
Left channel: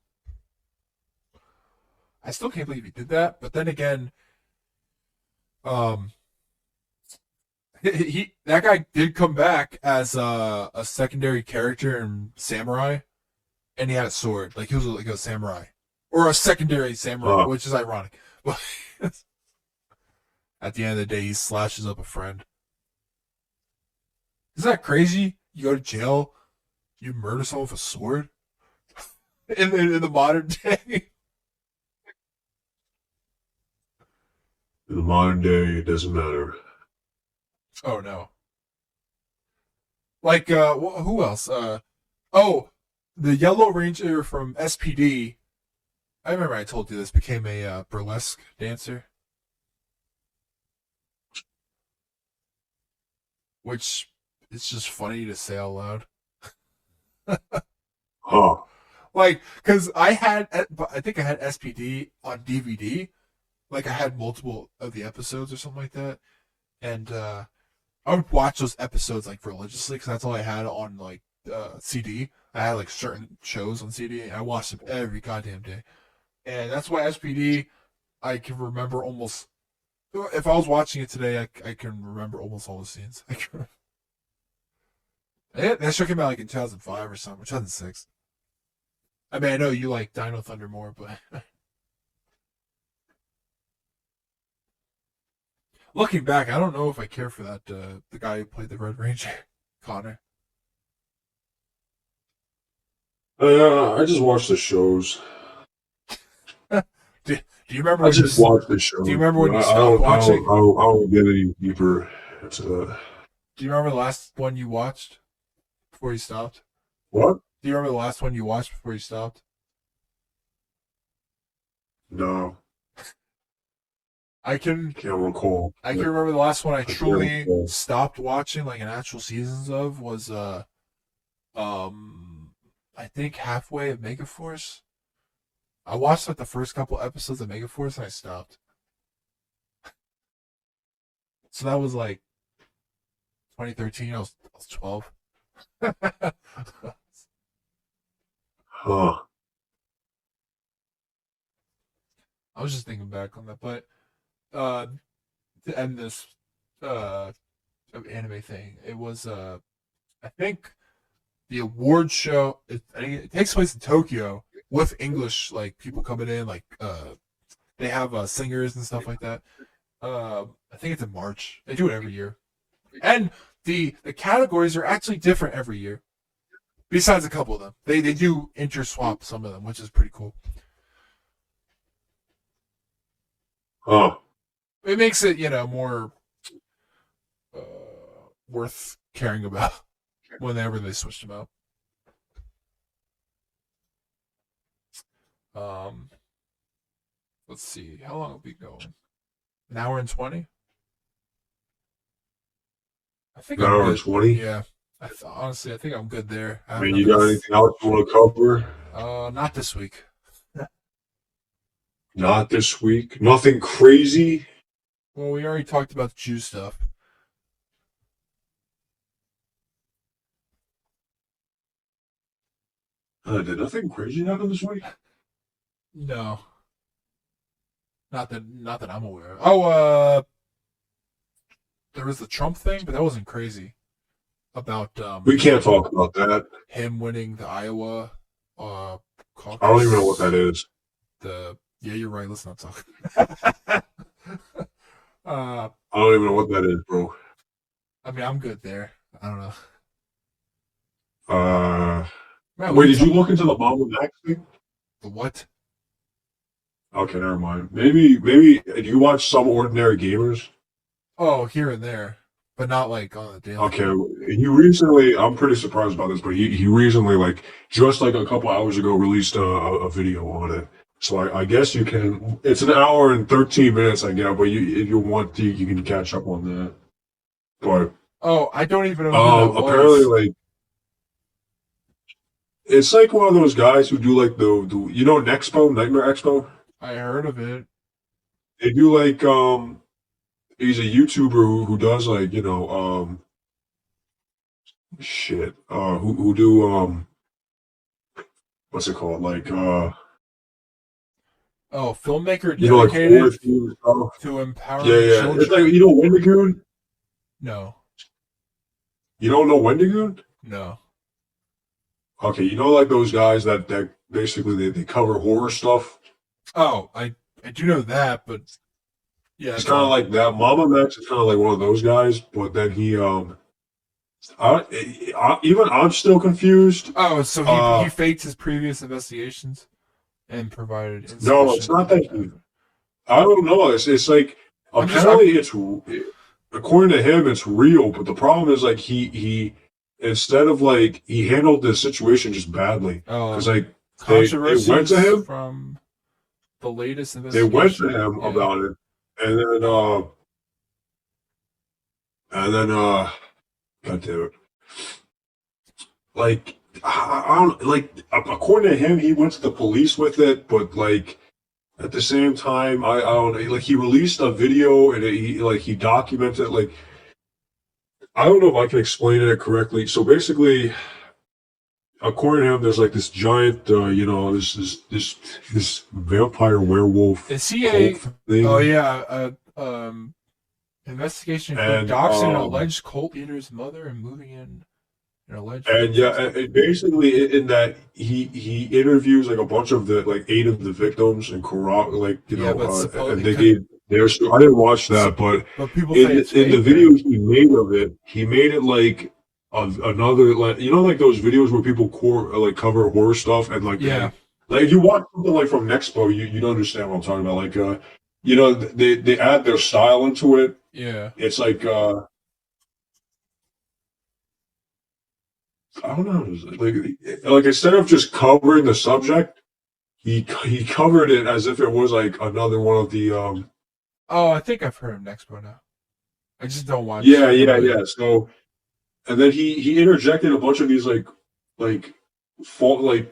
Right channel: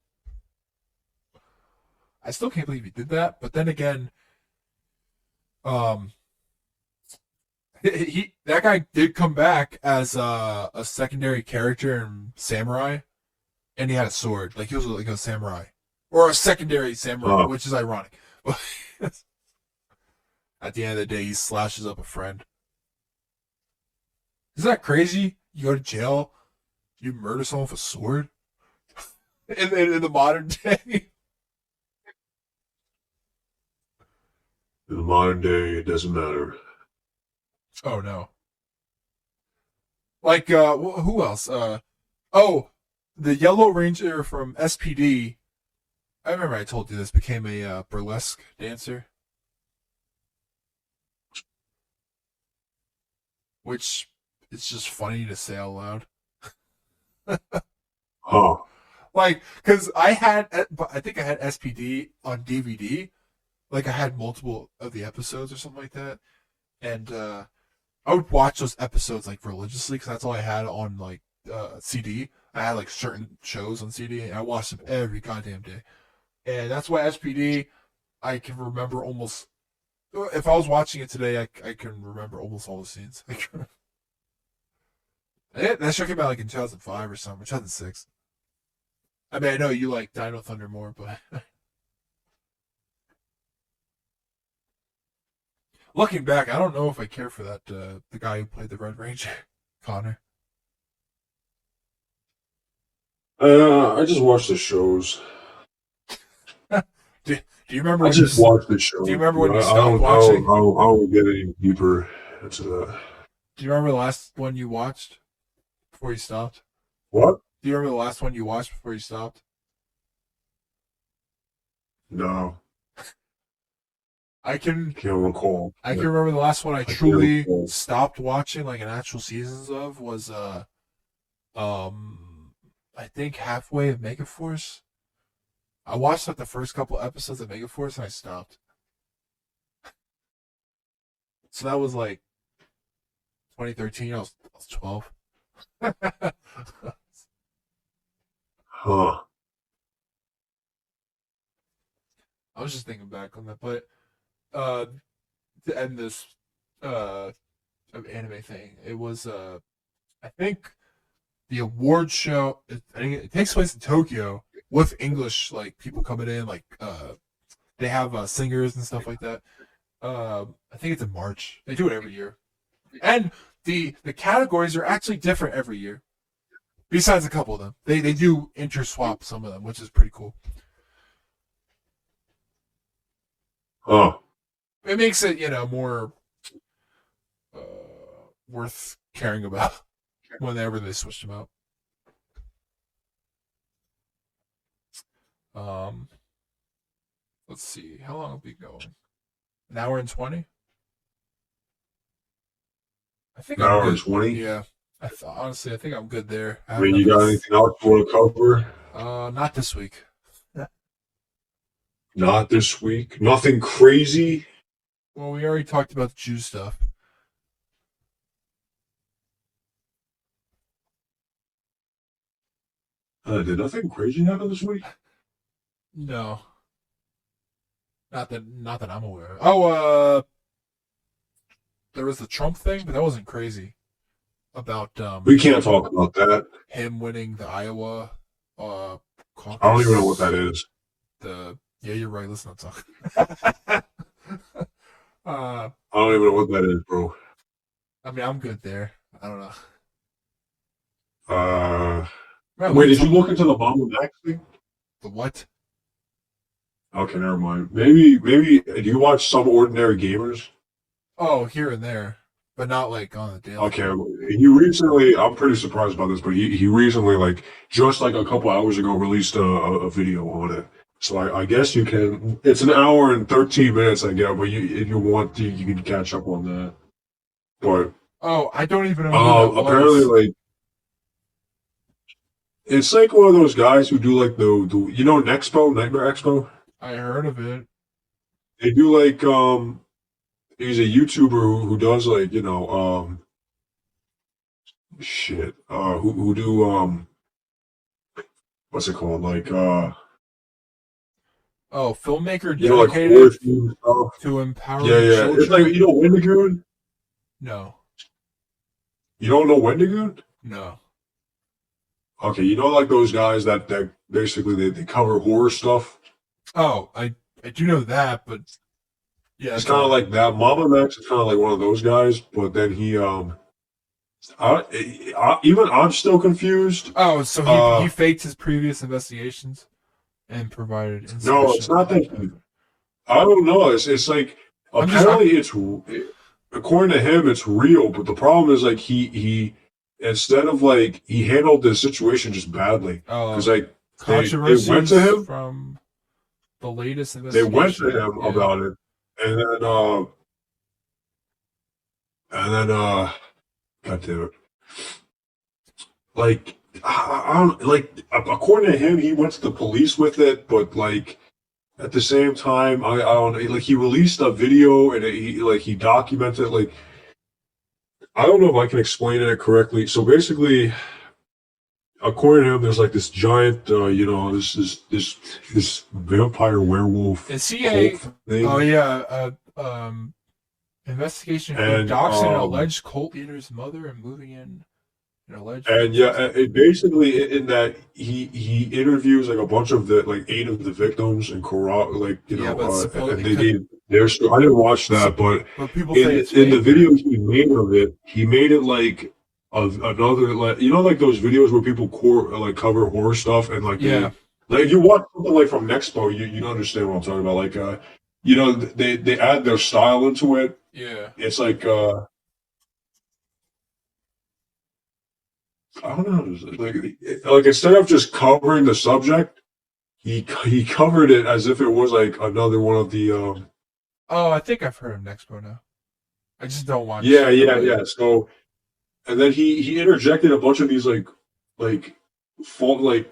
I still can't believe he did that, but then again, um, that guy did come back as a secondary character in Samurai, and he had a sword. Like he was like a samurai or a secondary samurai, which is ironic. But at the end of the day, he slashes up a friend. Isn't that crazy? You go to jail, you murder someone with a sword in the modern day. In the modern day, it doesn't matter. Oh no! Like who else? Oh, the Yellow Ranger from SPD. I remember I told you this became a burlesque dancer, which it's just funny to say out loud. Huh. Like, cause I think I had SPD on DVD. Like I had multiple of the episodes or something like that, and I would watch those episodes like religiously because that's all I had on like CD. I had like certain shows on CD, and I watched them every goddamn day. And that's why SPD, I can remember almost. If I was watching it today, I can remember almost all the scenes. That show came out like in 2005 or something, 2006. I mean, I know you like Dino Thunder more, but looking back, I don't know if I care for that the guy who played the Red Ranger, Connor. I just watch the shows. do you remember I when just watch the shows. do you remember when you I stopped don't. I watching? don't. I don't, I don't get any deeper into that. Do you remember the last one you watched before you stopped? What? Do you remember the last one you watched before you stopped? No, I can can't recall. I can remember the last one I can't truly recall. stopped watching like an actual seasons of was I think halfway of Megaforce. I watched like the first couple episodes of Megaforce and I stopped. So that was like 2013. I was 12. Huh. I was just thinking back on that, but uh, to end this uh anime thing, it was I think the award show. I think it takes place in Tokyo, with English, like people coming in, like they have singers and stuff like that. I think it's in March. They do it every year, and the categories are actually different every year. Besides a couple of them, they do interswap some of them, which is pretty cool. Oh, It makes it more uh, worth caring about whenever they switch them out. Um, let's see, how long have we going? An hour and 20. I think an I'm hour and good. 20. Yeah, honestly, I think I'm good there. I mean, you After got this, anything else you want to cover? not this week. Not this week. Nothing crazy. Well, we already talked about the Jew stuff. Did nothing crazy happen this week? No, not that I'm aware of. Oh, there was the Trump thing, but that wasn't crazy. About We can't talk about that. him winning the Iowa caucus. I don't even know what that is. Yeah, you're right. Let's not talk. I don't even know what that is, bro. I mean, I'm good there. I don't know. Man, Wait, did you look into the Mom and Max thing? The what? Okay, never mind. Maybe. Do you watch Some Ordinary Gamers? Oh, here and there, but not like on the daily. Okay, he recently. I'm pretty surprised by this, but he recently, like just like a couple hours ago, released a video on it. So I guess you can. It's an hour and 13 minutes, I guess. But if you want, you can catch up on that. But Oh, I don't even know who that apparently, was. like it's like one of those guys who do like the Nexpo, Nightmare Expo. I heard of it. They do like he's a YouTuber who does like shit who do what's it called like Oh, filmmaker like horror dedicated themed stuff. to Yeah, empowering yeah. It's like children. Wendigoon. No, You don't know Wendigoon? no. Okay, like those guys that basically they cover horror stuff. Oh, I do know that, but yeah, He's that's kind of all. like that. Mama Max is kind of like one of those guys, but then he even I'm still confused. Oh, so he faked his previous investigations and provided No, it's insufficient. not that I don't know. It's like apparently according to him it's real, but the problem is like he instead of like he handled the situation just badly because like they went to Controversies him, from the latest they went to investigation. him Yeah. about it, and then God damn it, like I don't like according to him he went to the police with it, but like. At the same time, I don't like he released a video and he documented like I don't know if I can explain it correctly. So basically, according to him, there's like this giant, this vampire werewolf Is he a? cult thing, Oh yeah. Investigation for and doxing an alleged cult leader's mother and moving in an alleged. yeah, and basically in that he interviews like a bunch of the like 8 of the victims and like Yeah, but and they gave their story. I didn't watch that, but people say in it's the fake. videos he made of it, he made it like of another like like those videos where people like cover horror stuff and like Yeah. like if you watch something like from Nexpo, you don't understand what I'm talking about. Like they add their style into it. Yeah. It's like I don't know, like instead of just covering the subject, he covered it as if it was like another one of the Oh, I think I've heard of Nexpo now. I just don't watch. yeah. So and then he interjected a bunch of these like fault like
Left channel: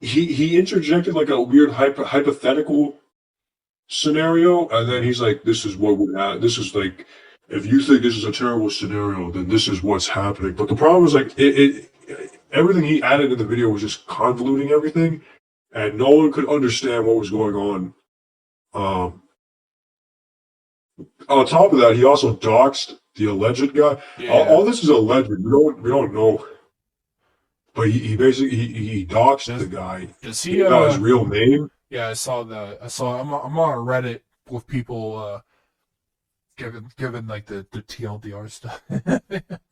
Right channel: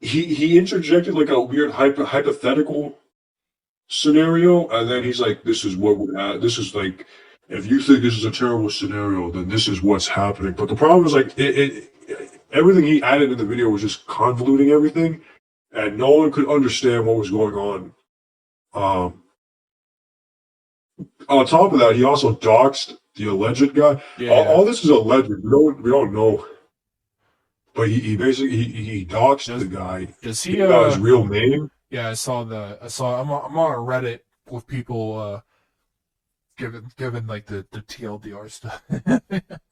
he interjected like a weird hypothetical scenario, and then he's like, "This is what would happen. This is like, if you think this is a terrible scenario, then this is what's happening." But the problem is like everything he added in the video was just convoluting everything, and no one could understand what was going on. On top of that, he also doxed the alleged guy. Yeah. All this is alleged. We don't know. but he basically he doxed the guy. Does He he? got his real name. Yeah, I saw the. I saw. I'm on Reddit with people giving like the TLDR stuff.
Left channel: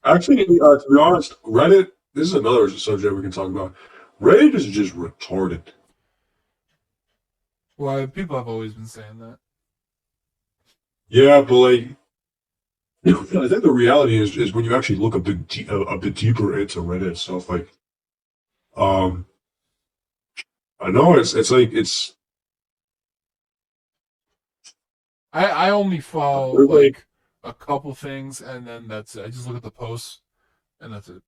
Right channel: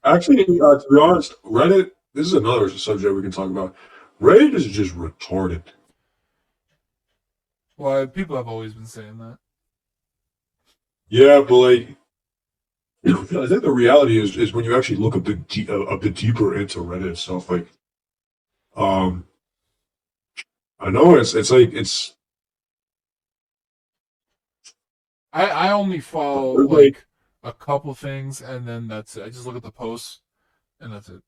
Actually, to be honest, Reddit. This is another subject we can talk about. Reddit is just retarded. Well, people have always been saying that. Yeah, but like, I think the reality is when you actually look a bit deeper into Reddit itself, like, um, I know it's like I only follow there's like like a couple things, and then that's it. I just look at the posts, and that's it.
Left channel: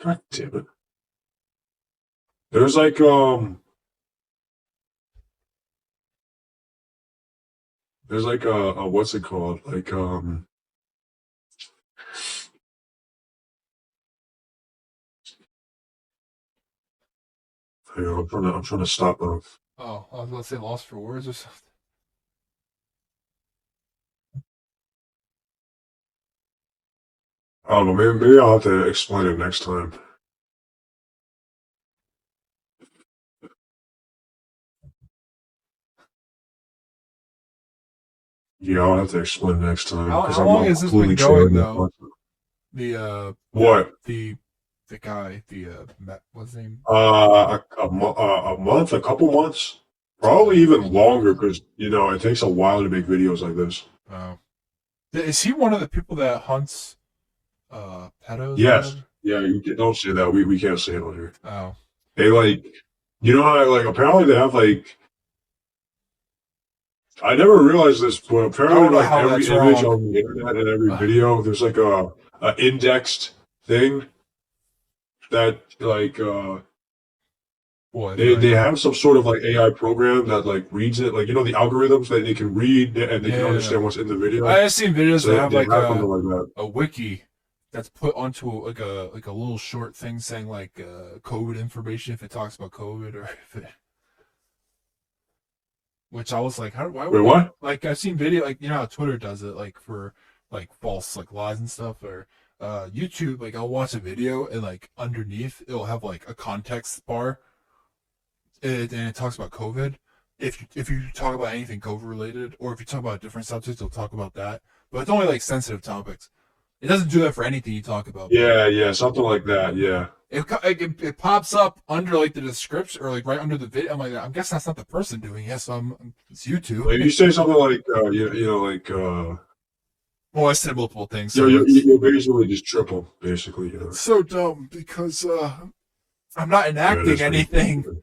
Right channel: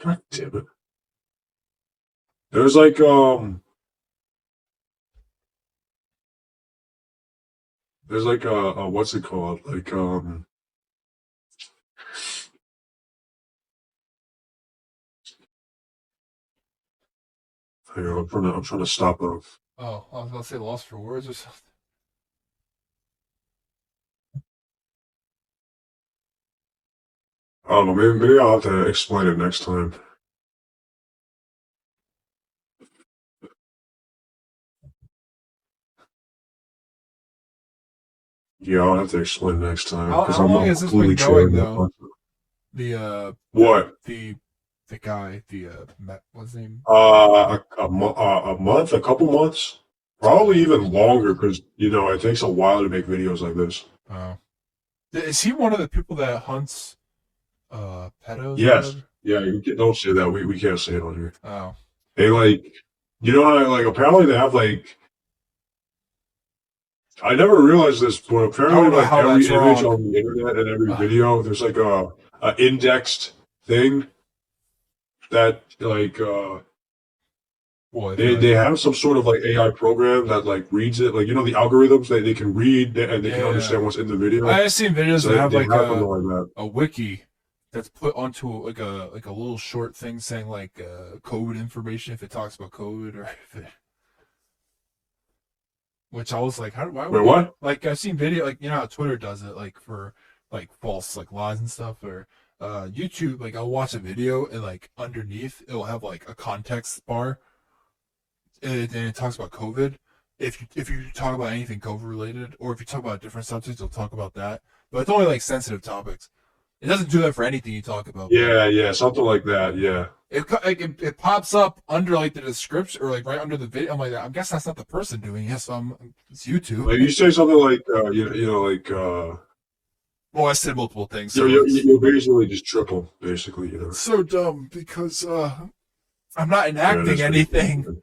God damn it. There's like there's like what's it called? Like here, I'm trying to stop him. Oh, I was gonna say lost for words or something. I don't know, maybe I'll have to explain it next time. Yeah, I'll have to explain next time because How long I'm has this been completely going changing though? it. The What? the guy, what's his name? A month, a couple months, probably even longer because it takes a while to make videos like this. Oh, is he one of the people that hunts pedos or Yes, whatever? yeah, don't say that. We can't say it on here. Oh, They like, how, like apparently they have like I never realized this, but I apparently don't know like how every that's image wrong. on the internet and every video, there's like a indexed thing that like What they like? have some sort of like AI program that like reads it, like the algorithms that they can read and they can Yeah, understand what's in the video. I've seen videos So that have they like have something like that. a wiki that's put onto like a little short thing saying like COVID information if it talks about COVID or if it, which I was like, why Wait, would they what? like? I've seen video like how Twitter does it like for like false like lies and stuff or YouTube. Like I'll watch a video and like underneath it'll have like a context bar and it talks about COVID. If you talk about anything COVID related or if you talk about different subjects, it'll talk about that. But it's only like sensitive topics. It doesn't do that for anything you talk about, but Yeah, yeah, something like that. Yeah. it pops up under like the description or like right under the video. I'm like, I guess that's not the person doing it. So it's YouTube. Like you say something like like Well, I said multiple things, you're, so you're you're basically just triple, basically. it's so dumb because I'm not Yeah, it enacting is pretty anything. stupid.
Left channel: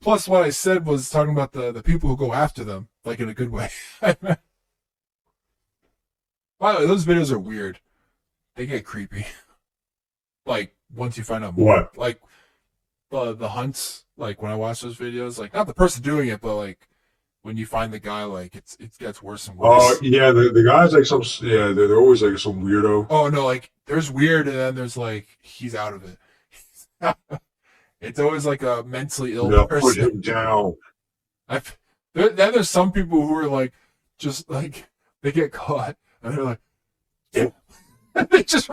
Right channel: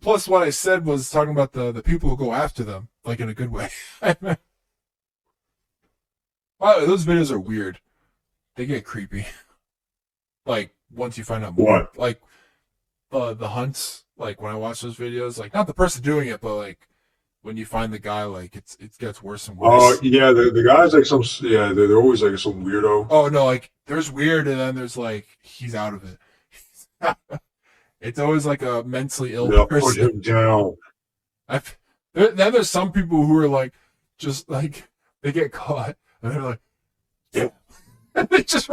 Plus what I said was talking about the people who go after them, like in a good way. By the way, those videos are weird. They get creepy. Like once you find out more, What? like the hunts. Like when I watch those videos, like not the person doing it, but like when you find the guy, like it gets worse and Oh, worse. yeah, the guys like some, yeah, they're always like some weirdo. Oh no, like there's weird, and then there's like he's out of it. It's always like a mentally ill They'll put person. him down. Then there's some people who are like, just like they get caught and they're like, yeah, and they just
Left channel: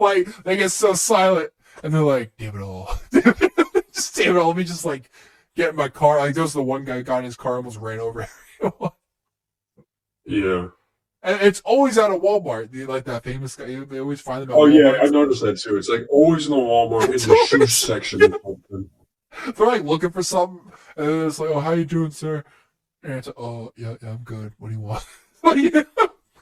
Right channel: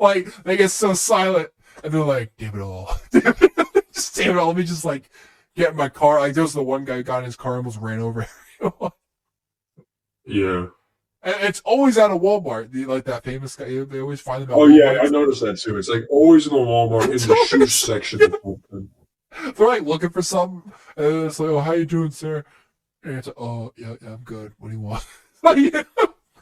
like they get so silent and they're like, damn it all, just damn it all. Let me just like get in my car. Like there was the one guy got in his car, almost ran over everyone. Yeah. And it's always out of Walmart. Like that famous guy, they always find them at Oh, yeah, I Walmart. noticed that too. It's like always in the Walmart in It's the shoe always, section or something. they're like looking for something, and it's like, oh, how you doing, sir? And it's like, oh, yeah, I'm good. What do you want?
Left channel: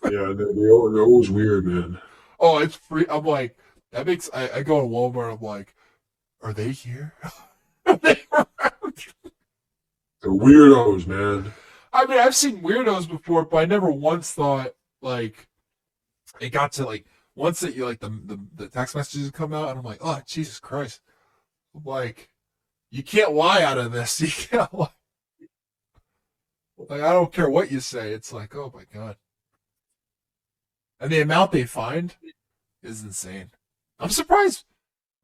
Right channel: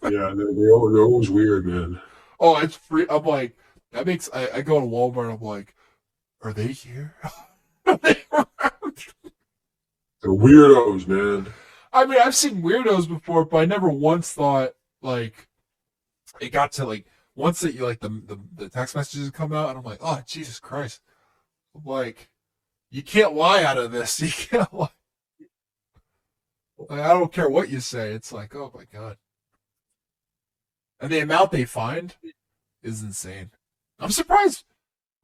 Yeah, they're always weird, man. Oh, it's free. I'm like, that makes. I go to Walmart. I'm like, are they here? Are they around? They're weirdos, man. I mean, I've seen weirdos before, but I never once thought like it got to like once that you like the text messages come out, and I'm like, oh Jesus Christ! Like, you can't lie out of this. You can't lie. Like, I don't care what you say. It's like, oh my God. And the amount they find is insane. I'm surprised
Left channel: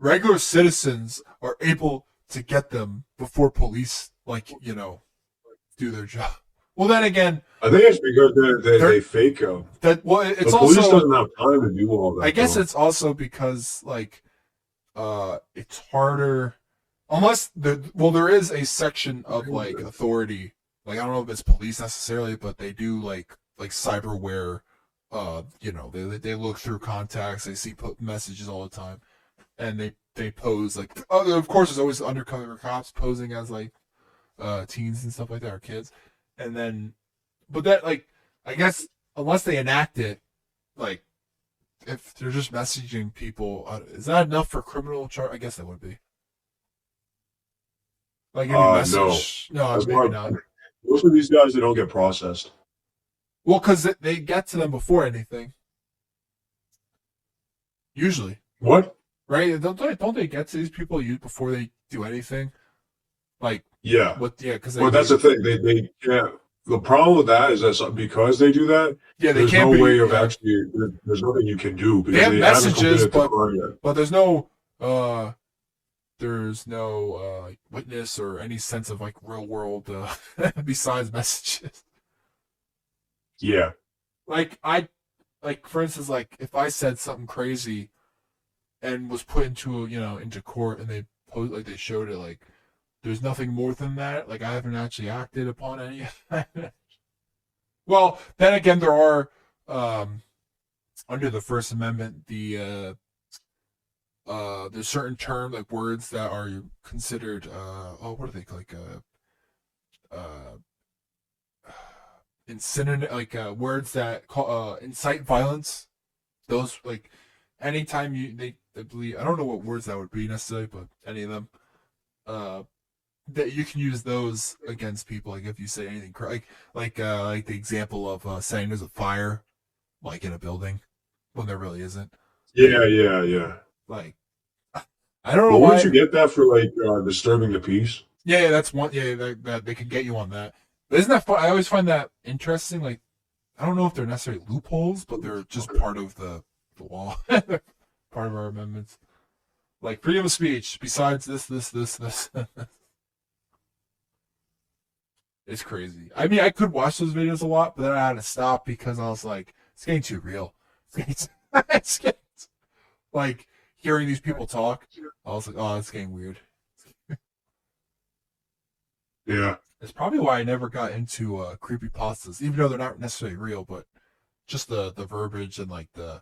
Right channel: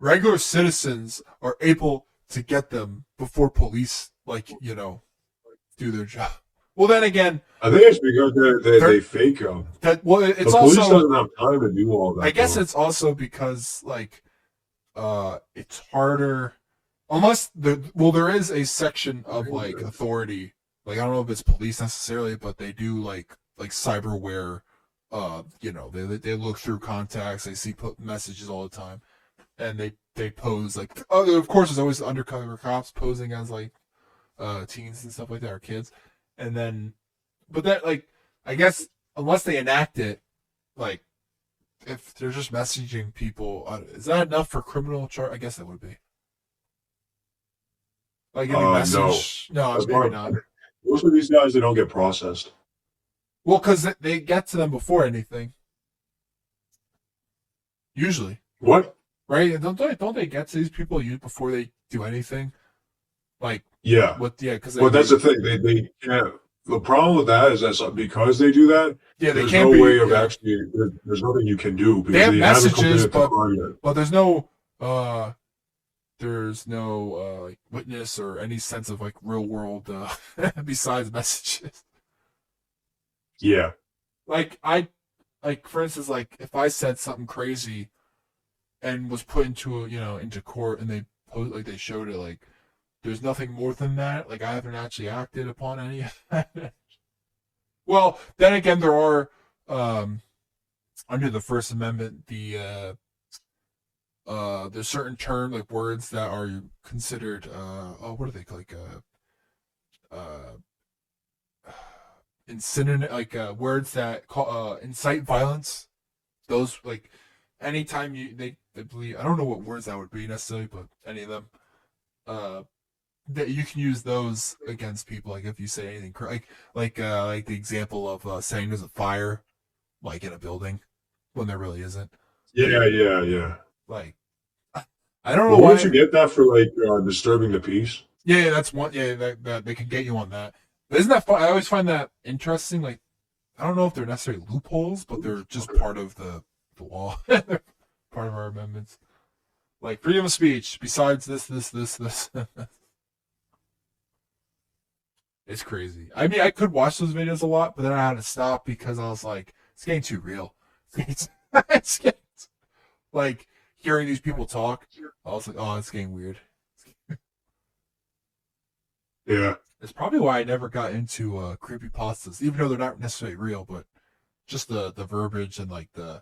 regular citizens are able to get them before police, like, do their job. Well, then again, I think it's because they they're fake. that. Well, The it's police also. doesn't have time to do all I that guess though. it's also because like it's harder unless there is a section of like authority, like I don't know if it's police necessarily, but they do like cyberware. They look through contacts, they see messages all the time, and they pose like of course there's always the undercover cops posing as like teens and stuff like that or kids, and then but that like I guess unless they enact it, like if they're just messaging people, is that enough for criminal charge? I guess it would be. Like if you No, message, no, that's maybe why not. most of these guys they don't get processed. Well, because they get to them before anything, usually, What? right? Don't they get to these people before they do anything? Like Yeah. what? Yeah, because Well, that's the thing. They can't. The problem with that is that because they do that, yeah they there's can't no be way of yeah actually. There's nothing you can do they because have they haven't messages, committed the crime yet. but uh there's no witness or any sense of like real world besides messages. Yeah. Like like for instance, like if I said something crazy and was put into into court and they showed it, like there's nothing more than that. Like I haven't actually acted upon any of that. Well, then again, there are under the First Amendment there's certain terms like words that are considered what are they like incinerated like words that incite violence. Those like anytime they believe I don't know what words that would be necessarily, but any of them uh that you can use those against people. Like if you say anything like the example of saying there's a fire like in a building when there really isn't. Yeah. Yeah. Yeah. Like I don't know But wouldn't why. you get that for like disturbing the peace? Yeah, that's one. Yeah, that they could get you on that. But isn't that fun? I always find that interesting. Like I don't know if they're necessarily loopholes, but they're just part of the law, part of our amendments. Like freedom of speech. Besides this, it's crazy. I mean, I could watch those videos a lot, but then I had to stop because I was like, it's getting too real. It's getting, like hearing these people talk. I was like, oh, it's getting weird. Yeah. It's probably why I never got into creepy pastas, even though they're not necessarily real, but just the verbiage and like the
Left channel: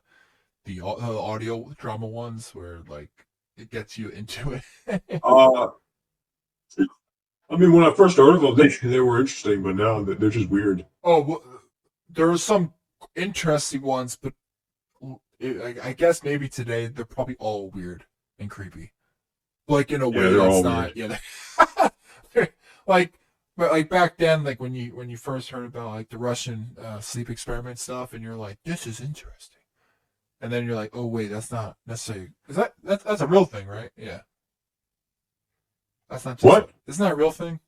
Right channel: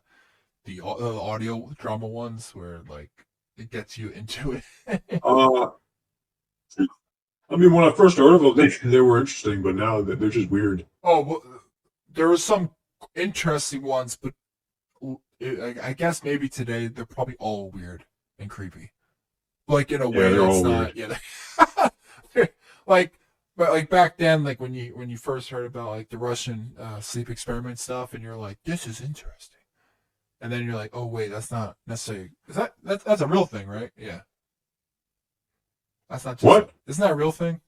audio drama ones where like it gets you into it. Uh, I mean, when I first heard of them, they were interesting, but now they're just weird. Oh, well, there were some interesting ones, but I guess maybe today they're probably all weird and creepy, like in a Yeah, way they're that's all not. weird. Yeah, like, but like back then, like when you first heard about like the Russian sleep experiment stuff, and you're like, this is interesting, and then you're like, oh wait, that's not necessarily. Is that's a real thing, right? Yeah, that's not just. What? Isn't that a real thing?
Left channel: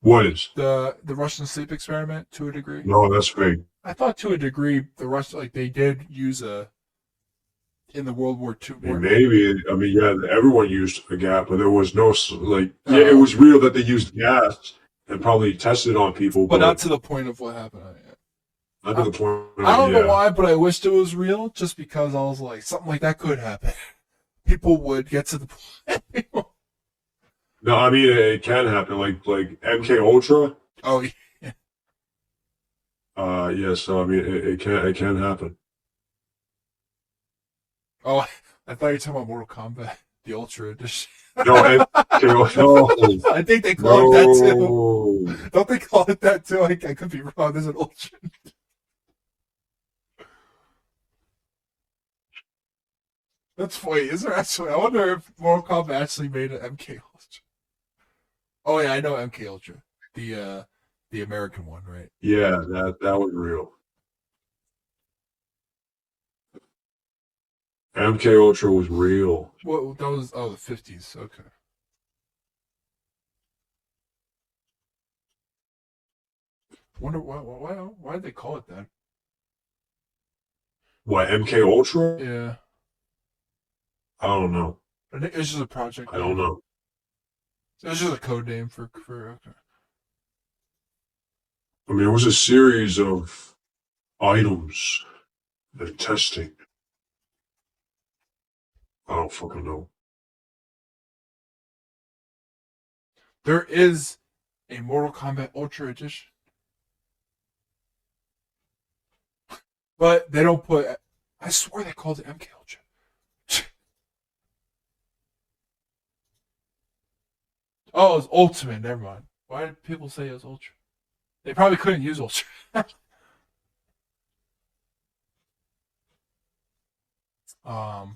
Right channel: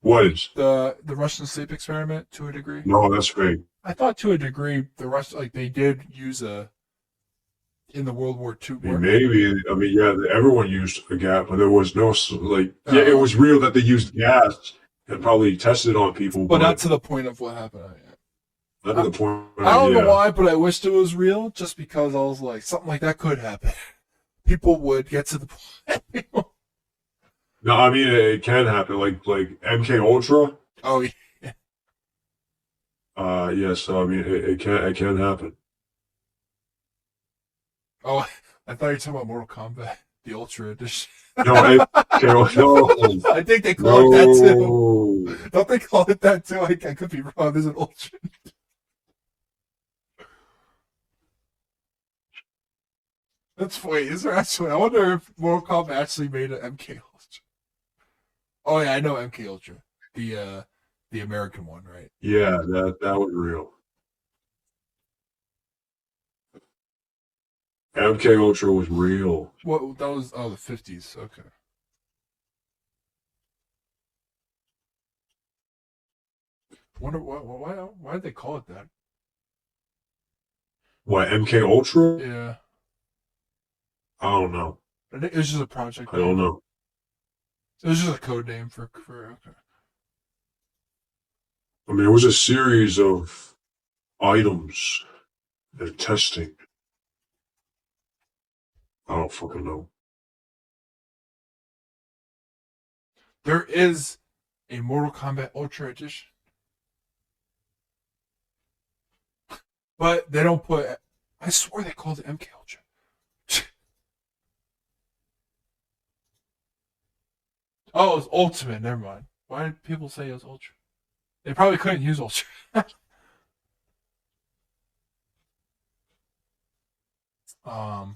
What is? The Russian sleep experiment to a degree. No, that's fake. I thought to a degree the Russian like they did use a in the World War II I mean, war. maybe. I mean, yeah, everyone used a gas, but there was no like. Yeah, it was Okay. real that they used gas and probably tested on people, But not but to the point of what happened. not to I, the point. I don't know Yeah. why, but I wished it was real just because I was like, something like that could happen. People would get to the point. No, I mean it can happen. Like MK Ultra. Oh, yeah. Yeah. So I mean it can happen. Oh, I thought you were talking about Mortal Kombat, the Ultra Edition. No, MK Ultra. No, I think they call it that too. no. Don't they call it that too? I could be wrong. There's an Ultra. That's funny. Is there actually? I wonder if Mortal Kombat actually made an MK Ultra. Oh yeah, I know MK Ultra, the American one, right? Yeah, that was real. MK Ultra was real. What that was? Oh, the 50s. Okay. Wonder why did they call it that? What MK Ultra? Yeah, I don't know. I think it was just a project I don't name. know. It was just a code name for okay. I mean, it was a series of items and testing. I don't fucking know. There is a Mortal Kombat Ultra Edition, but they don't put. I swear they called it MK Ultra. Oh, it was Ultimate. Never mind. Why did people say it was Ultra? They probably couldn't use Ultra. um,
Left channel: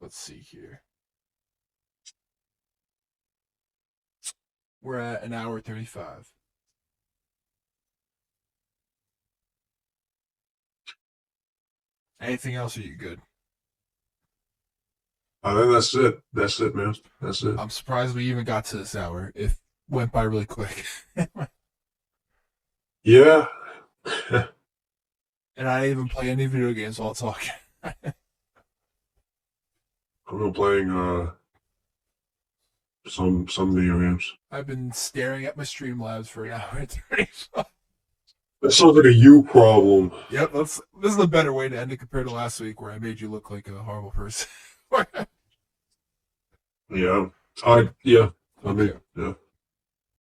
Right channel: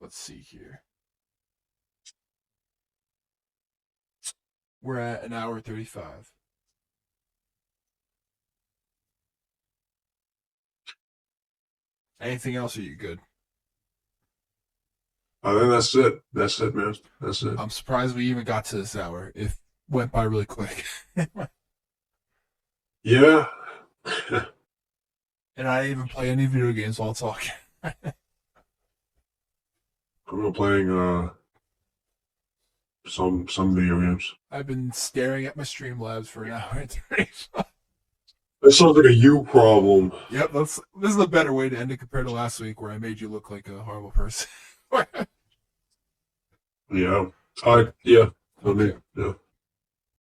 let's see here. We're at an hour 35. Anything else? Are you good? I think that's it. That's it, man. That's it. I'm surprised we even got to this hour. It went by really quick. Yeah. And I didn't even play any video games while talking. I'm playing some video games. I've been staring at my Streamlabs for an hour and 35. That sounds like a you problem. Yep, this is a better way to end it compared to last week where I made you look like a horrible person. Yeah. Yeah. I mean, Okay. yeah.